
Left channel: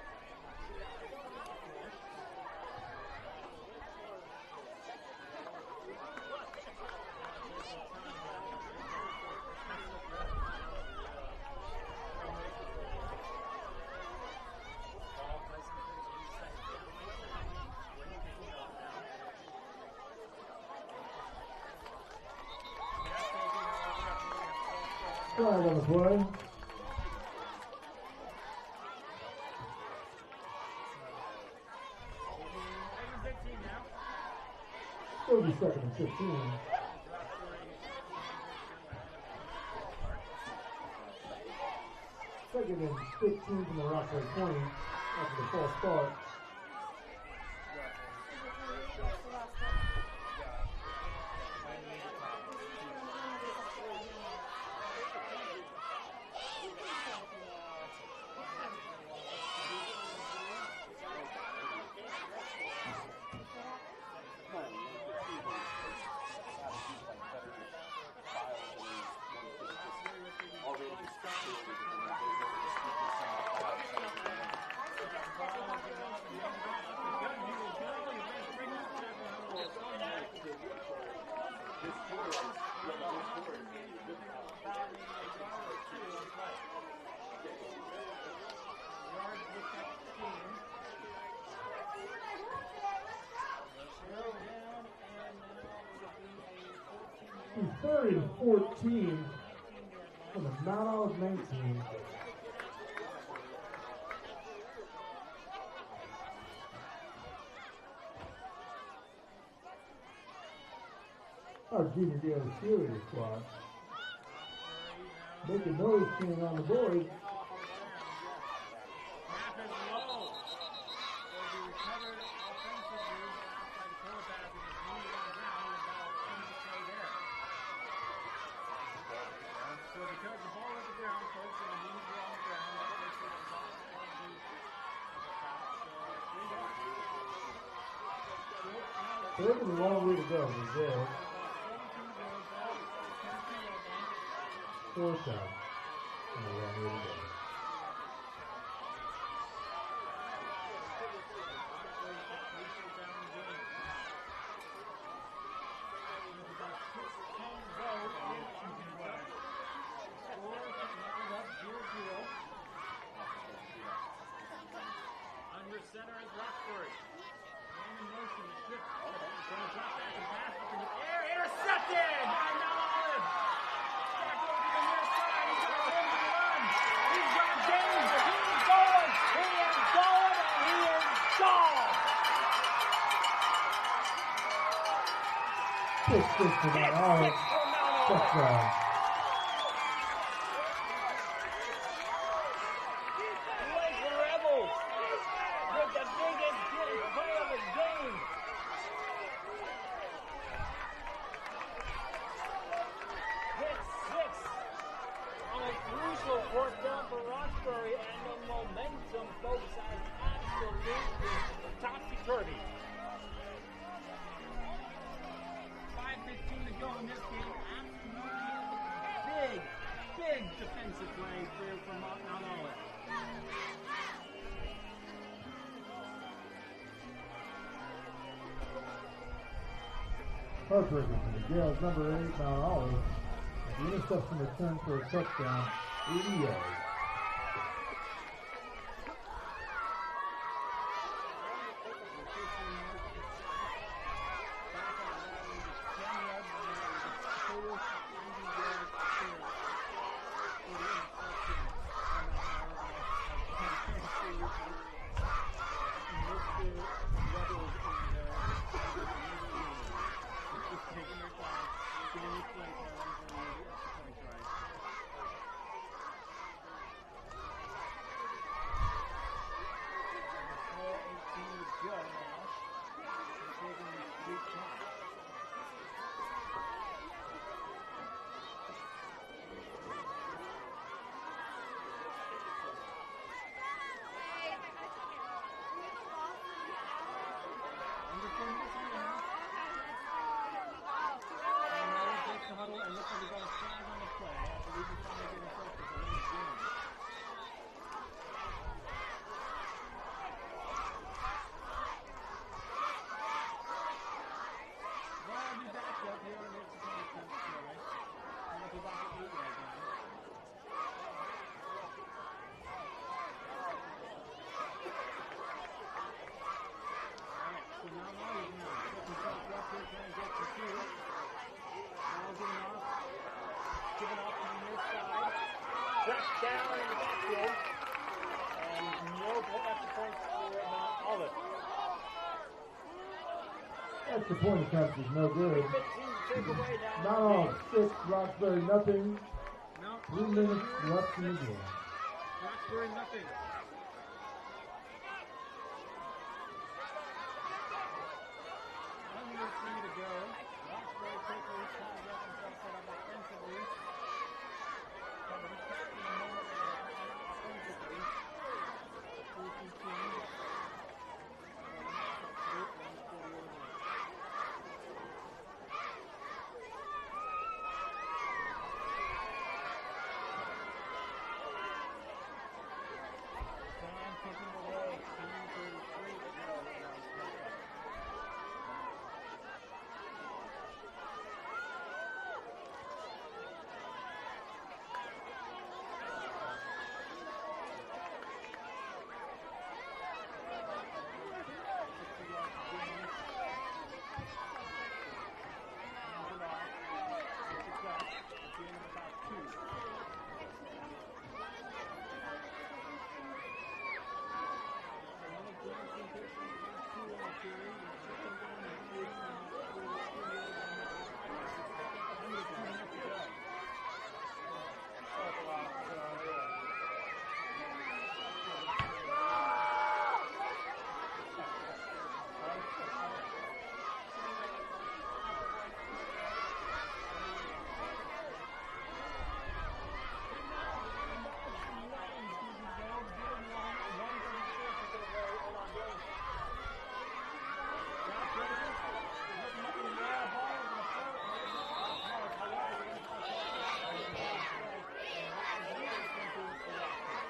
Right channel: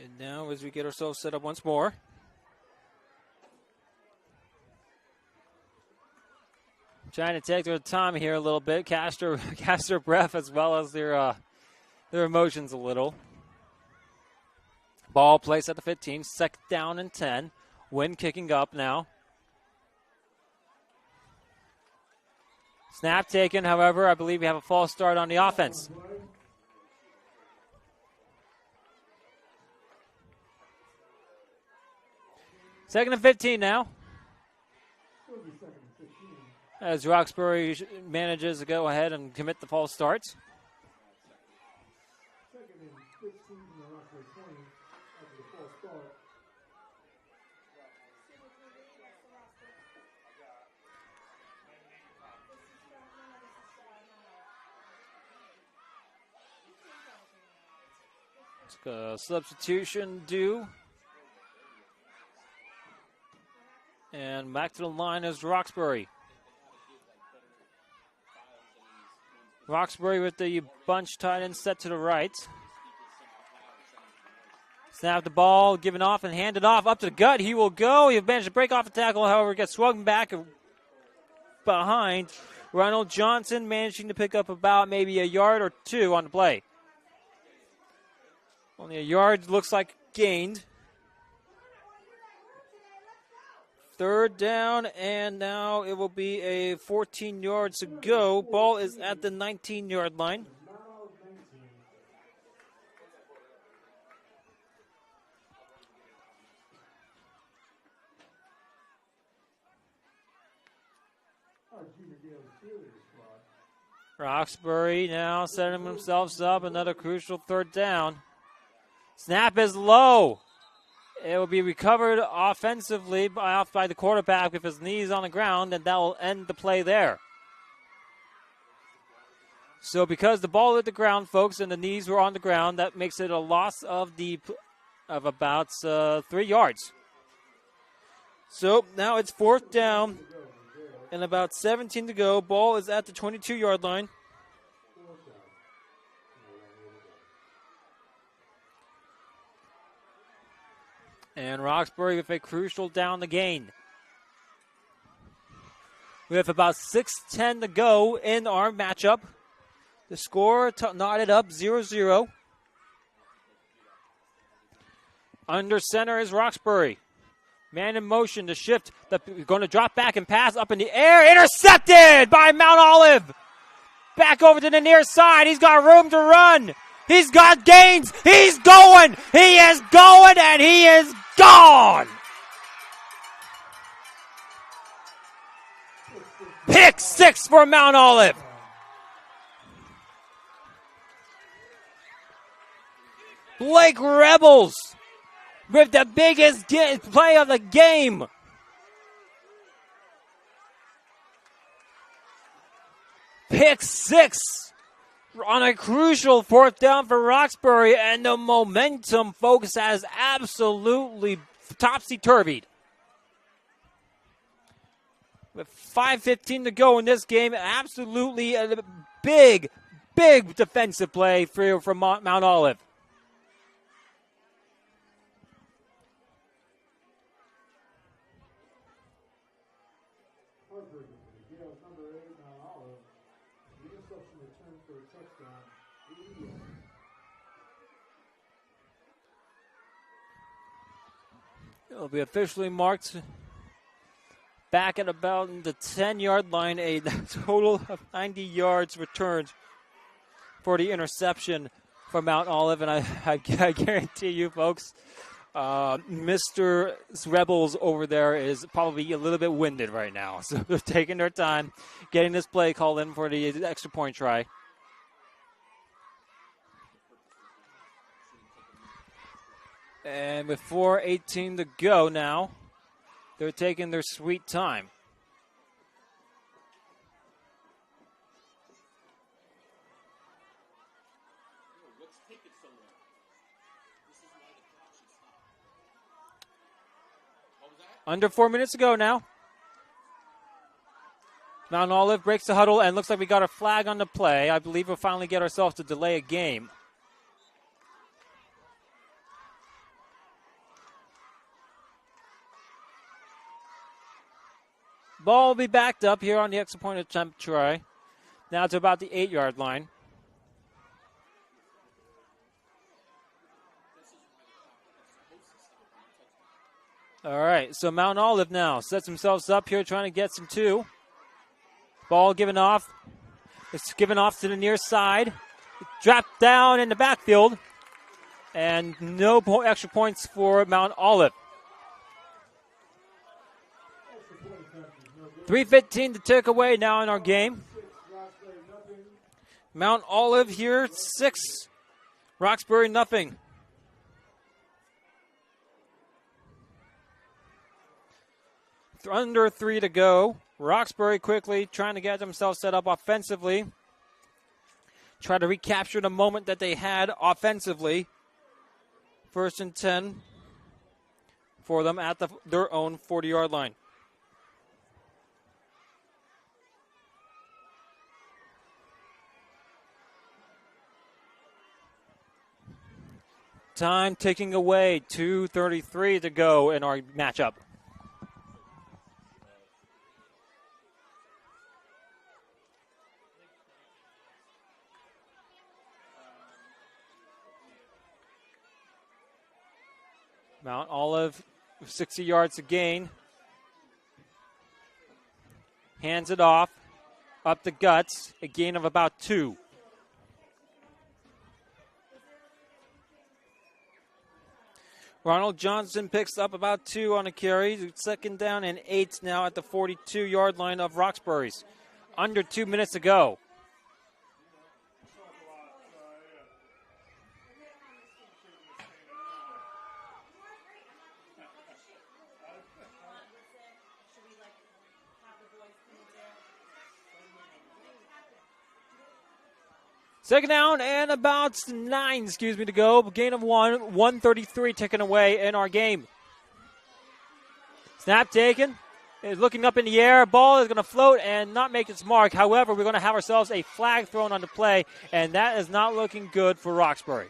And now as we get ourselves set up once more. Trying to take their time here a little bit, catch their breath as well as their emotions a little. Ball placed at the 15, 2nd down and 10. Wind kicking up now. Snap taken, however, I believe we have a false start on the offense. 2nd and 15 now. It'll be 2nd and 15. As Roxbury manages to go ahead and commit the false starts. 2nd and 15 from the Roxbury 20 after the false start. Substitution due. And back to the line is Roxbury. Roxbury with the bunch tight end set to the right. Snap the ball, given off and handed off up to the gut. He will go. He managed to break off the tackle, however, gets swung back behind. Ronald Johnson managing to pick up about maybe a yard or 2 on the play. Only a yard looks like gained. 3rd down, and now it will be a 14 yards to go. Ball is at the 19-yard line. Roxbury now setting themselves up. Another crucial 3rd down. Snap is low. It will be recovered offensively by the quarterback with his knees on the ground, and that will end the play there. So because the ball hit the ground, folks, and the knees were on the ground, that makes it a loss of about 3 yards. So now it's 4th down and about 17 to go. Ball is at the 22-yard line. 4th down. And Roxbury with a crucial down the gain. We have about 6:10 to go in our matchup. The score knotted up 0-0. Under center is Roxbury. Man in motion to shift. Going to drop back and pass up in the air. Intercepted by Mount Olive. Back over to the near side. He's got room to run. He's got gains. He's going. He is going, and he is gone. Pick 6 for Mount Olive. Blake Rebels with the biggest play of the game. Pick 6 on a crucial 4th down for Roxbury, and the momentum, folks, has absolutely topsy-turvied. With 5:15 to go in this game, absolutely a big defensive play from Mount Olive. Heartbreaking for the Gales, number 8, Mount Olive. The interception return for a touchdown, 80 yards. It'll be officially marked back at about the 10-yard line, a total of 90 yards returned for the interception from Mount Olive, and I guarantee you, folks, Mr. Rebels over there is probably a little bit winded right now. So they're taking their time getting this play called in for the extra point try. And with 4:18 to go now, they're taking their sweet time. Under 4 minutes to go now. Mount Olive breaks the huddle, and looks like we got a flag on the play. I believe we'll finally get ourselves to delay a game. Ball will be backed up here on the extra point attempt try. Now to about the 8-yard line. All right, so Mount Olive now sets themselves up here trying to get some 2. Ball given off. It's given off to the near side. Dropped down in the backfield. And no extra points for Mount Olive. Extra point attempt is no good. 3:15 to take away now in our game. 6, Roxbury, nothing. Mount Olive here, 6. Roxbury, nothing. Under 3 to go. Roxbury quickly trying to get themselves set up offensively. Try to recapture the moment that they had offensively. 1st and 10 for them at their own 40-yard line. Time ticking away, 2:33 to go in our matchup. Mount Olive, 60 yards to gain. Hands it off, up the guts, a gain of about 2. Ronald Johnson picks up about 2 on a carry. 2nd down and 8 now at the 42-yard line of Roxbury's. Under 2 minutes to go. Second down and about 9, to go. Gain of 1, 133 ticking away in our game. Snap taken. Is looking up in the air. Ball is going to float and not make its mark. However, we're going to have ourselves a flag thrown on the play, and that is not looking good for Roxbury.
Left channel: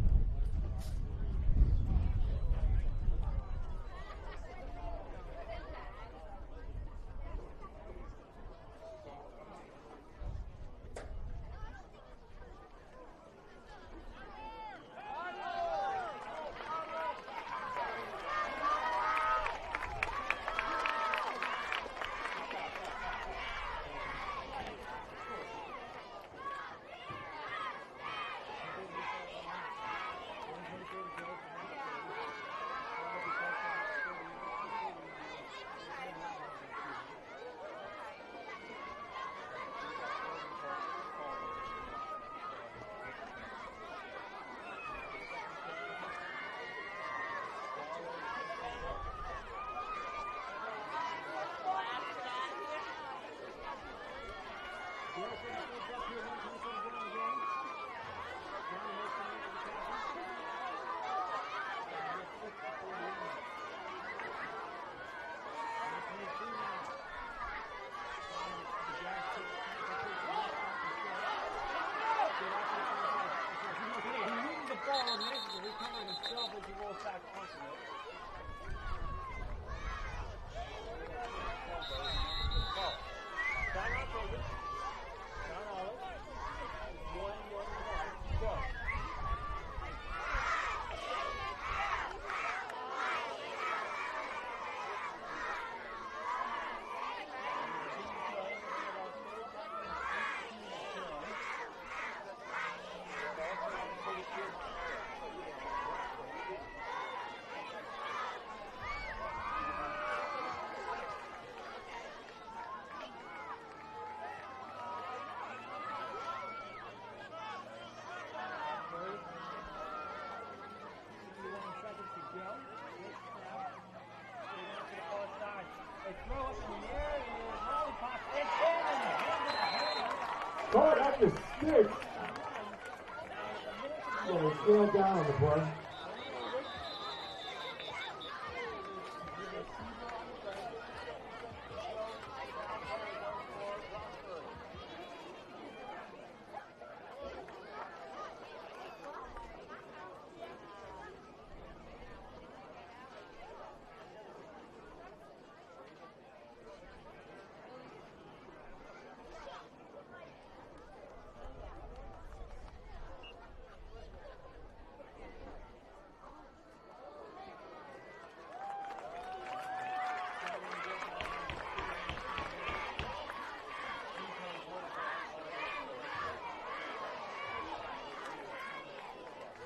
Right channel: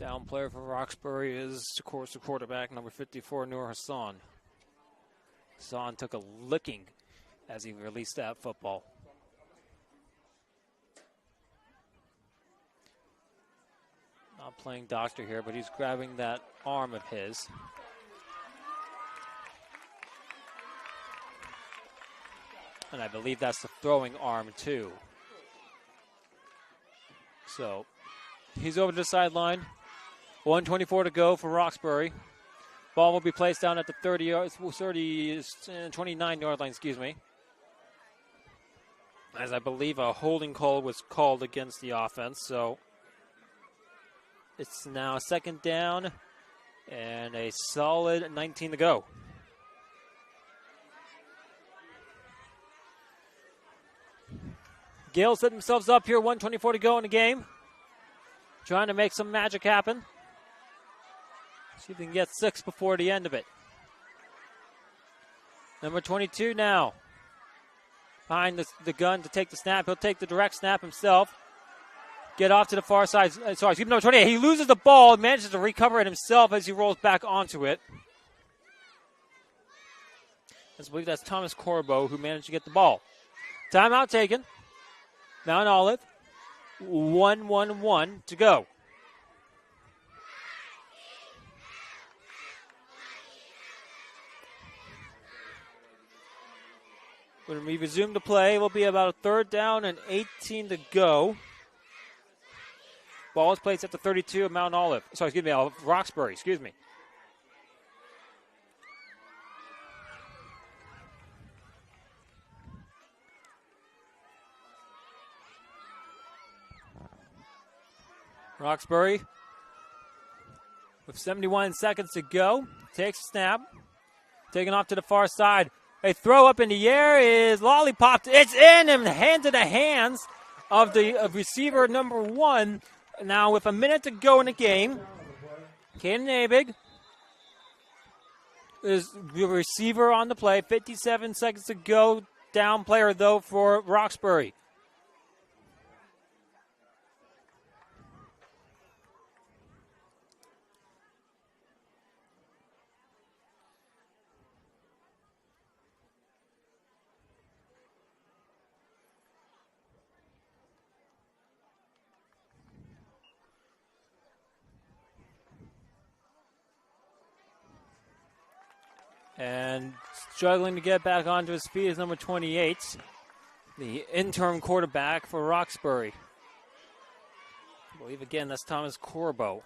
Down player for Roxbury is, of course, the quarterback, number 54, Nur Hassan. Hassan took a licking as he released that football. Not playing doctor here, but he's grabbing that arm of his. And I believe that's the throwing arm, too. So, he's over to the sideline. 1:24 to go for Roxbury. Ball will be placed down at the 29-yard line, as I believe a holding call was called against the offense. So it's now a second down and a solid 19 to go. Gales set themselves up here, 1:24 to go in the game. Trying to make some magic happen. See if we can get 6 before the end of it. Number 22 now. Behind the gun to take the snap. He'll take the direct snap himself. Get off to the far side. Number 28. He loses the ball, manages to recover it himself as he rolls back onto it. I believe that's Thomas Corbo who managed to get the ball. Timeout taken. Mount Olive. 1-1-1 to go. When we resume the play, it will be about a third down and 18 to go. Ball is placed at the 32 of Mount Olive. Roxbury, Roxbury, with 71 seconds to go, takes a snap, taken off to the far side. A throw up in the air is lollipopped. It's in and into the hands of the receiver number 1. Now with a minute to go in the game, Caden Abig is the receiver on the play. 57 seconds to go. Down player, though, for Roxbury. And struggling to get back onto his feet is number 28, the interim quarterback for Roxbury. I believe, again, that's Thomas Corbo.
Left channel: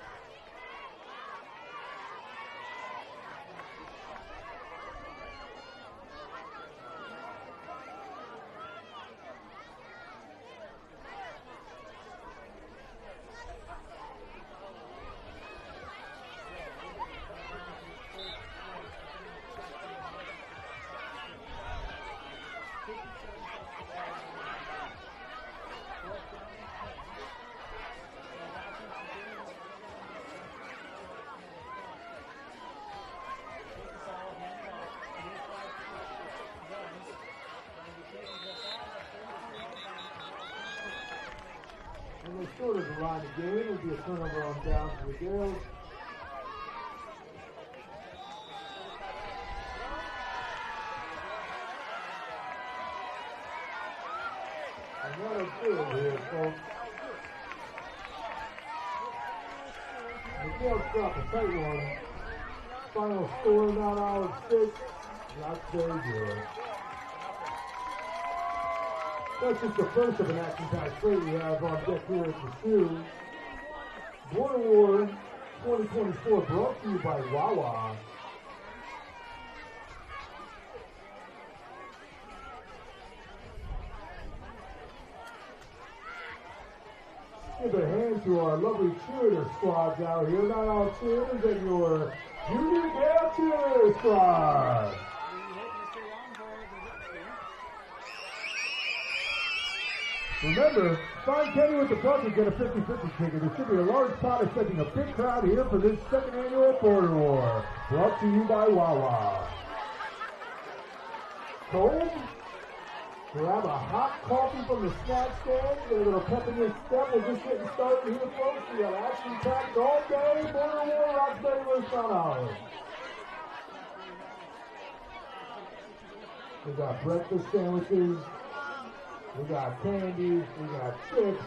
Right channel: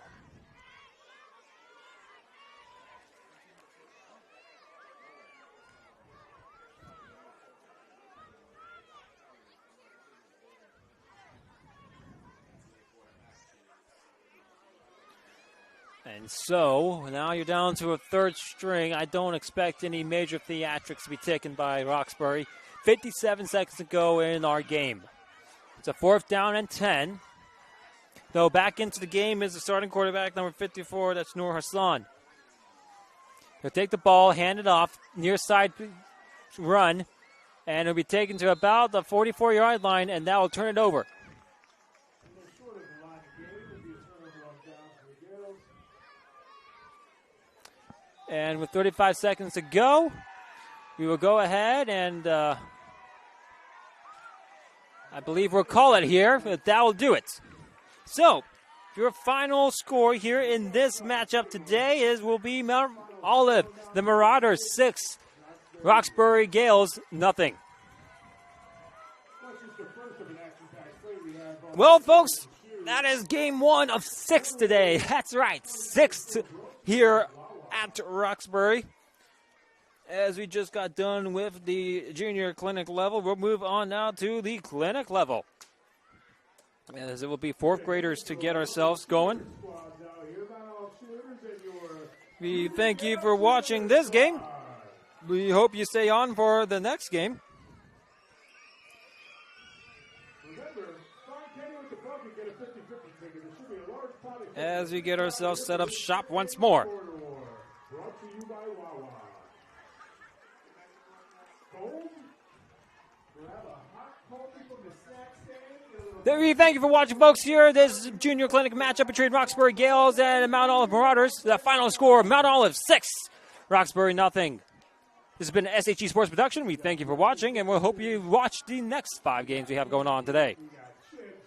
So, now you're down to a third string. I don't expect any major theatrics to be taken by Roxbury. 57 seconds to go in our game. It's a 4th down and 10. Though back into the game is the starting quarterback, number 54, that's Nur Hassan. He'll take the ball, hand it off, near side run, and it'll be taken to about the 44-yard line, and that will turn it over. And they started the line of game. It'll be a turnover on down to the Gales. And with 35 seconds to go, we will go ahead and I believe we'll call it here. That will do it. So, your final score here in this matchup today will be Mount Olive, the Marauders 6, Roxbury Gales nothing. Well, folks, that is game 1 of 6 today. That's right, 6 here at Roxbury. as we just got done with the junior clinic level. We'll move on now to the clinic level. As it will be fourth graders to get ourselves going. We thank you for watching this game. We hope you stay on for the next game. Remember, find Kenny with the buck and get a 50-50 ticket. There should be a large pot of tickets. As we get ourselves set up shop once more. Brought to you by Wawa. Home. Grab a hot coffee from the snack stand. We thank you for watching, folks. Here, this junior clinic matchup between Roxbury Gales and Mount Olive Marauders. The final score: Mount Olive 6, Roxbury nothing. This has been an SHE Sports production. We thank you for watching, and we'll hope you watch the next 5 games we have going on today. We got chips,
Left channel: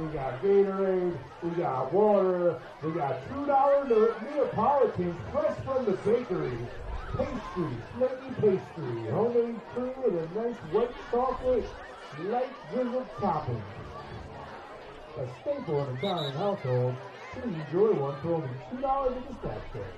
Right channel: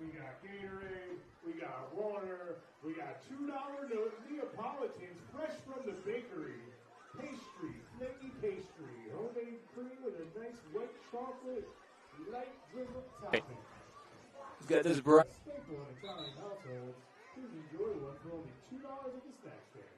we got Gatorade, we got water, we got $2 Neapolitans fresh from the bakery. Pastry, flaky pastry, homemade cream with a nice white chocolate, light drizzled topping. Got this A staple in an Italian household. Please enjoy one for only $2 in the snack stand.